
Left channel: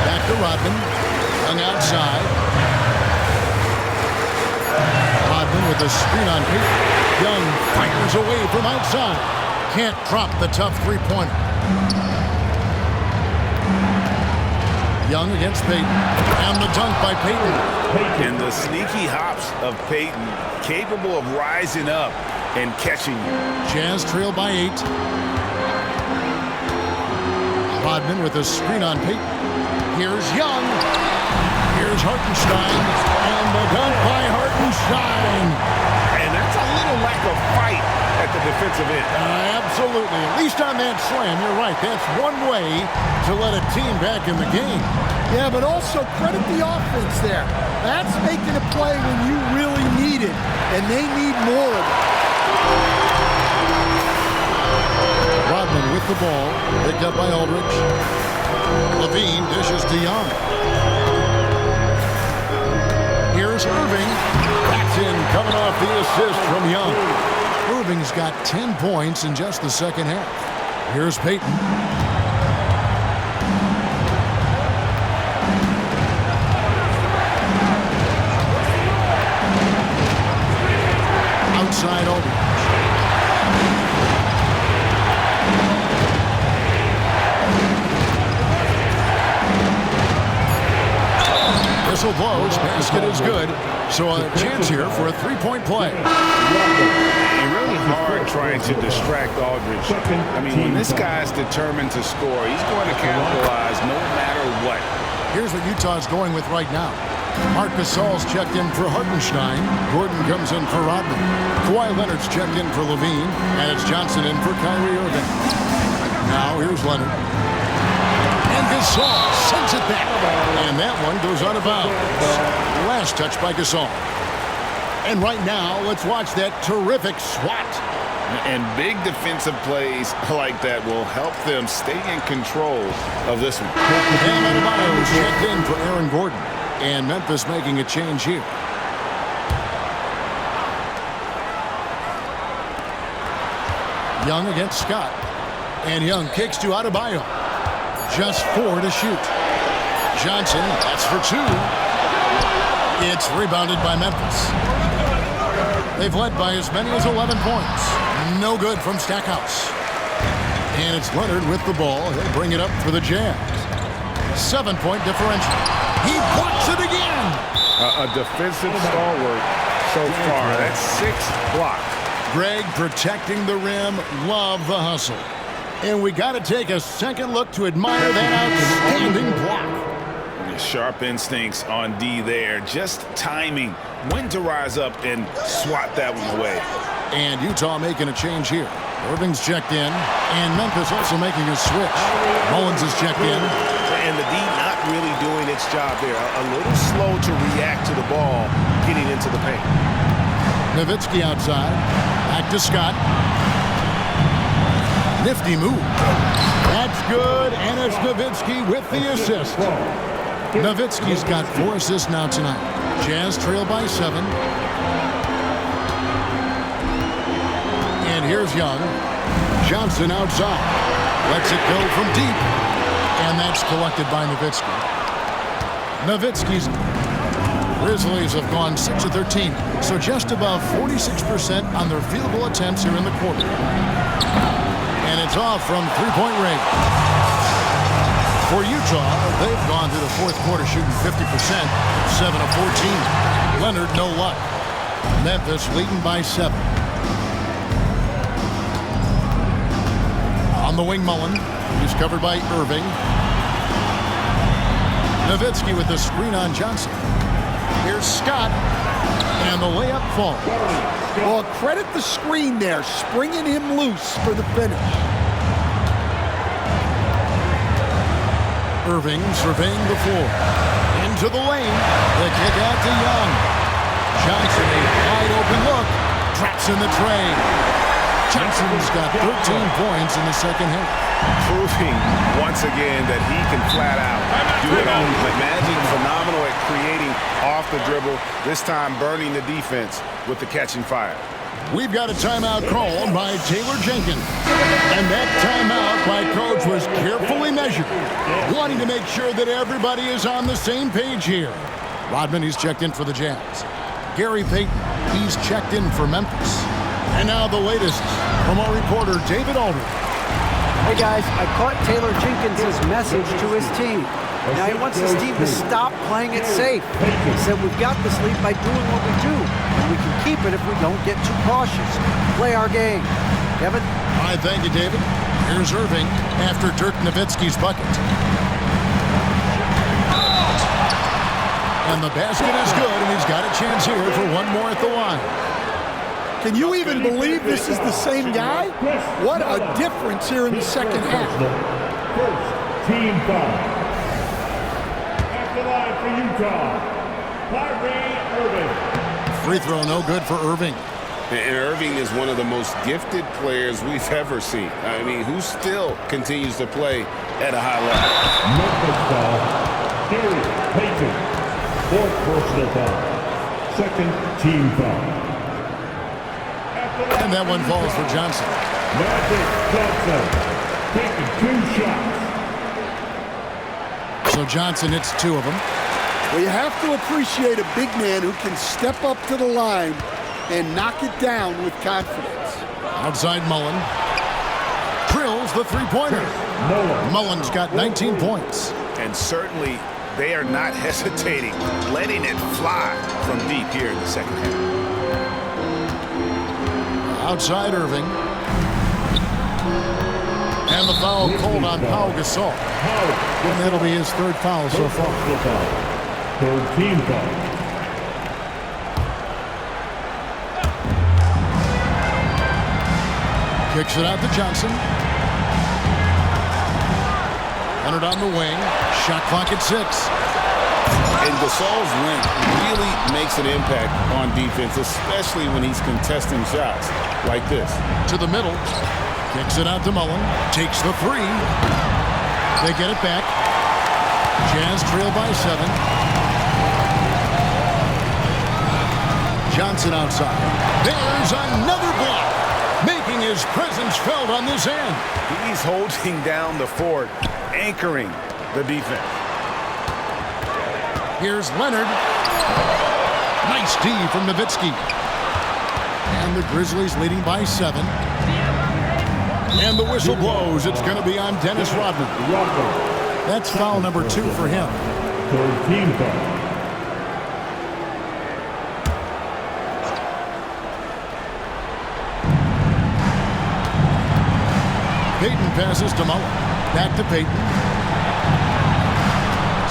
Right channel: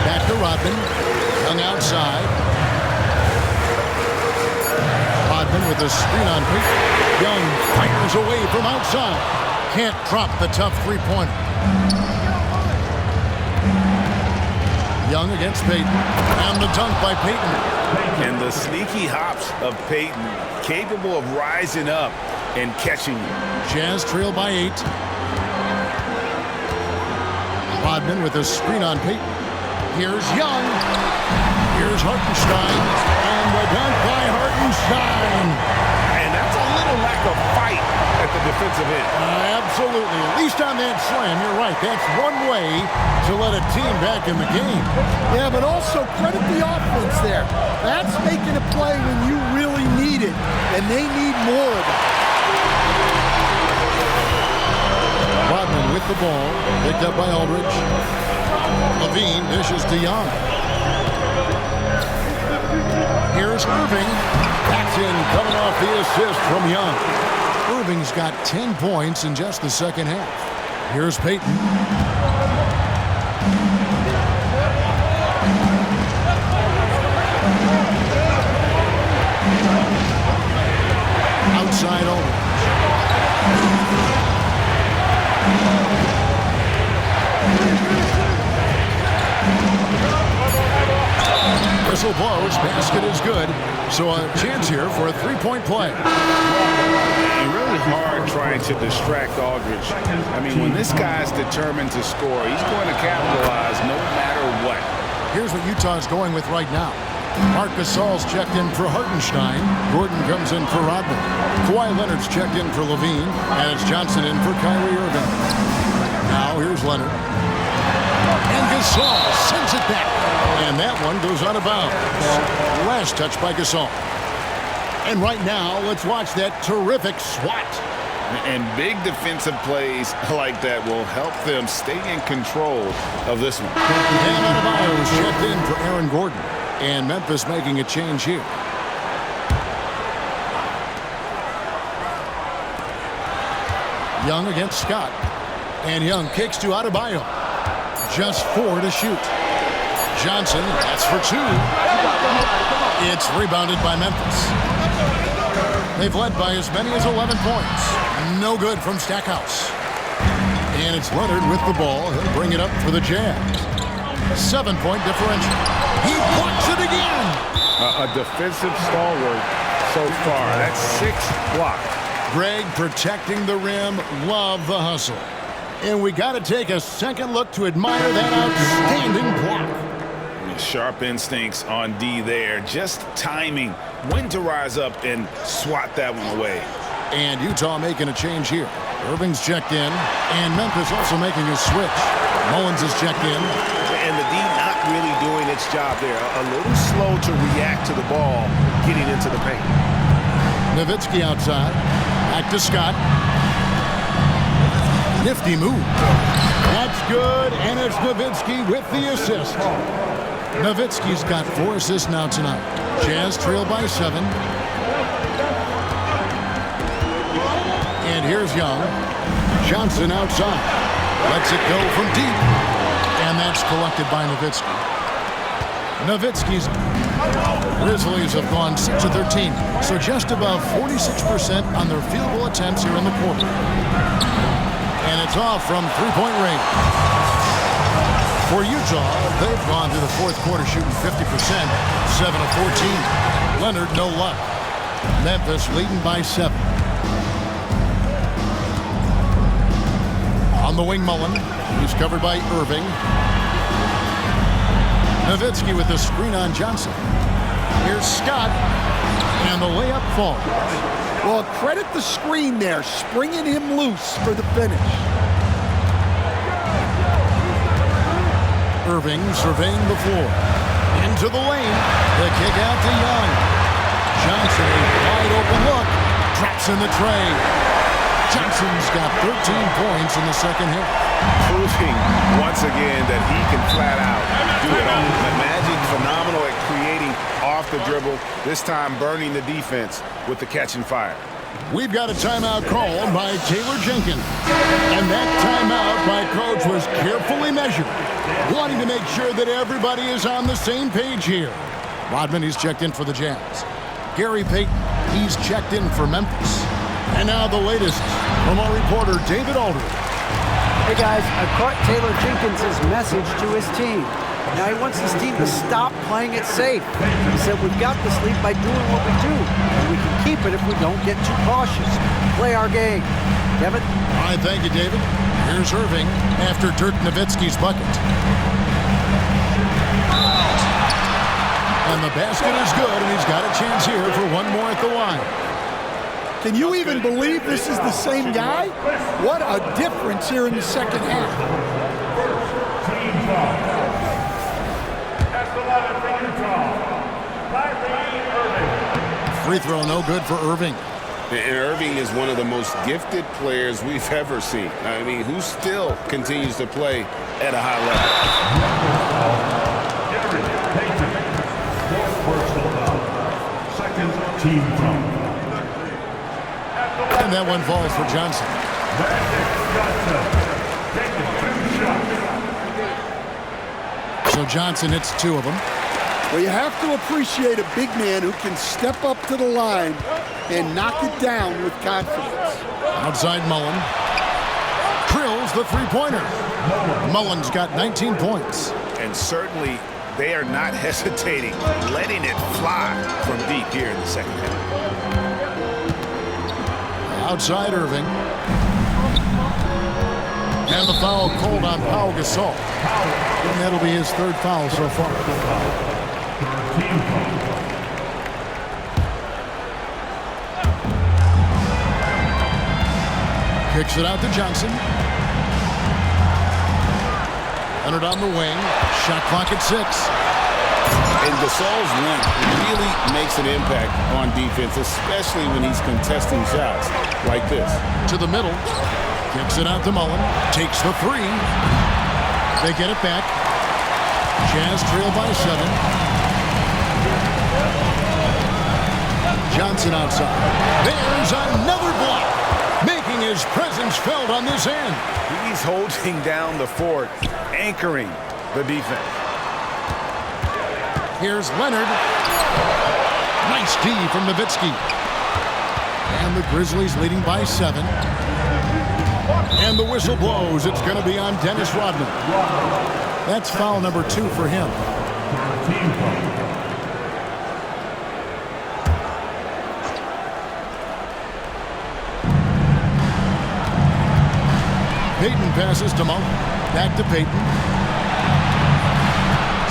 Back to Rodman. Young outside. Rodman with a screen on Payton. Young fires away from outside. Can't drop the tough three-pointer. Young against Payton. And the dunk by Payton. And the sneaky hops of Payton, capable of rising up and catching you. Jazz trail by 8. Rodman with a screen on Payton. Here's Young. Here's Hartenstein. And the dunk by Hartenstein. And that's a little lack of fight at the defensive end. Absolutely. At least on that slam, you're right. That's one way to let a team back in the game. Yeah, but also credit the offense there. That's making a play when you really need it, and they need more of it. Rodman with the ball, picked up by Aldridge. Levine dishes to Young. Here's Irving. That's in, coming off the assist from Young. Irving's got 10 points in just the second half. Here's Payton. Outside Aldridge. Whistle blows. Basket is good. So a chance here for a three-point play. And really hard trying to distract Aldridge. I mean, when this guy's determined to score, he's going to capitalize no matter what. Here's what Utah's going with right now. Marc Gasol's checked in for Hartenstein. Gordon comes in for Rodman. Kawhi Leonard's checked in for Levine. And it's Johnson in for Kyrie Irving. Now here's Leonard. And Gasol sends it back. And that one goes out of bounds. Last touch by Gasol. And right now, let's watch that terrific swat. And big defensive plays like that will help them stay in control of this one. Bam Adebayo's checked in for Aaron Gordon. And Memphis making a change here. Young against Scott. And Young kicks to Adebayo. Just 4 to shoot. Johnson, that's for 2. It's rebounded by Memphis. They've led by as many as 11 points. No good from Stackhouse. And it's Leonard with the ball. He'll bring it up for the Jazz. 7-point differential. He blocks it again. A defensive stalwart so far. That's 6 blocks. Greg protecting the rim. Love the hustle. And we got to take a second look to admire that outstanding block. Sharp instincts on D there. Just timing when to rise up and swat that one away. And Utah making a change here. Irving's checked in. And Memphis also making a switch. Mullins is checked in. And the D not really doing its job there. A little slow to react to the ball getting into the paint. Nowitzki outside. Back to Scott. Nifty move. That's good, and it's Nowitzki with the assist. Nowitzki's got 4 assists now tonight. Jazz trail by 7. And here's Young. Johnson outside. Lets it go from deep. And that's collected by Nowitzki. Nowitzki's Grizzlies have gone 6 of 13, so just above 46% on their field goal attempts here in the quarter. And it's off from three-point range. For Utah, they've gone through the fourth quarter shooting 50%, 7 of 14. Leonard, no luck. Memphis leading by 7. On the wing, Mullen. He's covered by Irving. Nowitzki with the screen on Johnson. Here's Scott, and the layup falls. Well, credit the screen there, springing him loose for the finish. Irving surveying the floor. Into the lane. The kick out to Young. Johnson, a wide open look. Drops in the tray. Johnson's got 13 points in the second half. Proving once again that he can flat out do it all. Magic phenomenal at creating off the dribble, this time burning the defense with the catching fire. We've got a timeout called by Taylor Jenkins. And that timeout by Coach was carefully measured, wanting to make sure that everybody is on the same page here. Rodman, he's checked in for the Jazz. Gary Payton, he's checked in for Memphis. And now the latest from our reporter, David Aldridge. Hey guys, I caught Taylor Jenkins' message to his team. Now he wants his team to stop playing it safe. He said we've got this lead by doing what we do, and we can keep it if we don't get too cautious. Play our game. Kevin? All right, thank you, David. Here's Irving after Dirk Nowitzki's bucket. And the basket is good, and he's got a chance here for one more at the line. Can you even believe this is the same guy? What a difference here in the second half. Team foul. At the line for Utah, Irving. Free throw no good for Irving. And Irving is one of the most gifted players we've ever seen. I mean, who still continues to play at a high level. Memphis foul. Gary Payton. Fourth personal foul. Second team foul. And that one falls for Johnson. Magic Johnson taking 2 shots. So Johnson hits 2 of them. Well, you have to appreciate a big man who can step up to the line and knock it down with confidence. Outside Mullen. Drills the three-pointer. Mullen's got 19 points. And certainly they are not hesitating, letting it fly from deep here in the second half. Outside Irving. And the foul called on Pau Gasol. And that'll be his 3rd foul so far. 3rd team foul. Kicks it out to Johnson. Leonard on the wing. Shot clock at 6. And Gasol's length really makes an impact on defense, especially when he's contesting shots like this. To the middle. Kicks it out to Mullen. Takes the 3. They get it back. Jazz trail by 7. Johnson outside. There's another block, making his presence felt on this end. He's holding down the fort, anchoring the defense. Here's Leonard. Nice D from Nowitzki. And the Grizzlies leading by 7. And the whistle blows. It's going to be on Dennis Rodman. That's foul number 2 for him. 3rd team foul. Payton passes to Mullen. Back to Payton.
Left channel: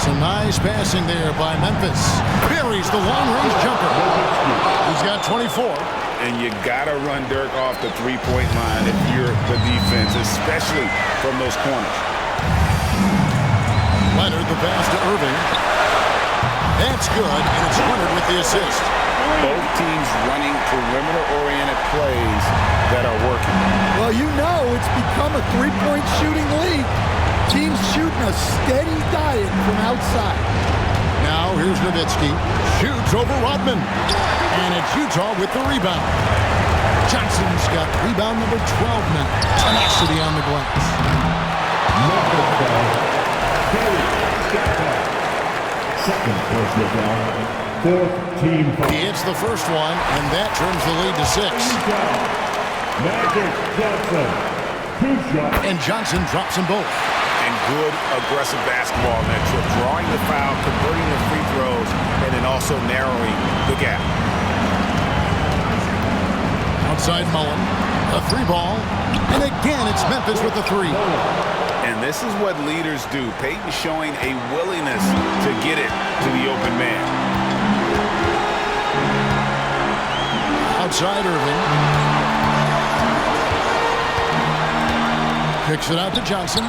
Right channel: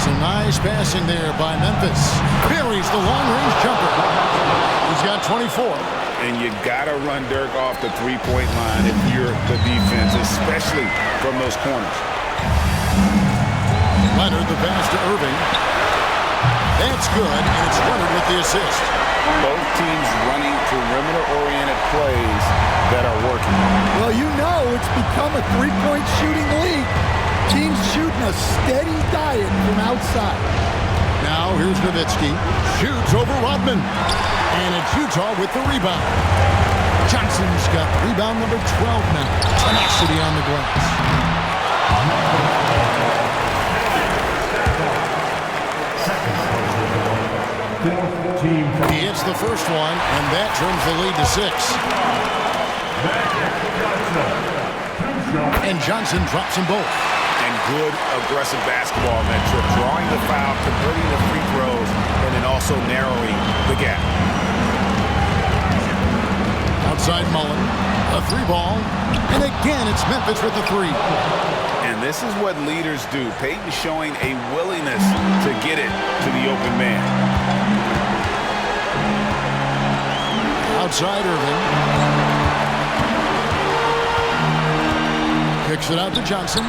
Some nice passing there by Memphis. Buries the long-range jumper. He's got 24. And you got to run Dirk off the three-point line if you're the defense, especially from those corners. Leonard, the pass to Irving. That's good, and it's Leonard with the assist. Both teams running perimeter-oriented plays that are working. Well, you know it's become a three-point shooting league. Teams shooting a steady diet from outside. Now here's Nowitzki. Shoots over Rodman. And it's Utah with the rebound. Johnson's got rebound number 12 now. Tenacity on the glass. Second personal foul. 4th team foul. He hits the first one, and that trims the lead to 6. Magic Johnson. 2 shots. And Johnson drops them both. And good aggressive basketball on that trip, drawing the foul, converting the free throws, and then also narrowing the gap. Outside Mullen, a three ball, and again it's Memphis with the three. And this is what leaders do. Peyton showing a willingness to get it to the open man. Outside Irving. Kicks it out to Johnson.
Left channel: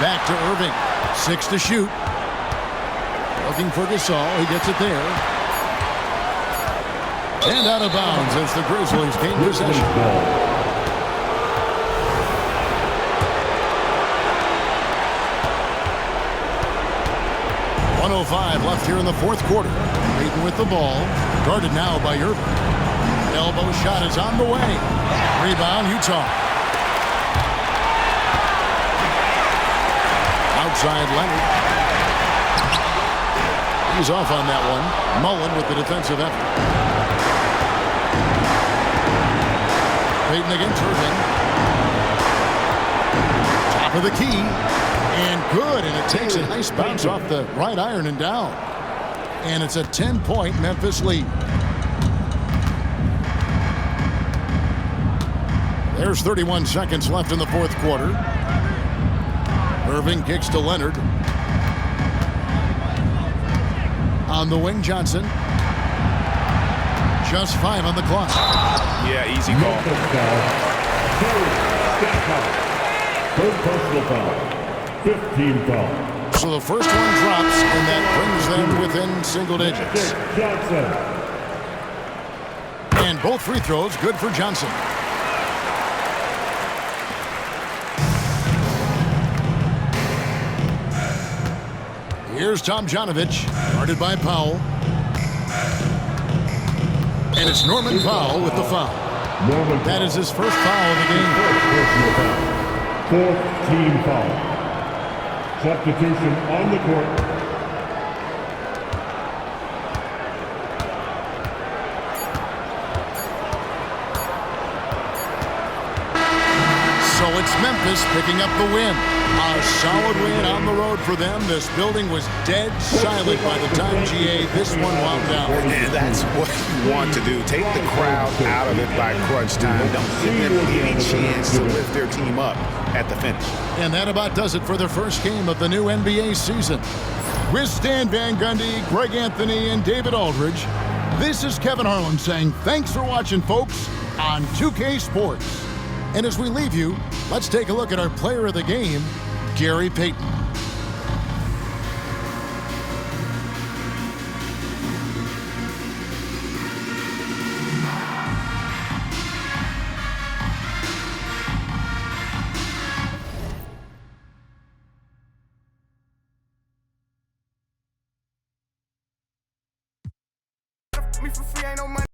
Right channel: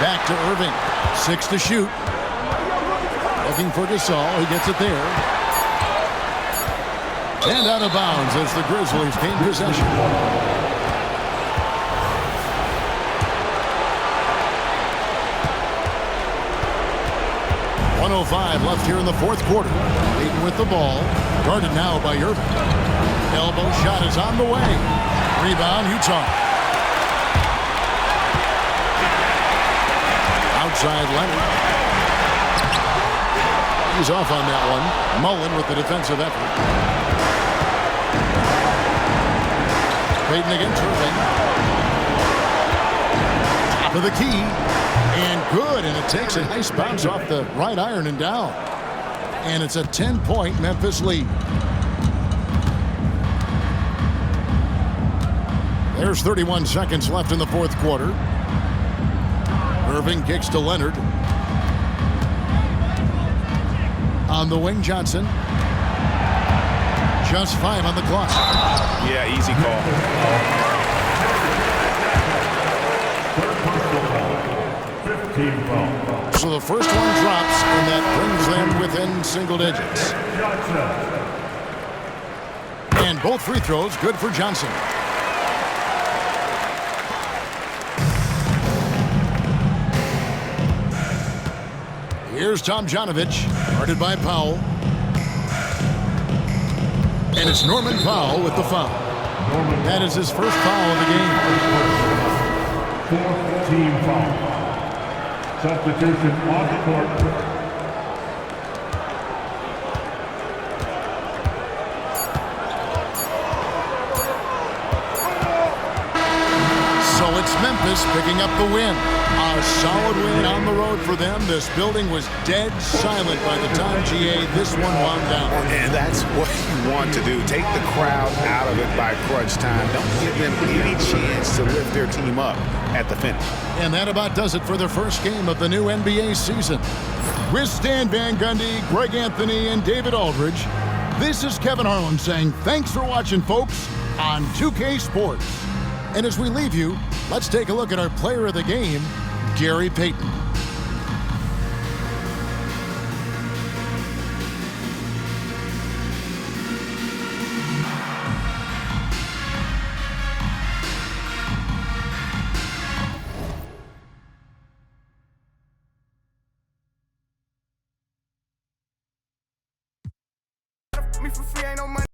Back to Irving. 6 to shoot. Looking for Gasol. He gets it there. And out of bounds as the Grizzlies gain possession. .105 left here in the fourth quarter. Peyton with the ball. Guarded now by Irving. Elbow shot is on the way. Rebound, Utah. Outside Leonard. He's off on that one. Mullen with the defensive effort. Peyton against Irving. Top of the key. And good, and it takes a nice bounce off the right iron and down. And it's a 10-point Memphis lead. There's 31 seconds left in the fourth quarter. Irving kicks to Leonard. On the wing, Johnson. Just 5 on the clock. Yeah, easy call. Third personal foul. 15 foul. So the first one drops, and that brings them within single digits. Johnson. And both free throws good for Johnson. Here's Tomjanovich, guarded by Powell. And it's Norman Powell with the foul. That is his first foul of the game. Fourth team foul. Substitution on the court. So it's Memphis picking up the win. A solid win on the road for them. This building was dead silent by the time GA this one wound down. And that's what you want to do. Take the crowd out of it by crunch time. Don't give them any chance to lift their team up at the finish. And that about does it for the first game of the new NBA season. With Stan Van Gundy, Greg Anthony, and David Aldridge, this is Kevin Harlan saying thanks for watching, folks, on 2K Sports. And as we leave you, let's take a look at our player of the game, Gary Payton. Me for free, ain't no money.